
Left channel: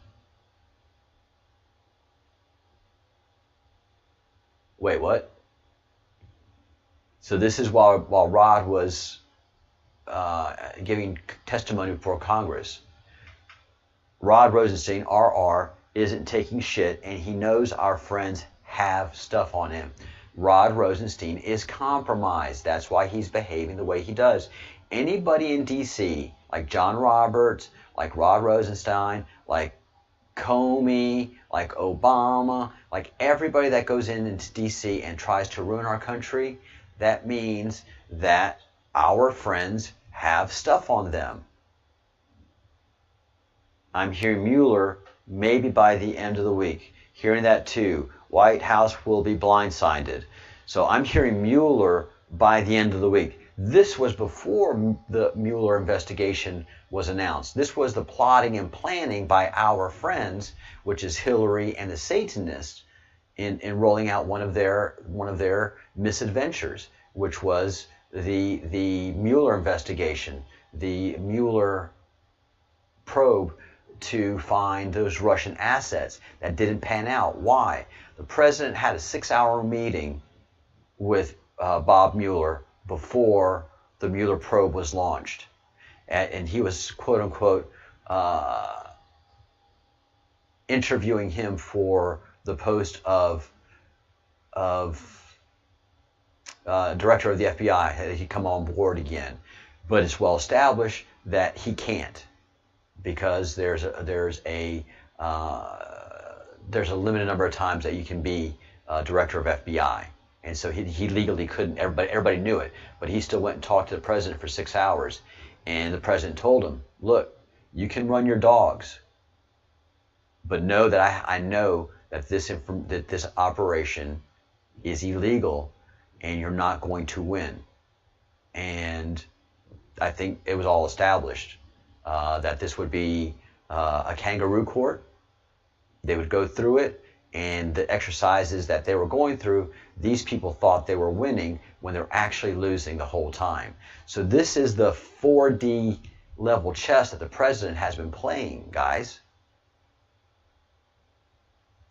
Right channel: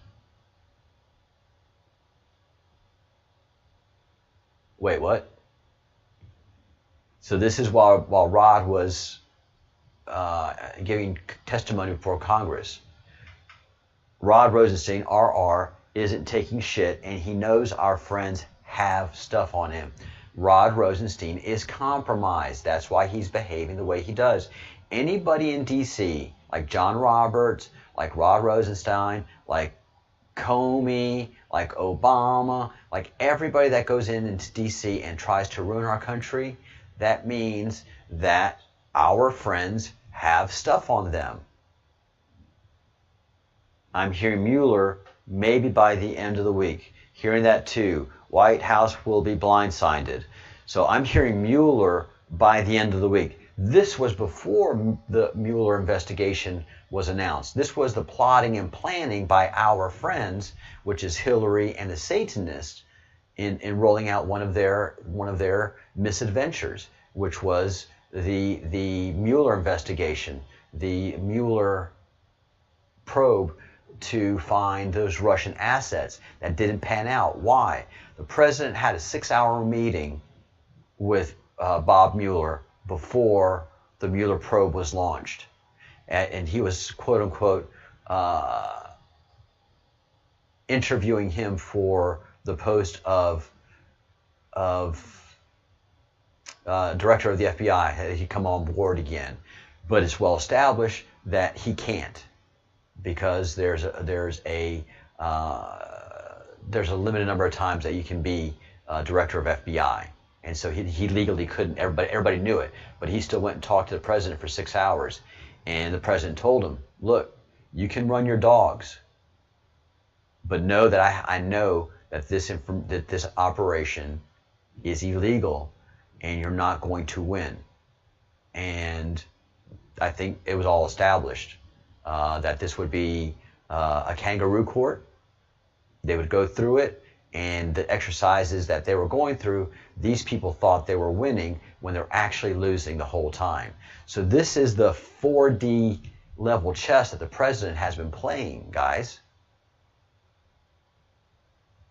Wait, what? So this is while Rod was giving testimony before Congress. Rod Rosenstein, RR, isn't taking shit, and he knows our friends have stuff on him. Rod Rosenstein is compromised. That's why he's behaving the way he does. Anybody in D.C., like John Roberts, like Rod Rosenstein, like Comey, like Obama, like everybody that goes into D.C. and tries to ruin our country, that means that our friends have stuff on them. I'm hearing Mueller maybe by the end of the week. Hearing that too. White House will be blindsided. So I'm hearing Mueller by the end of the week. This was before the Mueller investigation was announced. This was the plotting and planning by our friends, which is Hillary and the Satanists, in rolling out one of their misadventures, which was the Mueller investigation, the Mueller probe to find those Russian assets that didn't pan out. Why? The president had a 6-hour meeting with Bob Mueller before the Mueller probe was launched. And he was, quote unquote, interviewing him for the post of director of the FBI. He'd come on board again. But it's well established that he can't, because there's a limited number of times that you can be director of FBI. And so he legally couldn't. Everybody knew it. But he still went and talked to the president for 6 hours. And the president told him, look, you can run your dogs, but know that I know that this operation is illegal and you're not going to win. And I think it was all established that this would be a kangaroo court. They would go through it, and the exercises that they were going through, these people thought they were winning when they're actually losing the whole time. So this is the 4D level chess that the president has been playing, guys.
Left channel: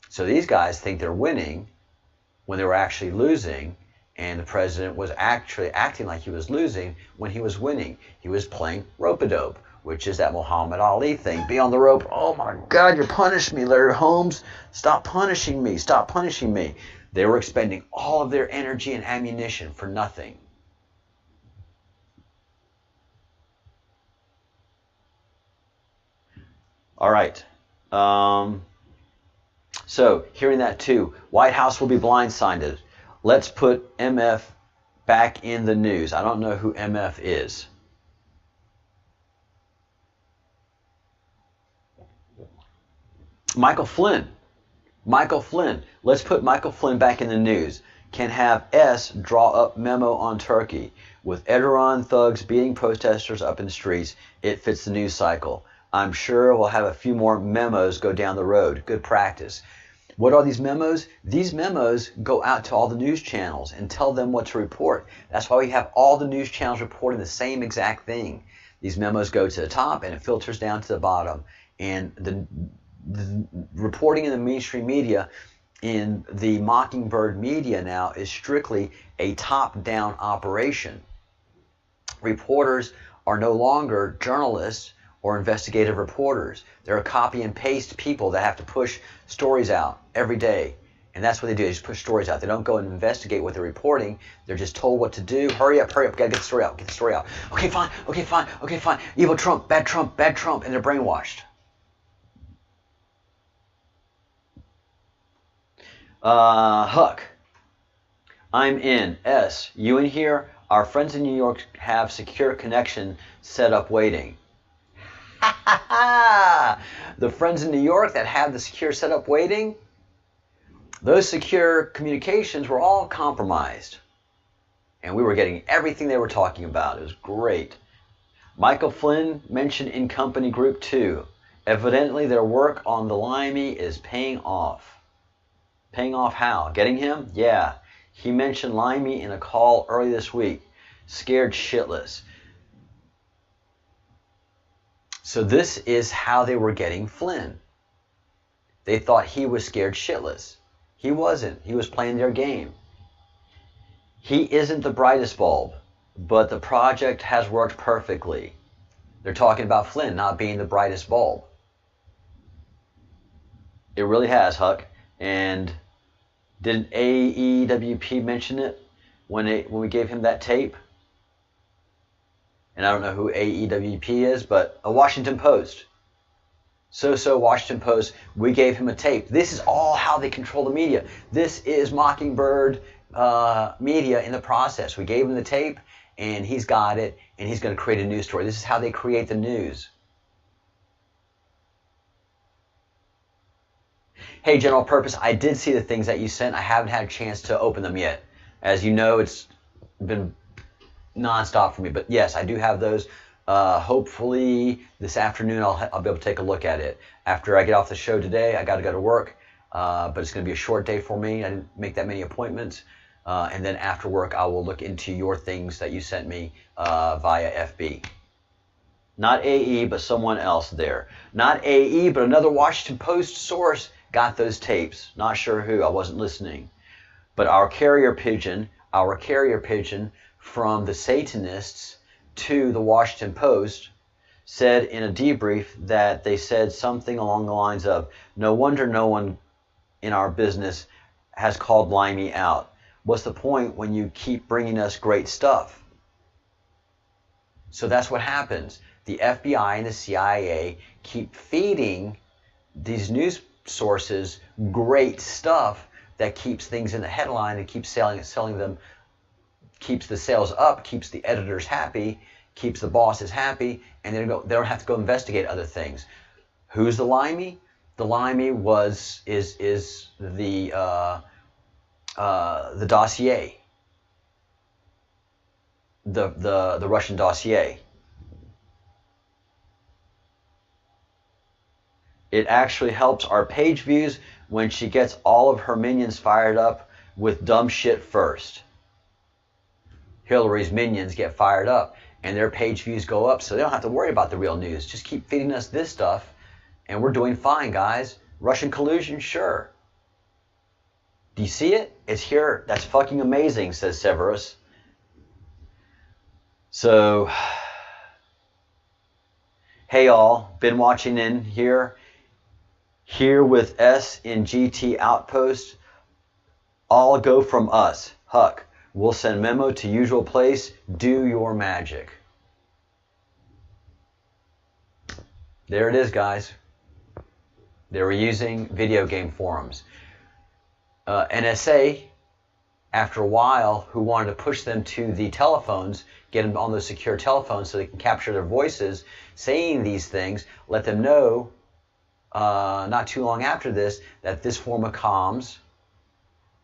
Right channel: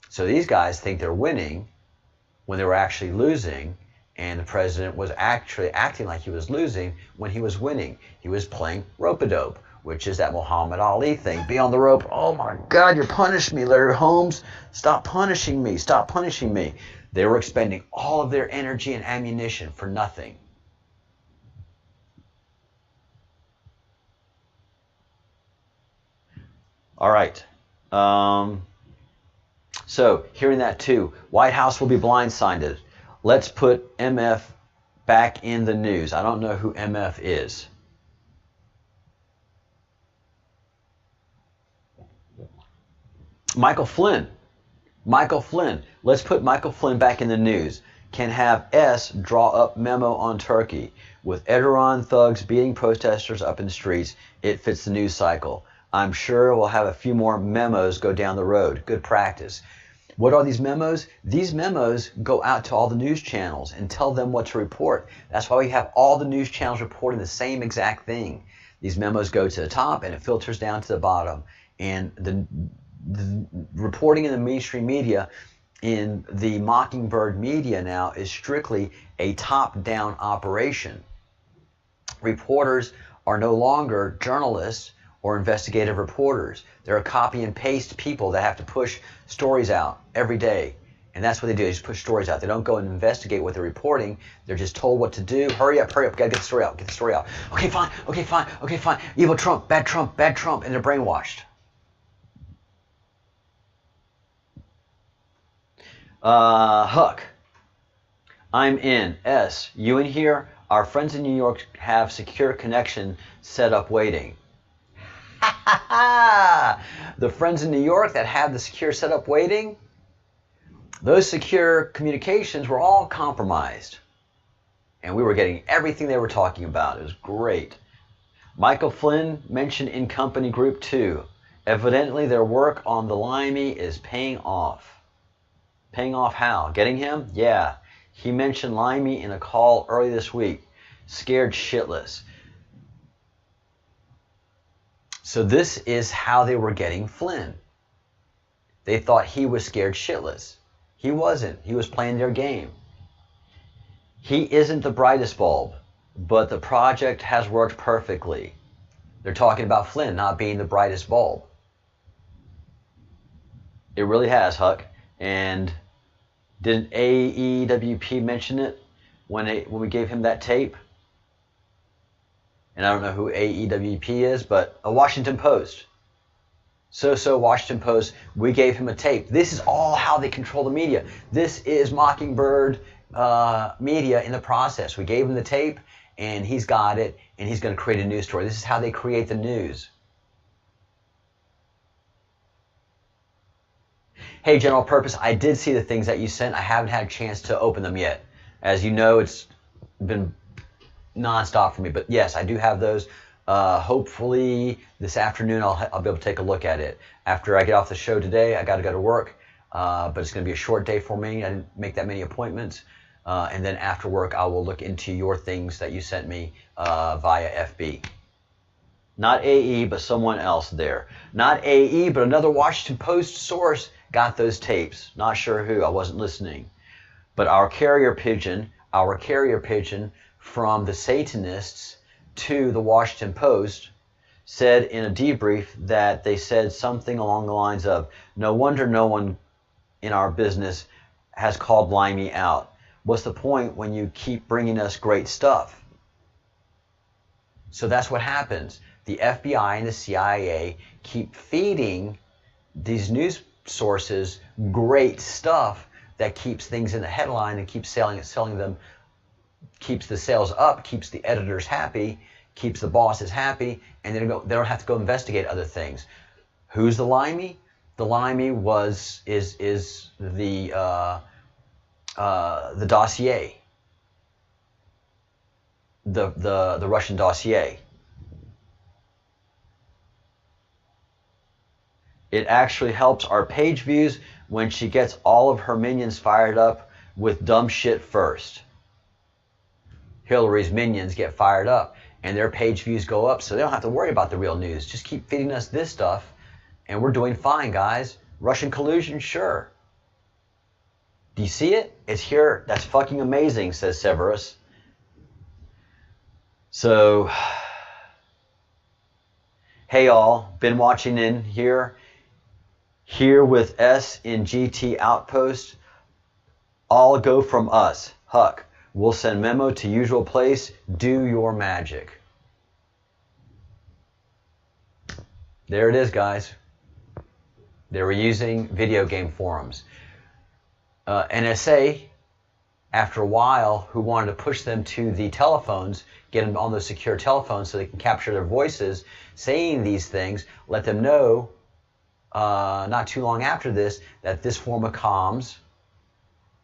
So these guys think they're winning when they were actually losing, and the president was actually acting like he was losing when he was winning. He was playing rope-a-dope, which is that Muhammad Ali thing. Be on the rope. Oh my God, you're punishing me, Larry Holmes. Stop punishing me. Stop punishing me. They were expending all of their energy and ammunition for nothing. All right. So, hearing that too, White House will be blindsided. Let's put MF back in the news. I don't know who MF is. Michael Flynn. Michael Flynn. Let's put Michael Flynn back in the news. Can have S draw up memo on Turkey. With Erdogan thugs beating protesters up in the streets, it fits the news cycle. I'm sure we'll have a few more memos go down the road. Good practice. What are these memos? These memos go out to all the news channels and tell them what to report. That's why we have all the news channels reporting the same exact thing. These memos go to the top and it filters down to the bottom. And the reporting in the mainstream media, in the Mockingbird media now, is strictly a top-down operation. Reporters are no longer journalists or investigative reporters. They're copy and paste people that have to push stories out every day. And that's what they do. They just push stories out. They don't go and investigate what they're reporting. They're just told what to do. Hurry up, gotta get the story out, get the story out. Okay, fine, okay, fine, okay, fine. Evil Trump, bad Trump, bad Trump, and they're brainwashed. Huck, I'm in. S, you in here? Our friends in New York have secure connection set up waiting. The friends in New York that have the secure setup waiting, those secure communications were all compromised. And we were getting everything they were talking about. It was great. Michael Flynn mentioned in company group 2. Evidently their work on the Limey is paying off. Paying off how? Getting him? Yeah. He mentioned Limey in a call early this week. Scared shitless. So this is how they were getting Flynn. They thought he was scared shitless. He wasn't. He was playing their game. He isn't the brightest bulb, but the project has worked perfectly. They're talking about Flynn not being the brightest bulb. It really has, Huck. And didn't AEWP mention it when we gave him that tape? And I don't know who AEWP is, but a Washington Post. So Washington Post, we gave him a tape. This is all how they control the media. This is Mockingbird media in the process. We gave him the tape, and he's got it, and he's going to create a news story. This is how they create the news. Hey, General Purpose, I did see the things that you sent. I haven't had a chance to open them yet. As you know, it's been nonstop for me, but yes, I do have those. Hopefully this afternoon I'll be able to take a look at it. After I get off the show today, I got to go to work, but it's going to be a short day for me. I didn't make that many appointments, and then after work I will look into your things that you sent me via FB. Not AE, but someone else there. Not AE, but another Washington Post source got those tapes. Not sure who. I wasn't listening. But our carrier pigeon from the Satanists to the Washington Post said in a debrief that they said something along the lines of, no wonder no one in our business has called Limey out. What's the point when you keep bringing us great stuff? So that's what happens. The FBI and the CIA keep feeding these news sources great stuff that keeps things in the headline and keeps selling them, keeps the sales up, keeps the editors happy, keeps the bosses happy, and they don't have to go investigate other things. Who's the Limey? The Limey is the dossier, the Russian dossier. It actually helps our page views when she gets all of her minions fired up with dumb shit first. Hillary's minions get fired up and their page views go up, so they don't have to worry about the real news. Just keep feeding us this stuff and we're doing fine, guys. Russian collusion, sure. Do you see it? It's here. That's fucking amazing, says Severus. So, hey all, been watching in here. Here with S in GT Outpost. All go from us. Huck. We'll send memo to usual place. Do your magic. There it is, guys. They were using video game forums. NSA, after a while, who wanted to push them to the telephones, get them on those secure telephones so they can capture their voices saying these things, let them know not too long after this that this form of comms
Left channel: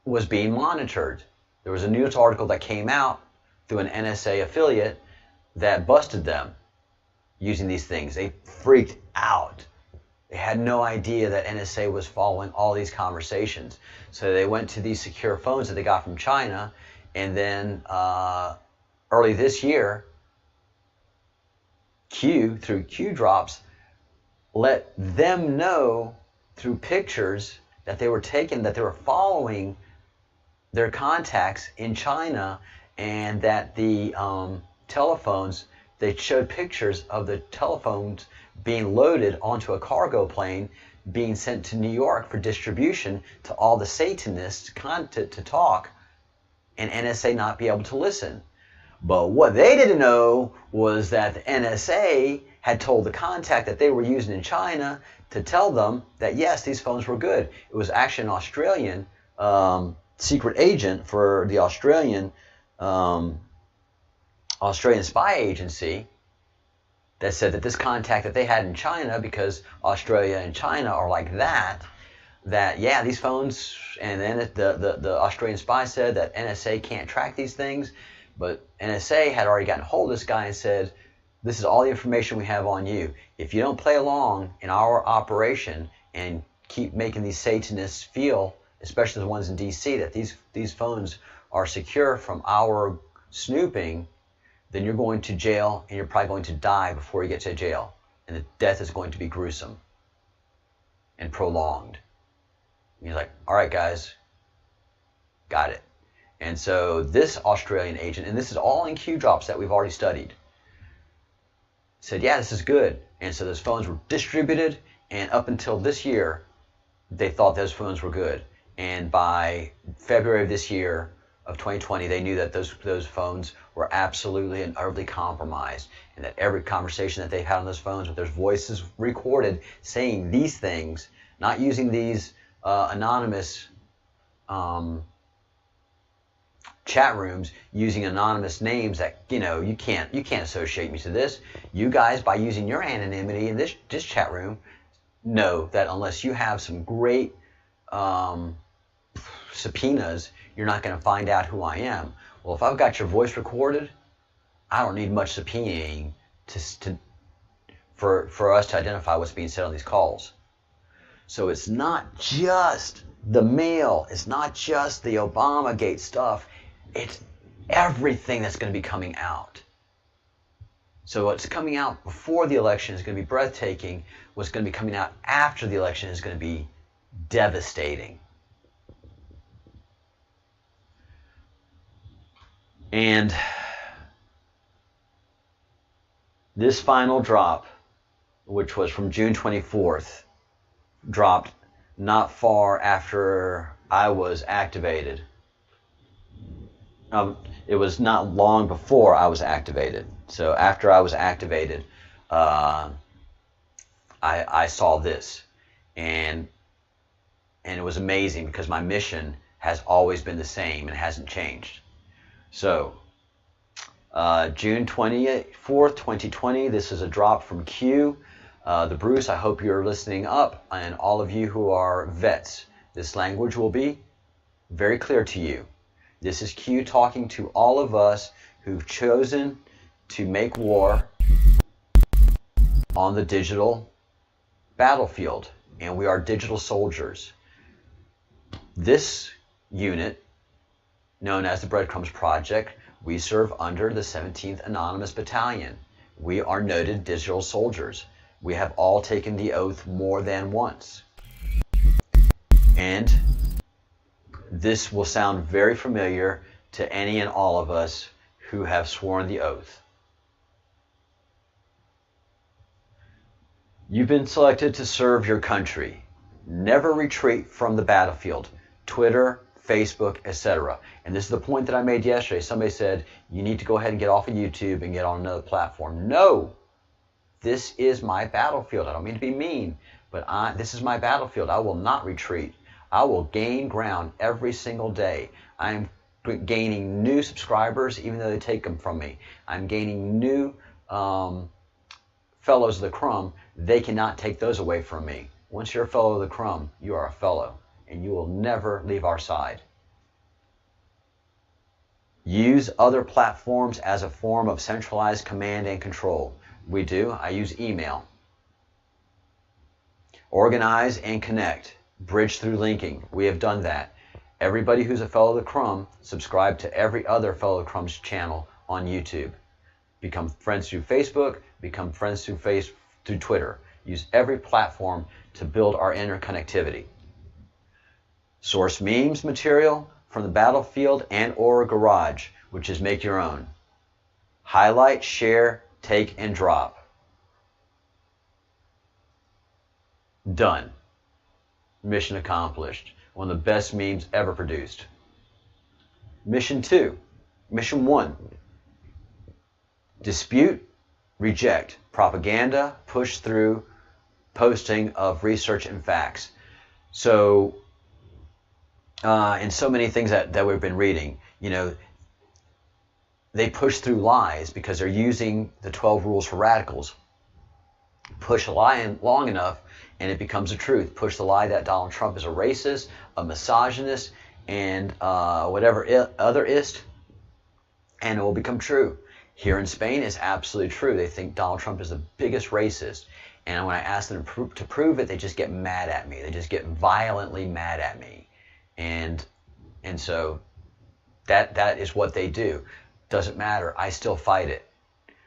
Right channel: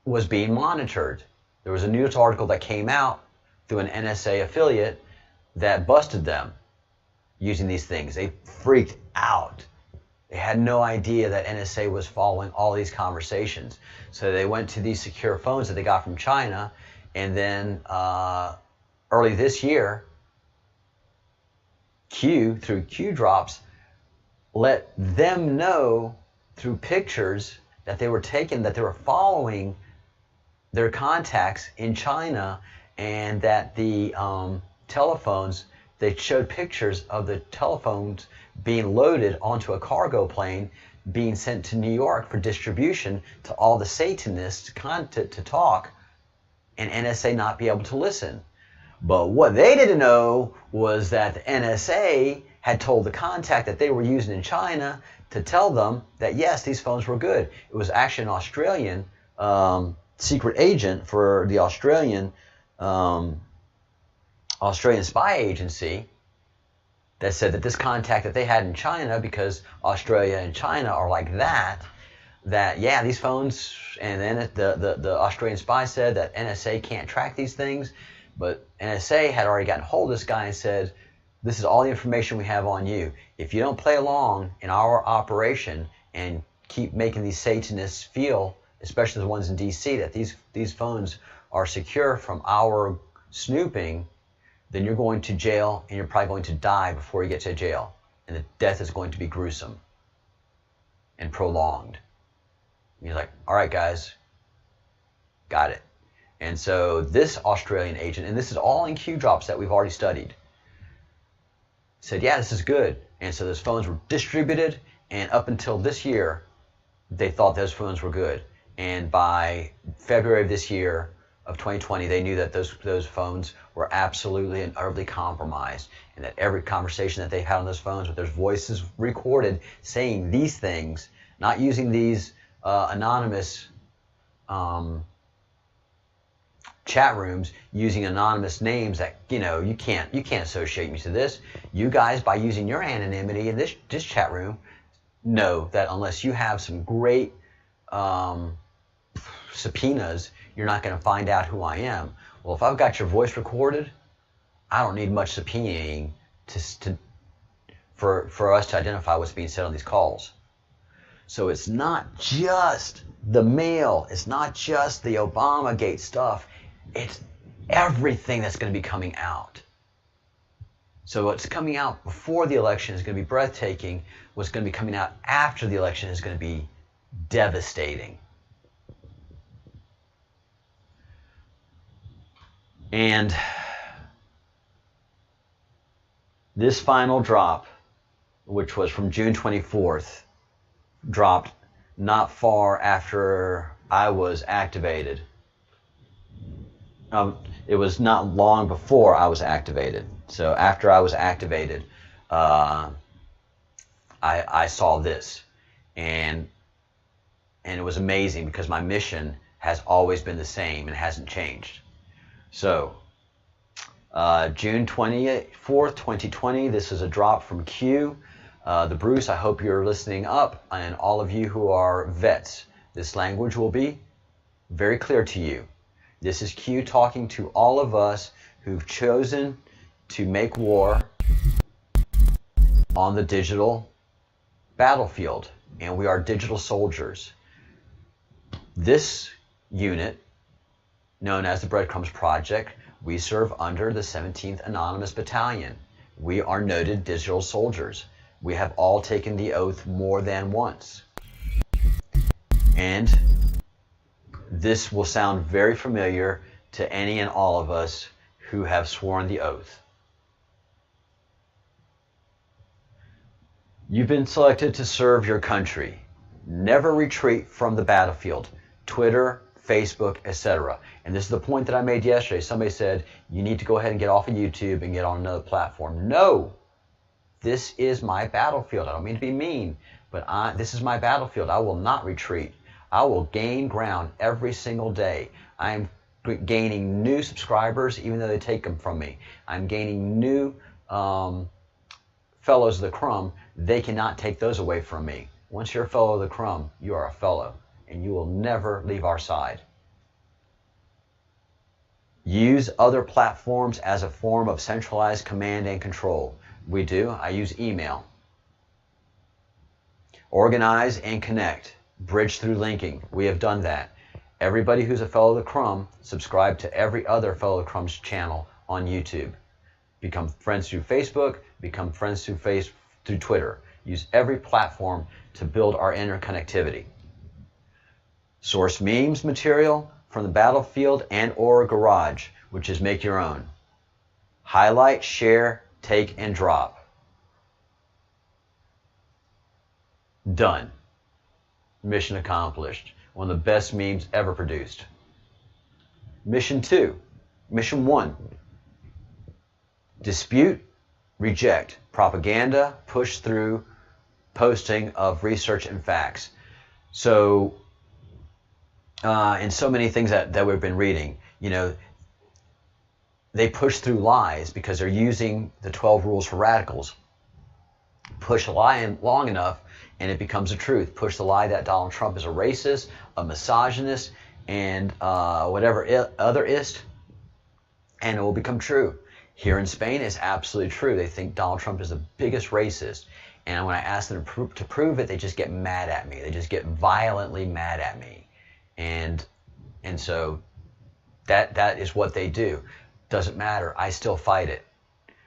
was being monitored. There was a news article that came out through an NSA affiliate that busted them using these things. They freaked out. They had no idea that NSA was following all these conversations. So they went to these secure phones that they got from China, and then early this year, Q, through Q drops, let them know through pictures that they were taking, that they were following their contacts in China, and that the telephones, they showed pictures of the telephones being loaded onto a cargo plane, being sent to New York for distribution to all the Satanists to talk, and NSA not be able to listen. But what they didn't know was that the NSA had told the contact that they were using in China to tell them that yes, these phones were good. It was actually an Australian secret agent for the Australian spy agency that said that this contact that they had in China, because Australia and China are like that yeah, these phones, and then the Australian spy said that NSA can't track these things, but NSA had already gotten hold of this guy and said, this is all the information we have on you. If you don't play along in our operation and keep making these Satanists feel, especially the ones in DC, that these phones are secure from our snooping, then you're going to jail and you're probably going to die before you get to jail. And the death is going to be gruesome and prolonged. And he's like, all right, guys, got it. And so this Australian agent, and this is all in Q drops that we've already studied, said, yeah, this is good. And so those phones were distributed, and up until this year, they thought those phones were good. And by February of this year, of 2020, they knew that those phones were absolutely and utterly compromised, and that every conversation that they had on those phones with their voices recorded saying these things, not using these anonymous chat rooms, using anonymous names that, you know, you can't associate me to this. You guys, by using your anonymity in this chat room, know that unless you have some great subpoenas, you're not going to find out who I am. Well, if I've got your voice recorded, I don't need much subpoenaing for us to identify what's being said on these calls. So it's not just the mail. It's not just the Obamagate stuff. It's everything that's going to be coming out. So what's coming out before the election is going to be breathtaking. What's going to be coming out after the election is going to be devastating. And this final drop, which was from June 24th, dropped not far after I was activated. It was not long before I was activated. So after I was activated, I saw this, and it was amazing because my mission has always been the same and hasn't changed. So, June 24th, 2020, this is a drop from Q. The Bruce, I hope you're listening up, and all of you who are vets, this language will be very clear to you. This is Q talking to all of us who've chosen to make war on the digital battlefield, and we are digital soldiers. This unit, known as the Breadcrumbs Project, We serve under the 17th Anonymous Battalion. We are noted digital soldiers. We have all taken the oath more than once. And this will sound very familiar to any and all of us who have sworn the oath. You've been selected to serve your country. Never retreat from the battlefield. Twitter, Facebook, etc. And this is the point that I made yesterday. Somebody said, you need to go ahead and get off of YouTube and get on another platform. No! This is my battlefield. I don't mean to be mean, but this is my battlefield. I will not retreat. I will gain ground every single day. I am gaining new subscribers, even though they take them from me. I'm gaining new fellows of the crumb. They cannot take those away from me. Once you're a fellow of the crumb, you are a fellow, and you will never leave our side. Use other platforms as a form of centralized command and control. We do. I use email. Organize and connect. Bridge through linking. We have done that. Everybody who's a fellow of the crumb, subscribe to every other fellow of the crumb's channel on YouTube. Become friends through Facebook. Become friends through Twitter. Use every platform to build our interconnectivity. Source memes material from the battlefield and or garage, which is make your own. Highlight, share, take, and drop. Done. Mission accomplished. One of the best memes ever produced. Mission 2. Mission 1. Dispute, reject. Propaganda, push through, posting of research and facts. So, in so many things that we've been reading, you know, they push through lies because they're using the 12 rules for radicals. Push a lie in long enough and it becomes a truth. Push the lie that Donald Trump is a racist, a misogynist, and whatever other ist, and it will become true. Here in Spain, it's absolutely true. They think Donald Trump is the biggest racist. And when I ask them to prove it, they just get mad at me. They just get violently mad at me. And so that is what they do. Doesn't matter. I still fight it.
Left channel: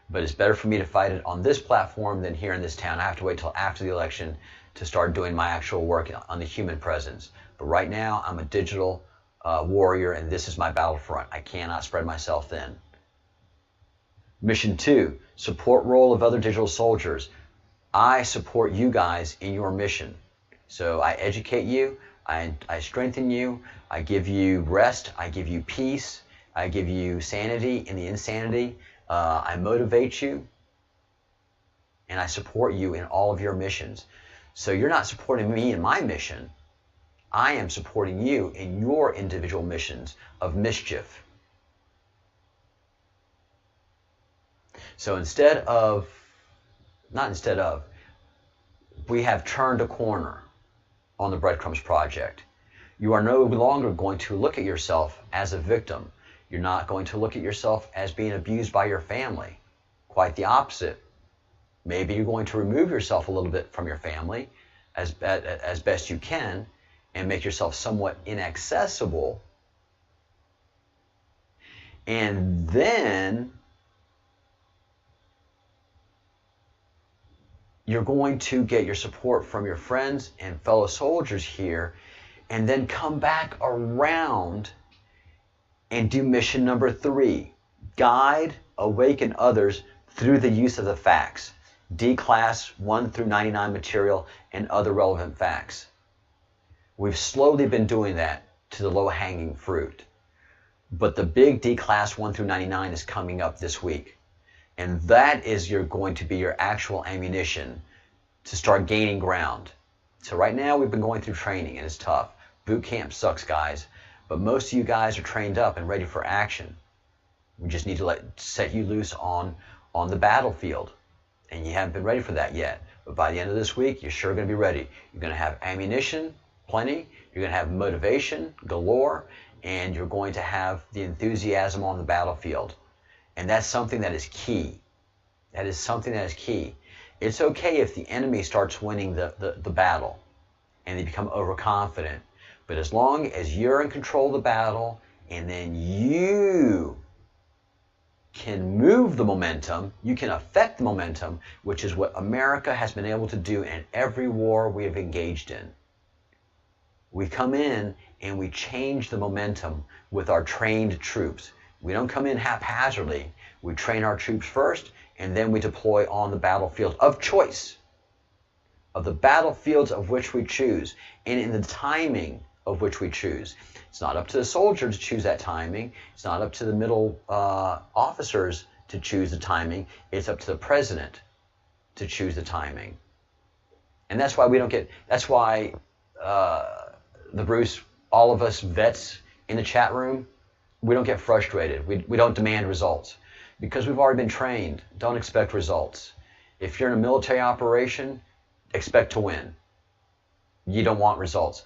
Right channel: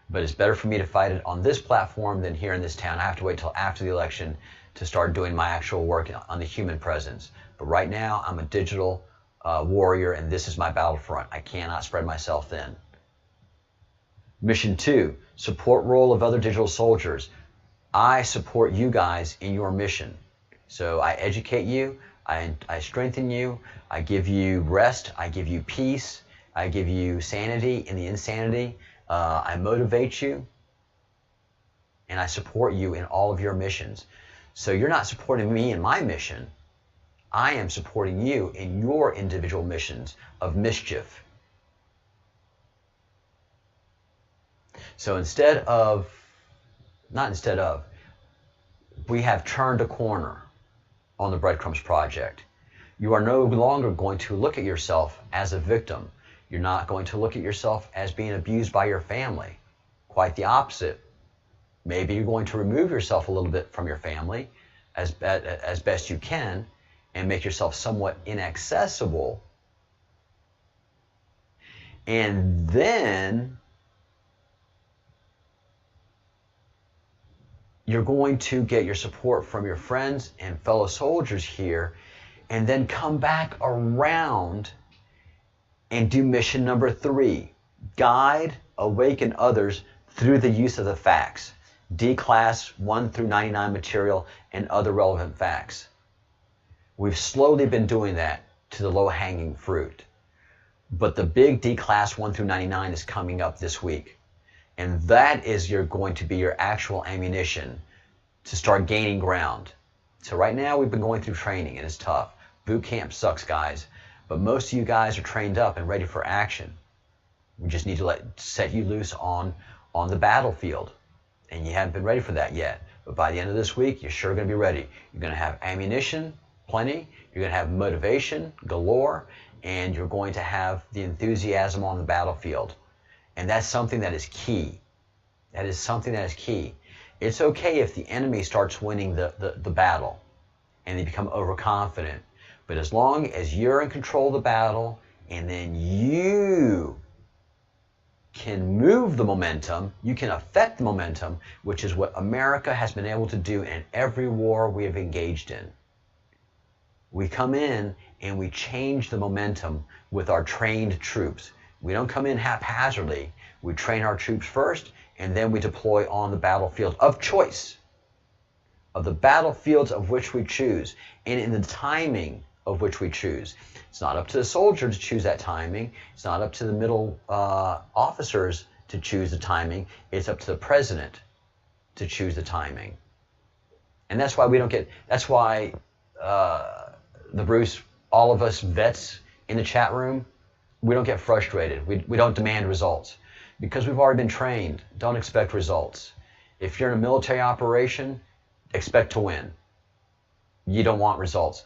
But it's better for me to fight it on this platform than here in this town. I have to wait till after the election to start doing my actual work on the human presence. But right now, I'm a digital warrior, and this is my battlefront. I cannot spread myself thin. Mission 2, support role of other digital soldiers. I support you guys in your mission. So I educate you, I strengthen you, I give you rest, I give you peace, I give you sanity in the insanity, I motivate you, and I support you in all of your missions. So you're not supporting me in my mission. I am supporting you in your individual missions of mischief. So we have turned a corner on the Breadcrumbs project. You are no longer going to look at yourself as a victim. You're not going to look at yourself as being abused by your family. Quite the opposite. Maybe you're going to remove yourself a little bit from your family as best you can and make yourself somewhat inaccessible. And then you're going to get your support from your friends and fellow soldiers here, and then come back around and do mission number 3. Guide, awaken others through the use of the facts. D-class 1 through 99 material and other relevant facts. We've slowly been doing that to the low-hanging fruit. But the big D-class 1 through 99 is coming up this week. And that is going to be your actual ammunition to start gaining ground. So right now we've been going through training and it's tough. Boot camp sucks, guys. But most of you guys are trained up and ready for action. We just need to set you loose on the battlefield. And you haven't been ready for that yet. But by the end of this week, you're sure going to be ready. You're going to have ammunition, plenty. You're going to have motivation, galore. And you're going to have the enthusiasm on the battlefield. And that's something that is key. That is something that is key. It's okay if the enemy starts winning the battle and they become overconfident. But as long as you're in control of the battle and then you can move the momentum, you can affect the momentum, which is what America has been able to do in every war we have engaged in. We come in and we change the momentum with our trained troops. We don't come in haphazardly. We train our troops first, and then we deploy on the battlefield of choice, of the battlefields of which we choose, and in the timing of which we choose. It's not up to the soldier to choose that timing. It's not up to the middle officers to choose the timing. It's up to the president to choose the timing. And that's why we don't get, that's why the Bruce, all of us vets in the chat room, we don't get frustrated. We don't demand results because we've already been trained. Don't expect results. If you're in a military operation, expect to win. You don't want results.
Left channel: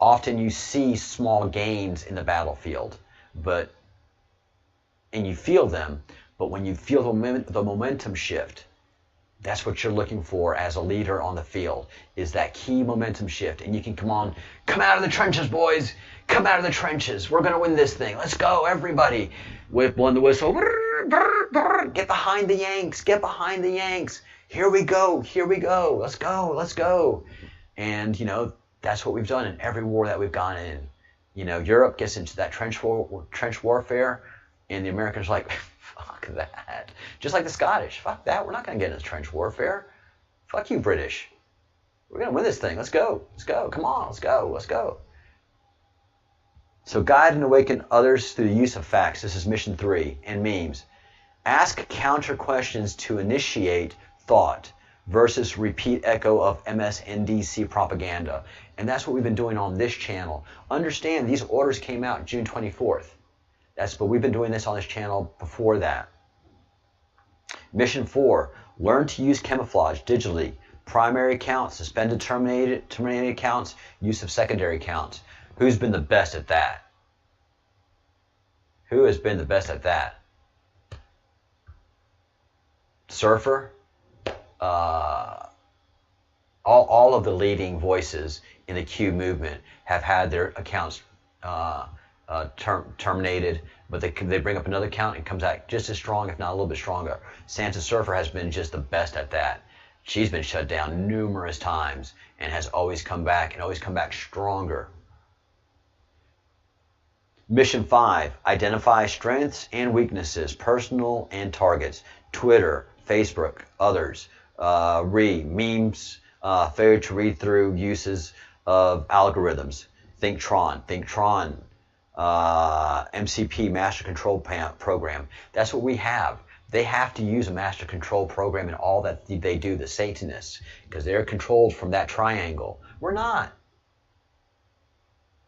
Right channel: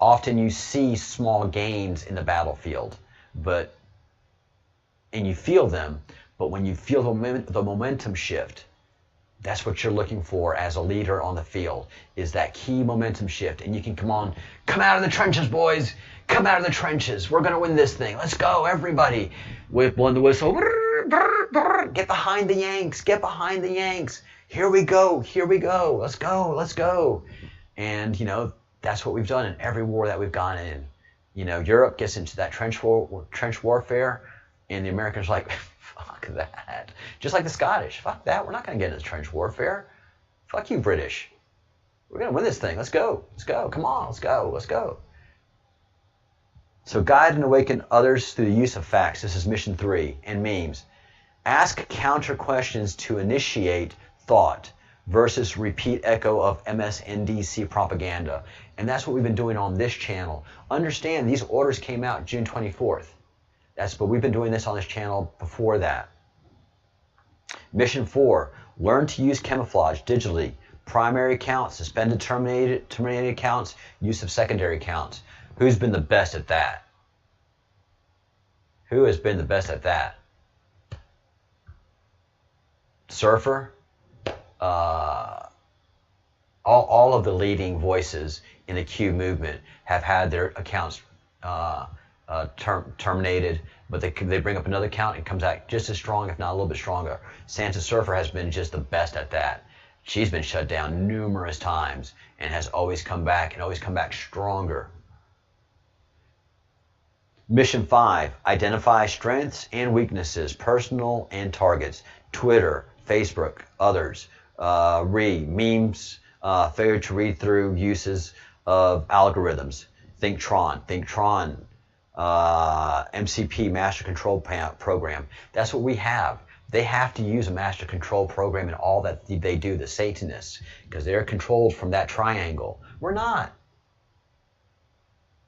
Often you see small gains in the battlefield, and you feel them, but when you feel the momentum shift, that's what you're looking for as a leader on the field, is that key momentum shift. And you can come out of the trenches, boys. Come out of the trenches. We're going to win this thing. Let's go, everybody. With blowing the whistle. Get behind the Yanks. Get behind the Yanks. Here we go. Here we go. Let's go. Let's go. And, that's what we've done in every war that we've gone in. Europe gets into that trench warfare, and the Americans are like, fuck that. Just like the Scottish. Fuck that. We're not going to get into trench warfare. Fuck you, British. We're going to win this thing. Let's go. Let's go. Come on. Let's go. Let's go. So guide and awaken others through the use of facts. This is mission 3. And memes. Ask counter questions to initiate thought versus repeat echo of MSNDC propaganda. And that's what we've been doing on this channel. Understand, these orders came out June 24th. But we've been doing this on this channel before that. Mission 4, learn to use camouflage digitally. Primary accounts, suspended, terminated accounts, use of secondary accounts. Who's been the best at that? Who has been the best at that? Surfer? All of the leading voices in the Q movement have had their accounts terminated, but they bring up another account and comes out just as strong, if not a little bit stronger. Sansa Surfer has been just the best at that. She's been shut down numerous times and has always come back and always come back stronger. Mission 5, identify strengths and weaknesses, personal and targets. Twitter, Facebook, others. Memes, failure to read through uses of algorithms. Thinktron, MCP, Master Control Program. That's what we have. They have to use a Master Control Program in all that they do, the Satanists, because they're controlled from that triangle. We're not.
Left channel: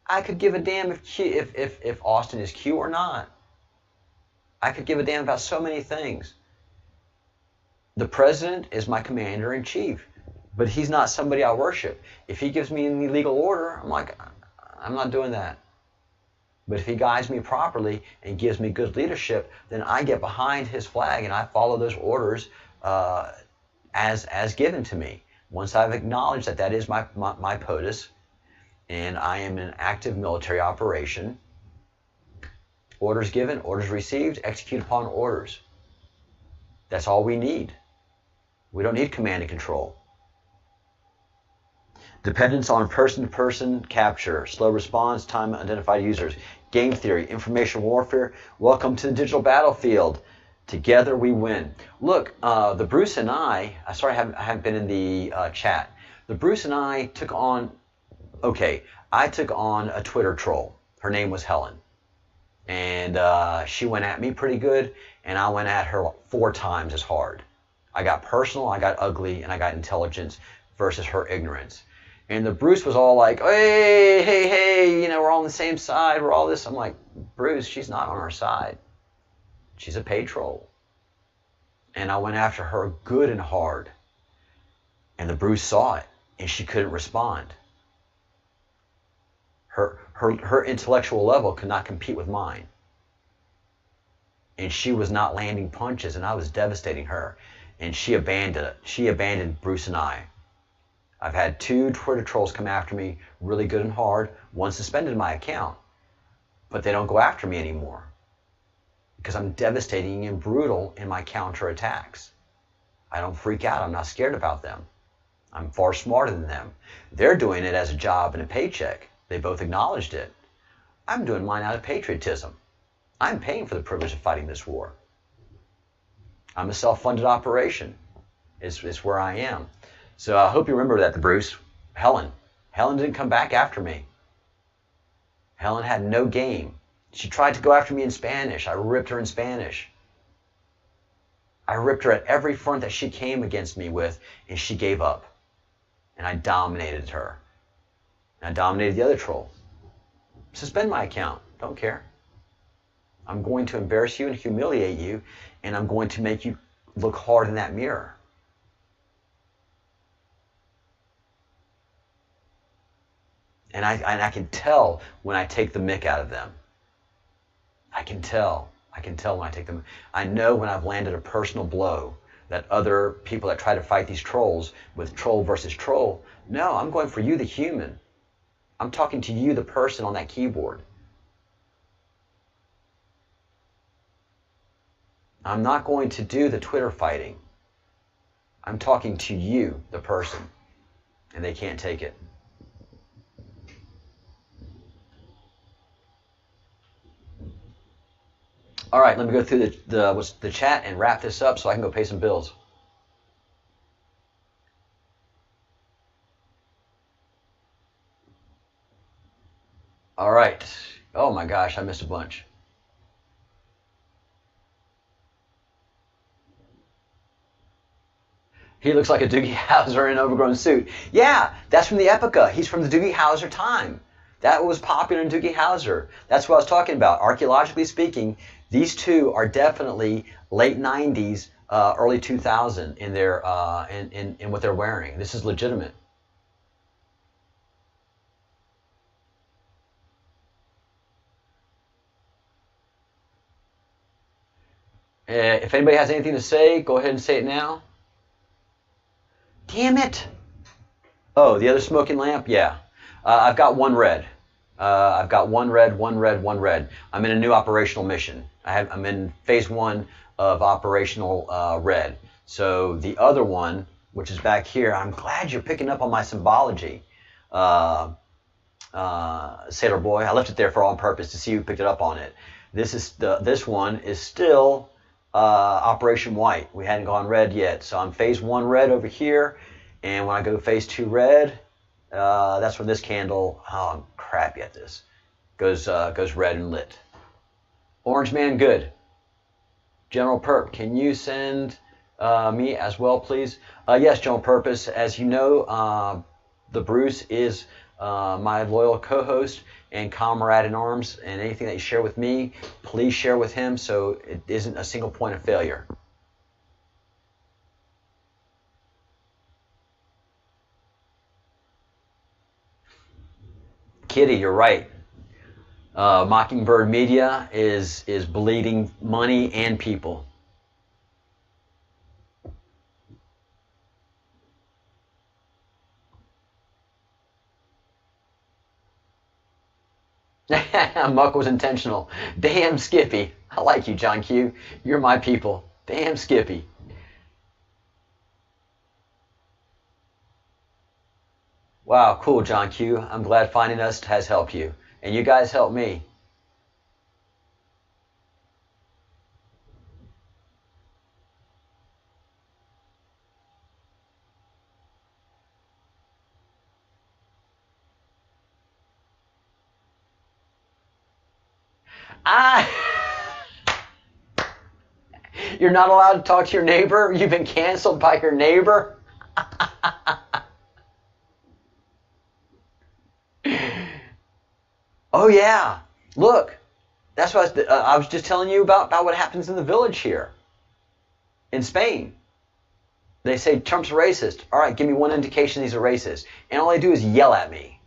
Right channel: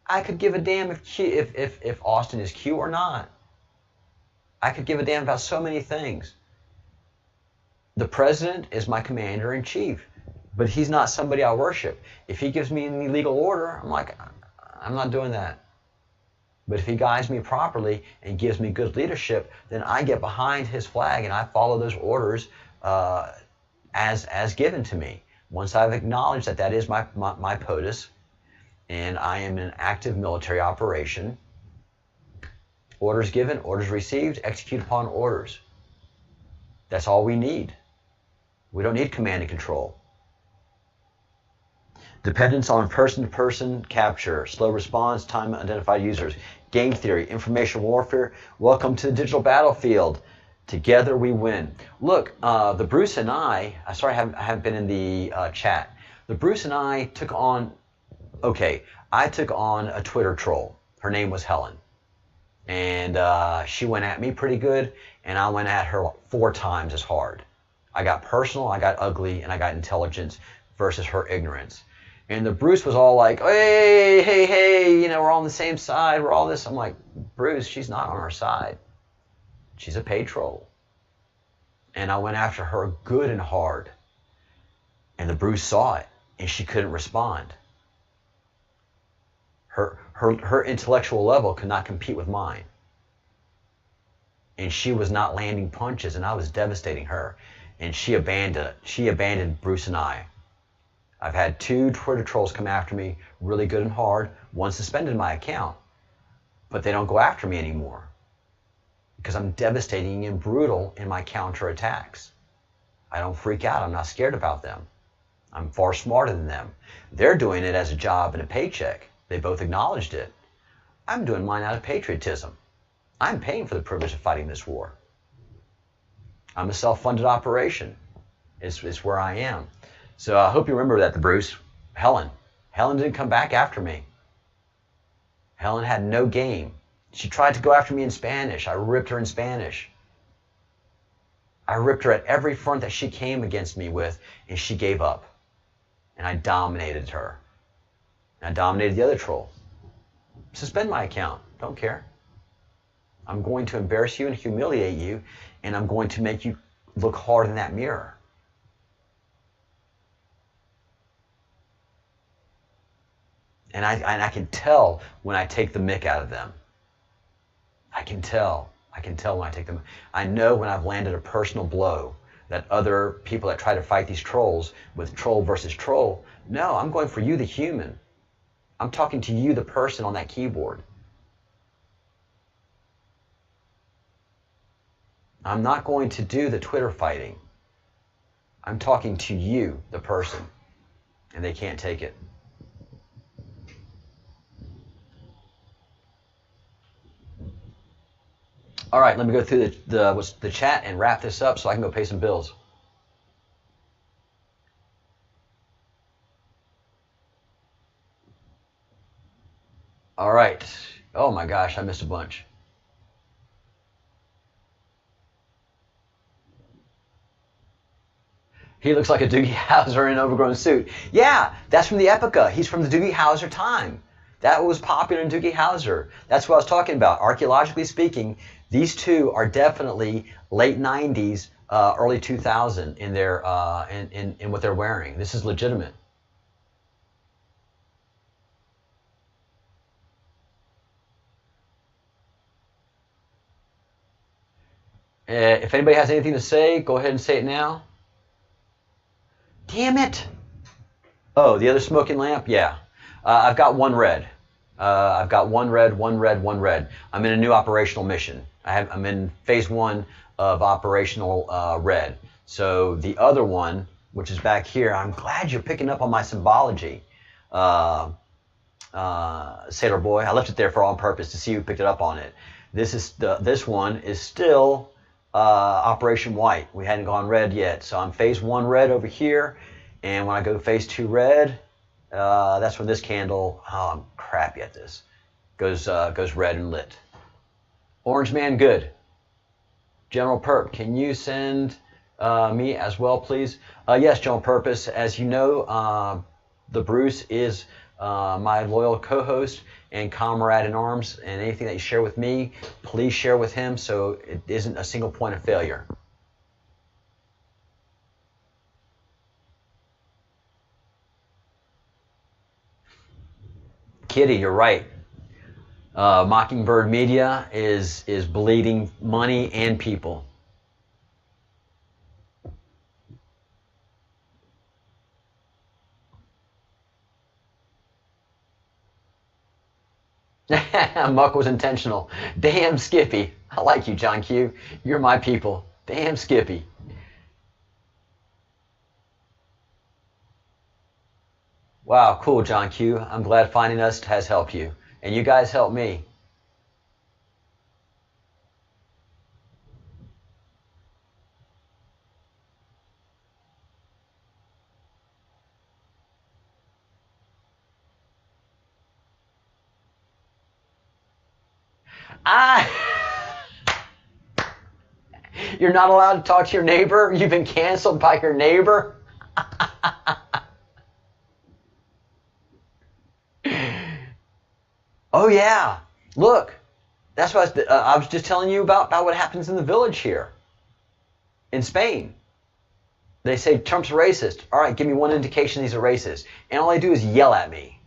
I could give a damn if Austin is Q or not. I could give a damn about so many things. The president is my commander-in-chief, but he's not somebody I worship. If he gives me an illegal order, I'm like, I'm not doing that. But if he guides me properly and gives me good leadership, then I get behind his flag and I follow those orders as given to me. Once I've acknowledged that that is my POTUS, and I am in an active military operation, orders given, orders received, execute upon orders. That's all we need. We don't need command and control. Dependence on person-to-person capture, slow response, time identified users, game theory, information warfare. Welcome to the digital battlefield. Together we win. Look, the Bruce and I haven't been in the chat. The Bruce and I took on, I took on a Twitter troll. Her name was Helen. And she went at me pretty good, and I went at her 4 times as hard. I got personal, I got ugly, and I got intelligence versus her ignorance. And the Bruce was all like, hey, we're all on the same side, we're all this. I'm like, Bruce, she's not on our side. She's a paid troll. And I went after her good and hard. And the Bruce saw it, and she couldn't respond. Her intellectual level could not compete with mine. And she was not landing punches, and I was devastating her. And she abandoned Bruce and I. I've had 2 Twitter trolls come after me really good and hard. One suspended my account, but they don't go after me anymore because I'm devastating and brutal in my counterattacks. I don't freak out. I'm not scared about them. I'm far smarter than them. They're doing it as a job and a paycheck. They both acknowledged it. I'm doing mine out of patriotism. I'm paying for the privilege of fighting this war. I'm a self-funded operation. It's where I am. So I hope you remember that, Bruce. Helen didn't come back after me. Helen had no game. She tried to go after me in Spanish. I ripped her in Spanish. I ripped her at every front that she came against me with, and she gave up. And I dominated her. And I dominated the other troll. Suspend my account. Don't care. I'm going to embarrass you and humiliate you, and I'm going to make you look hard in that mirror. And I can tell when I take the mick out of them. I can tell when I take them. I know when I've landed a personal blow that other people that try to fight these trolls with troll versus troll, no, I'm going for you, the human. I'm talking to you, the person on that keyboard. I'm not going to do the Twitter fighting. I'm talking to you, the person, and they can't take it. All right, let me go through the chat and wrap this up so I can go pay some bills. All right. Oh my gosh, I missed a bunch. He looks like a Doogie Howser in an overgrown suit. Yeah, that's from the Epica. He's from the Doogie Howser time. That was popular in Doogie Howser. That's what I was talking about. Archaeologically speaking, these two are definitely late 90s, early 2000 in their in what they're wearing. This is legitimate. If anybody has anything to say, go ahead and say it now. Damn it! Oh, the other smoking lamp? Yeah. I've got one red. I've got one red, one red, one red. I'm in a new operational mission. I'm in phase 1 of operational red. So the other one, which is back here, I'm glad you're picking up on my symbology. Sailor Boy, I left it there for on purpose to see who picked it up on it. This one is still Operation White. We hadn't gone red yet. So I'm phase 1 red over here. And when I go phase 2 red, that's when this candle, oh, I'm crappy at this, goes red and lit. Orange Man, good. General Perp, can you send me as well, please? Yes, General Purpose. As you know, the Bruce is my loyal co-host and comrade in arms, and anything that you share with me, please share with him so it isn't a single point of failure. Kitty, you're right. Mockingbird Media is bleeding money and people. Muck was intentional. Damn Skippy. I like you, John Q. You're my people. Damn Skippy. Wow, cool, John Q. I'm glad finding us has helped you. And you guys helped me. You're not allowed to talk to your neighbor? You've been canceled by your neighbor? Oh, yeah. Look, that's what I was just telling you about what happens in the village here in Spain. They say Trump's a racist. All right, give me one indication he's a racist. And all they do is yell at me.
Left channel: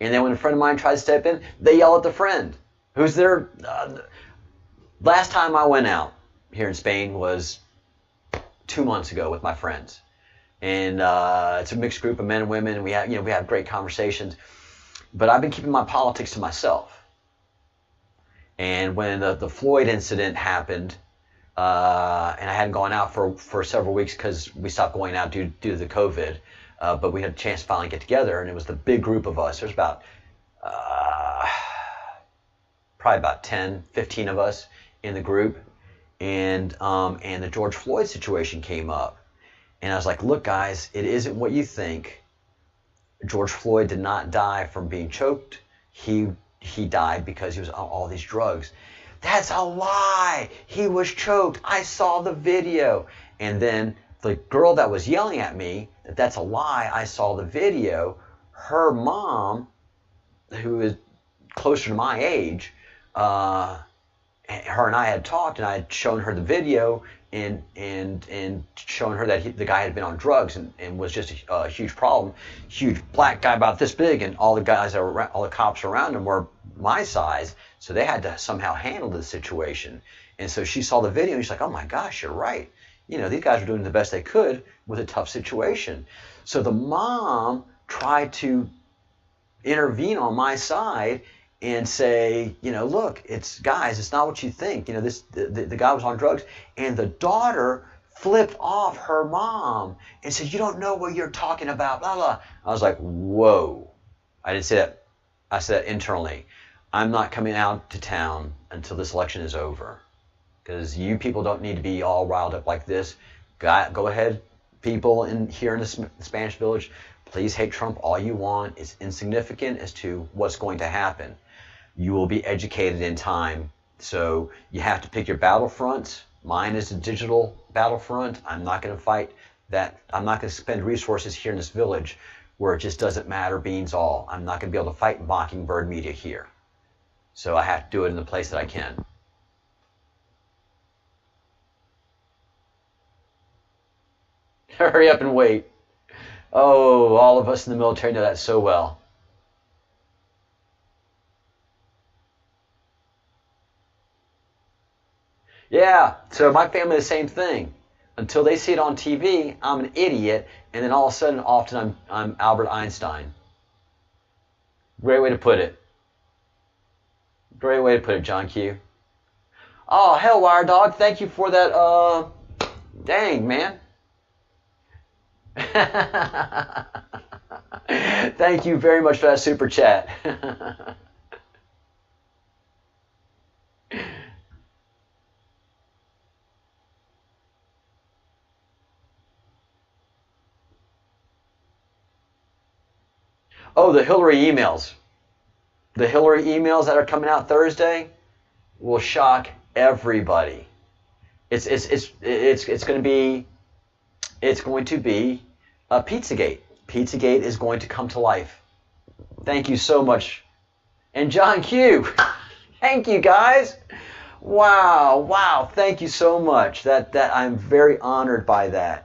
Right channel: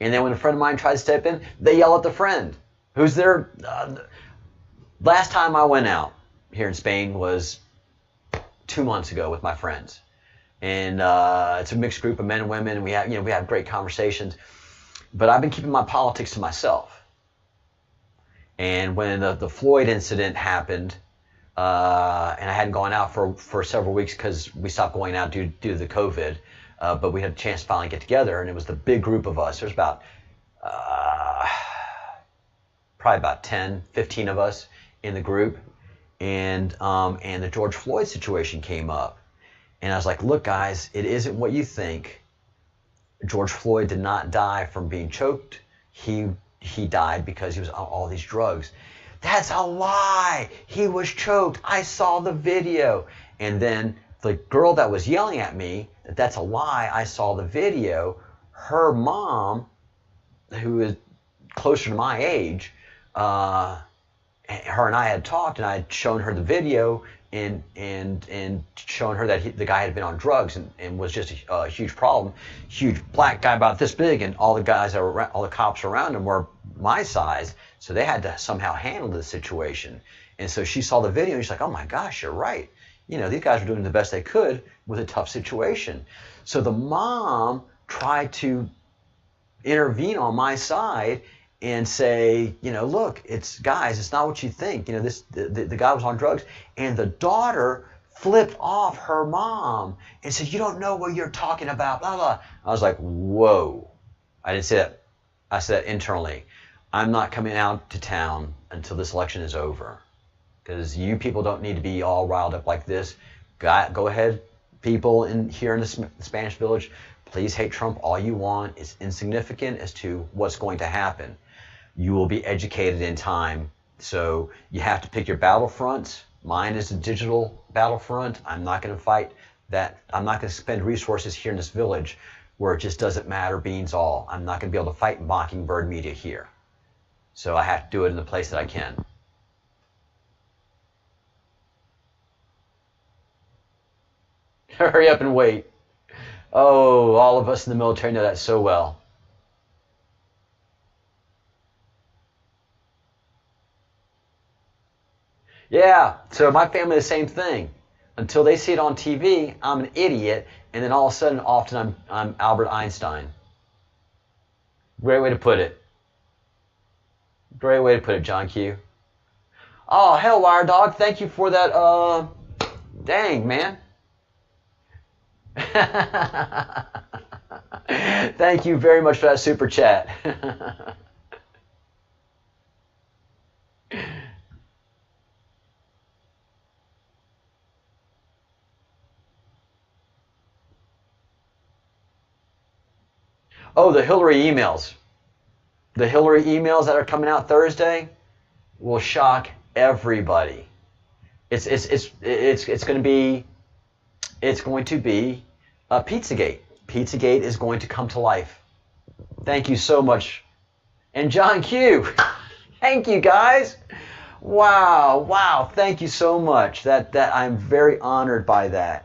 And then when a friend of mine tries to step in, they yell at the friend. Who's there? Last time I went out here in Spain was 2 months ago with my friends. And it's a mixed group of men and women. And we have great conversations. But I've been keeping my politics to myself. And when the Floyd incident happened, and I hadn't gone out for several weeks because we stopped going out due to the COVID, but we had a chance to finally get together, and it was the big group of us. There's about probably about 10, 15 of us in the group, and the George Floyd situation came up. And I was like, look, guys, it isn't what you think. George Floyd did not die from being choked. He died because he was on all these drugs. That's a lie. He was choked. I saw the video. And then the girl that was yelling at me, that's a lie, I saw the video, her mom, who is closer to my age, her and I had talked, and I had shown her the video and shown her that the guy had been on drugs and was just a huge problem. Huge black guy about this big, and all the guys that were all the cops around him were my size, so they had to somehow handle the situation. And so she saw the video and she's like, oh my gosh, you're right. You know, these guys were doing the best they could with a tough situation. So the mom tried to intervene on my side and say, you know, look, it's not what you think. You know, the guy was on drugs. And the daughter flipped off her mom and said, you don't know what you're talking about, blah, blah. I was like, whoa. I didn't say that. I said that internally. I'm not coming out to town until this election is over, because you people don't need to be all riled up like this. Go ahead, people here in the Spanish Village, please hate Trump all you want. It's insignificant as to what's going to happen. You will be educated in time. So you have to pick your battlefronts. Mine is a digital battlefront. I'm not going to fight that. I'm not going to spend resources here in this village where it just doesn't matter beans all. I'm not going to be able to fight Mockingbird media here. So I have to do it in the place that I can. Hurry up and wait. Oh, all of us in the military know that so well. Yeah, so my family, the same thing. Until they see it on TV, I'm an idiot, and then all of a sudden, often I'm Albert Einstein. Great way to put it. Great way to put it, John Q. Oh, hell, Wire Dog, thank you for that, dang, man. Thank you very much for that super chat. Oh, the Hillary emails. The Hillary emails that are coming out Thursday will shock everybody. It's going to be Pizzagate. Pizzagate is going to come to life. Thank you so much. And John Q. Thank you, guys. Wow. Thank you so much. That I'm very honored by that.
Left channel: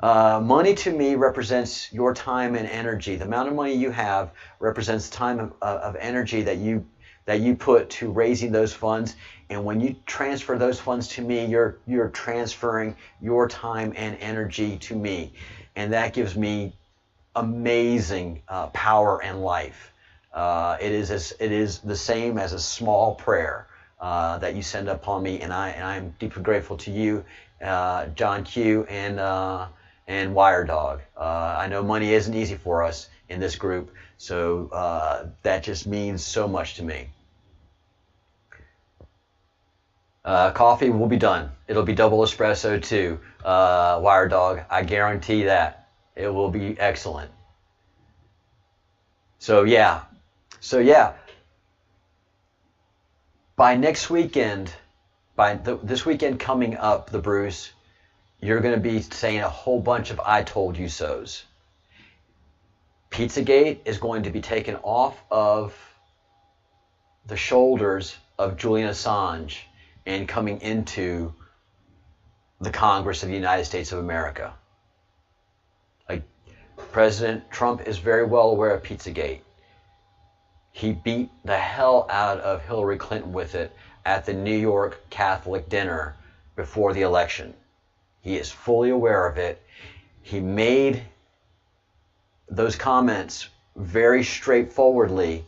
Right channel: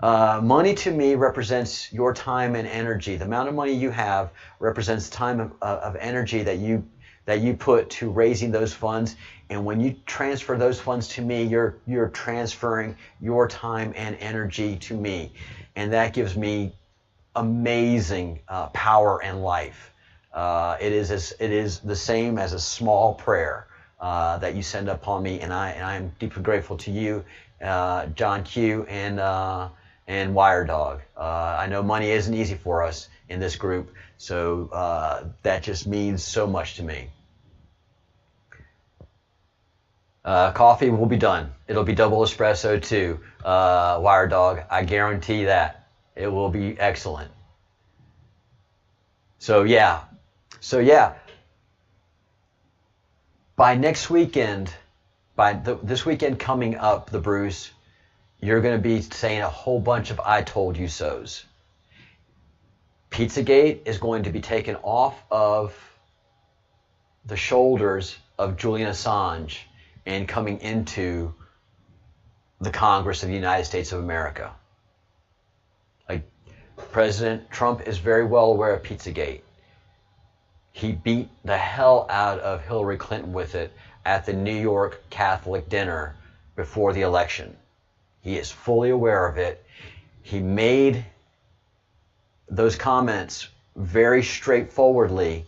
Money to me represents your time and energy. The amount of money you have represents time of energy that you put to raising those funds. And when you transfer those funds to me, you're transferring your time and energy to me. And that gives me amazing power and life. It is the same as a small prayer that you send upon me, and I'm deeply grateful to you, John Q. and Wire Dog. I know money isn't easy for us in this group, so that just means so much to me. Coffee will be done. It'll be double espresso too, Wire Dog. I guarantee that. It will be excellent. So yeah. By next weekend, this weekend coming up, the Bruce, you're going to be saying a whole bunch of I told you so's. Pizzagate is going to be taken off of the shoulders of Julian Assange and coming into the Congress of the United States of America. Like, President Trump is very well aware of Pizzagate. He beat the hell out of Hillary Clinton with it at the New York Catholic dinner before the election. He is fully aware of it. He made those comments very straightforwardly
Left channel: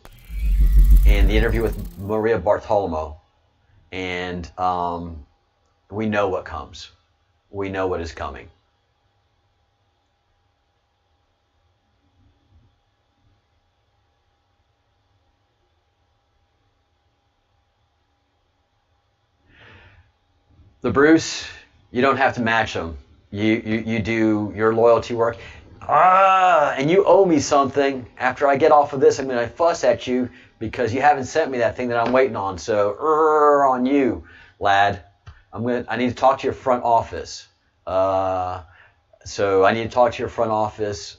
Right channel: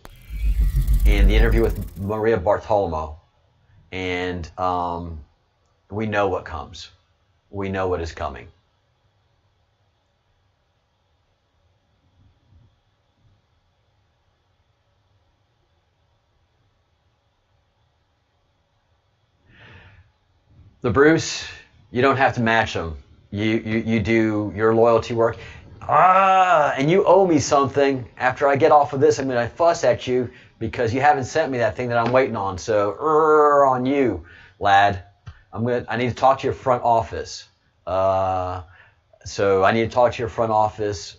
in the interview with Maria Bartiromo. and we know what comes. We know what is coming. The Bruce, you don't have to match them. You do your loyalty work. And you owe me something. After I get off of this, I'm going to fuss at you because you haven't sent me that thing that I'm waiting on. So, on you, lad. I need to talk to your front office. So I need to talk to your front office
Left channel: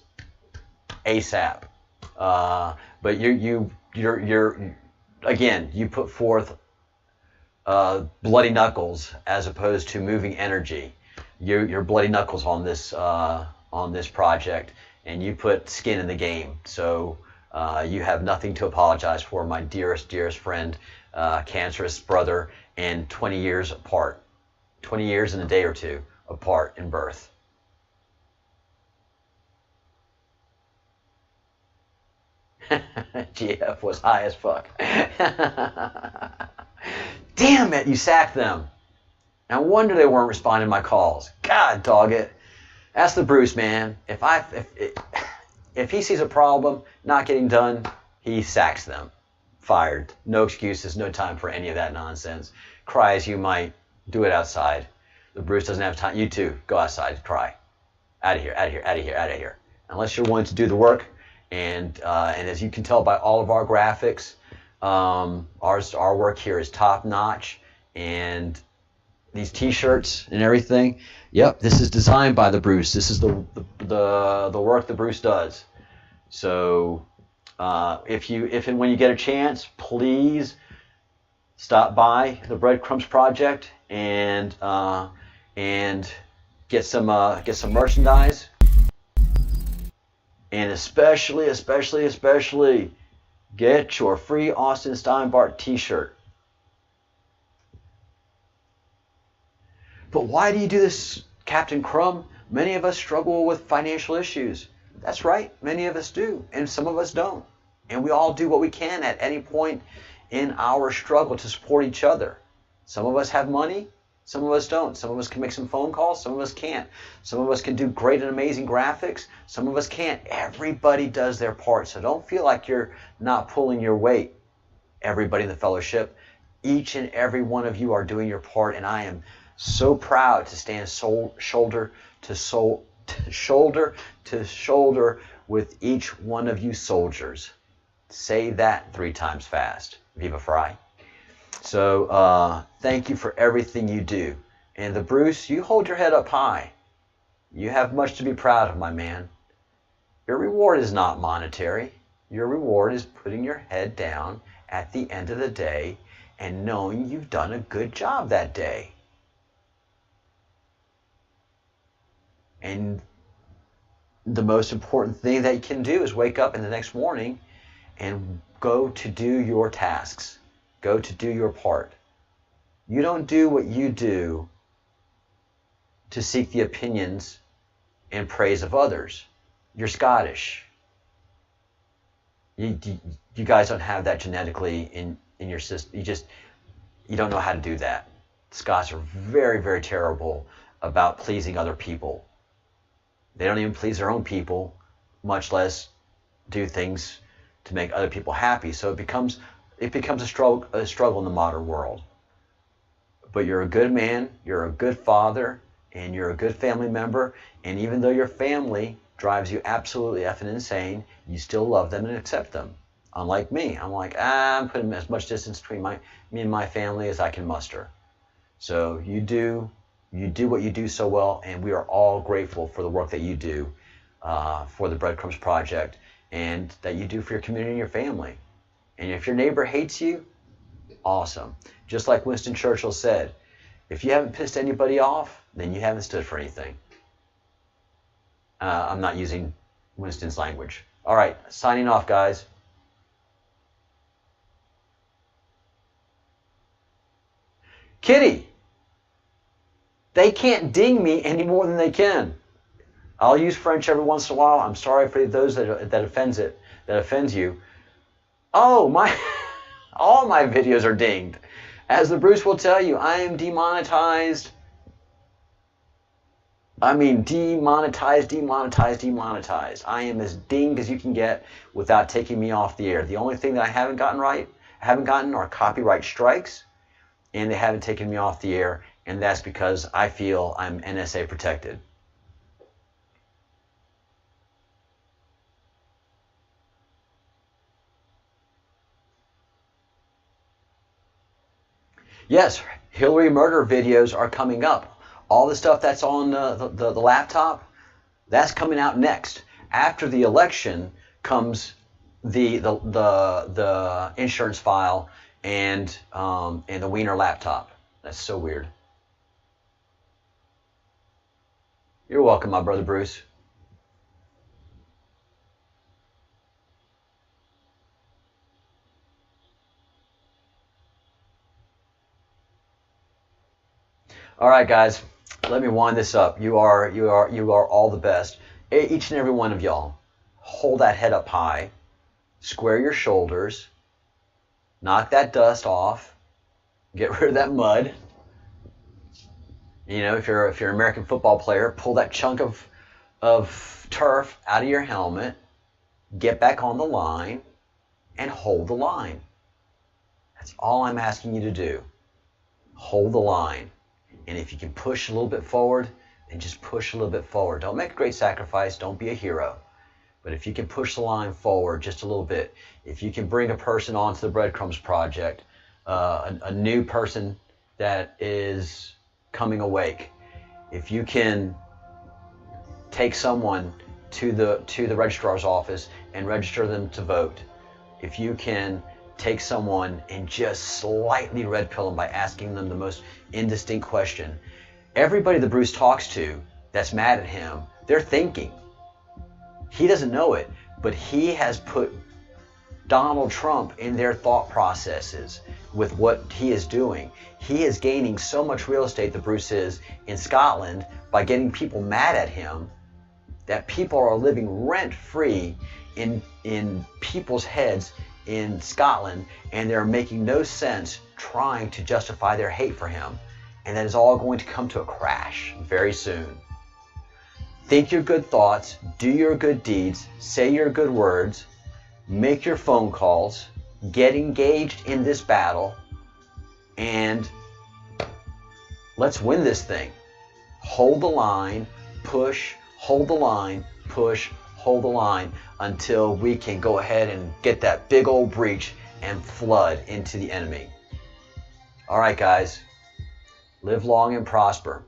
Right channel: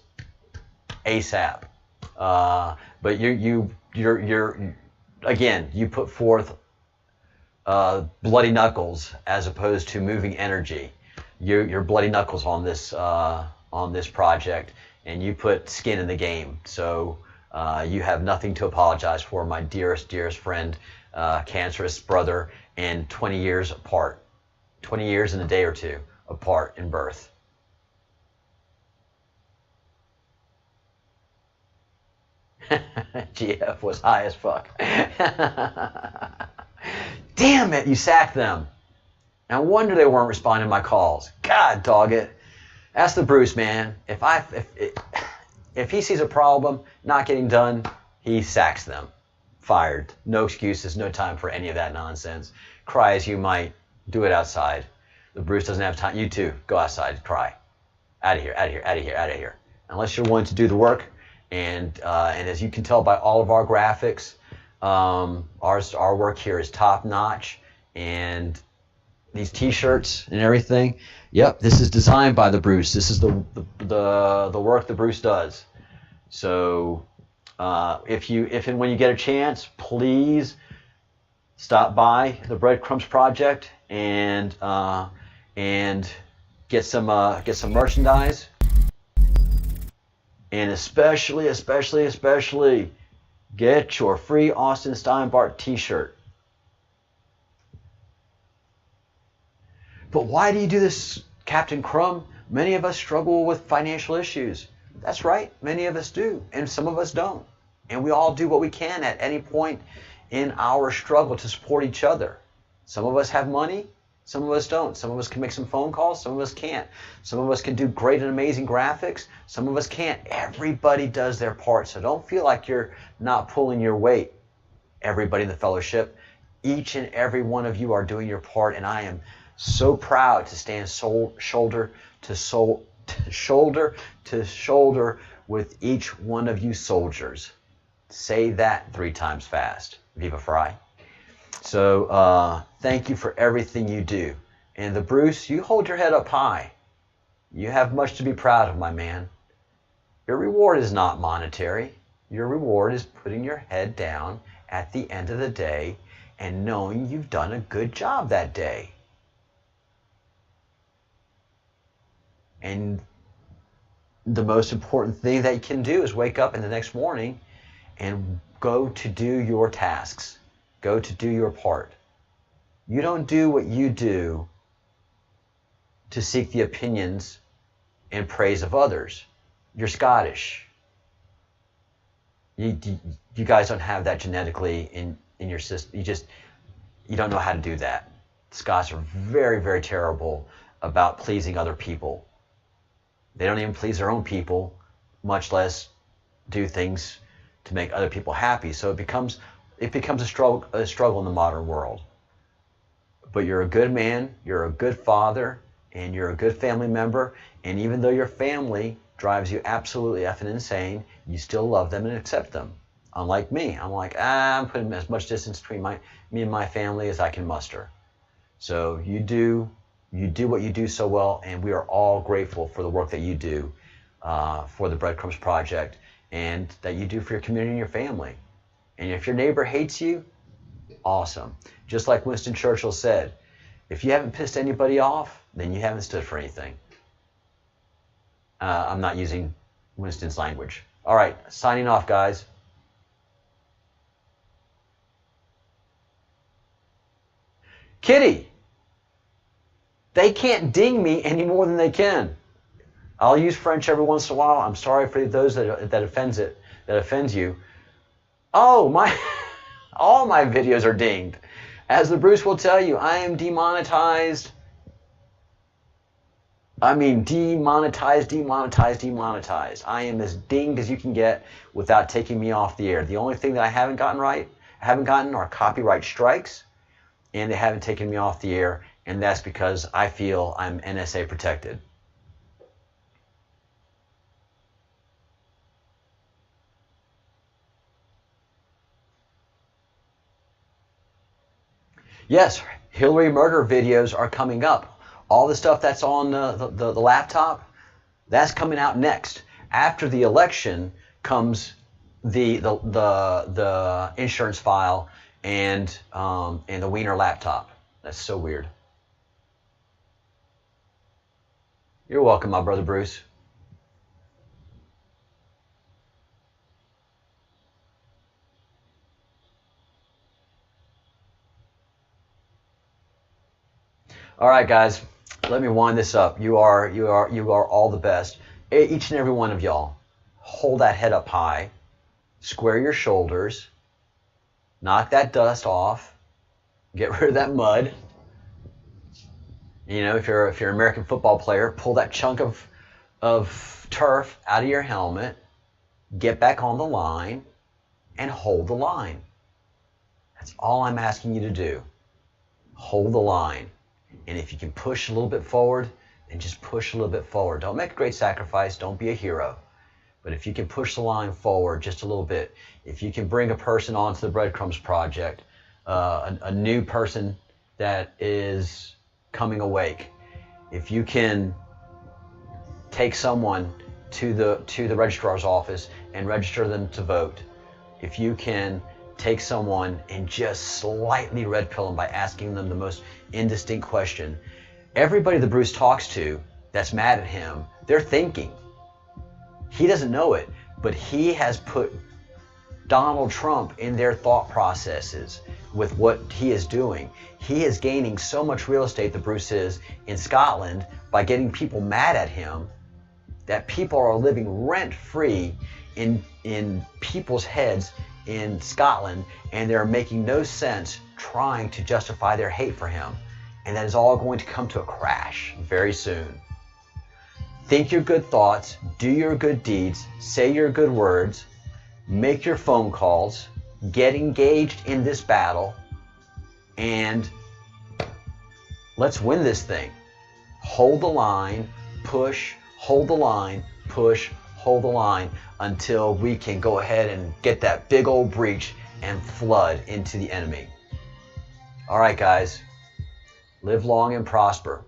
ASAP. But you're again, you put forth bloody knuckles as opposed to moving energy. You're bloody knuckles on this project, and you put skin in the game. So you have nothing to apologize for, my dearest friend, cancerous brother, and 20 years apart, 20 years and a day or two apart in birth. GF was high as fuck. Damn it, you sacked them. No wonder they weren't responding to my calls. God dog it. Ask the Bruce, man. If he sees a problem not getting done, he sacks them. Fired. No excuses, no time for any of that nonsense. Cry as you might, do it outside. The Bruce doesn't have time. You too, go outside, cry. Out of here, out of here, out of here, out of here. Unless you're willing to do the work, and as you can tell by all of our graphics, our work here is top notch, and these T-shirts and everything. Yep, this is designed by the Bruce. This is the work the Bruce does. So if and when you get a chance, please stop by the Breadcrumbs project and get some merchandise, and especially get your free Austin Steinbart T-shirt. But why do you do this, Captain Crumb? Many of us struggle with financial issues. That's right, many of us do, and some of us don't. And we all do what we can at any point in our struggle to support each other. Some of us have money, some of us don't. Some of us can make some phone calls, some of us can't. Some of us can do great and amazing graphics, some of us can't. Everybody does their part, so don't feel like you're not pulling your weight. Everybody in the fellowship, each and every one of you are doing your part, and I am so proud to stand shoulder to shoulder with each one of you soldiers. Say that 3 times fast. Viva Fry. So thank you for everything you do. And the Bruce, you hold your head up high. You have much to be proud of, my man. Your reward is not monetary. Your reward is putting your head down at the end of the day and knowing you've done a good job that day. And the most important thing that you can do is wake up in the next morning and go to do your tasks. Go to do your part. You don't do what you do to seek the opinions and praise of others. You're Scottish. You guys don't have that genetically in your system. You don't know how to do that. Scots are very, very terrible about pleasing other people. They don't even please their own people, much less do things to make other people happy. So it becomes a struggle in the modern world. But you're a good man, you're a good father, and you're a good family member. And even though your family drives you absolutely effing insane, you still love them and accept them. Unlike me, I'm like, I'm putting as much distance between me and my family as I can muster. So you do what you do so well, and we are all grateful for the work that you do for the Breadcrumbs Project, and that you do for your community and your family. And if your neighbor hates you, awesome. Just like Winston Churchill said, if you haven't pissed anybody off, then you haven't stood for anything. I'm not using Winston's language. All right, signing off, guys. Kitty, they can't ding me any more than they can. I'll use French every once in a while. I'm sorry for those that offends you. Oh, all my videos are dinged. As the Bruce will tell you, I am demonetized. I mean, demonetized, demonetized, demonetized. I am as dinged as you can get without taking me off the air. The only thing that I haven't gotten are copyright strikes, and they haven't taken me off the air, and that's because I feel I'm NSA protected. Yes, Hillary murder videos are coming up. All the stuff that's on the laptop, that's coming out next. After the election comes the insurance file and the Wiener laptop. That's so weird. You're welcome, my brother Bruce. All right, guys, let me wind this up. You are all the best. Each and every one of y'all, hold that head up high, square your shoulders, knock that dust off, get rid of that mud. You know, if you're an American football player, pull that chunk of turf out of your helmet, get back on the line, and hold the line. That's all I'm asking you to do. Hold the line. And if you can push a little bit forward, then just push a little bit forward. Don't make a great sacrifice. Don't be a hero. But if you can push the line forward just a little bit, if you can bring a person onto the Breadcrumbs project, a new person that is coming awake, if you can take someone to the registrar's office and register them to vote, if you can take someone and just slightly red pill them by asking them the most indistinct question. Everybody that Bruce talks to that's mad at him, they're thinking. He doesn't know it, but he has put Donald Trump in their thought processes with what he is doing. He is gaining so much real estate, that Bruce is, in Scotland by getting people mad at him, that people are living rent-free in people's heads in Scotland, and they're making no sense trying to justify their hate for him. And that is all going to come to a crash very soon. Think your good thoughts, do your good deeds, say your good words, make your phone calls, get engaged in this battle, and let's win this thing. Hold the line, push, hold the line, push, hold the line, until we can go ahead and get that big old breach and flood into the enemy. All right, guys, live long and prosper.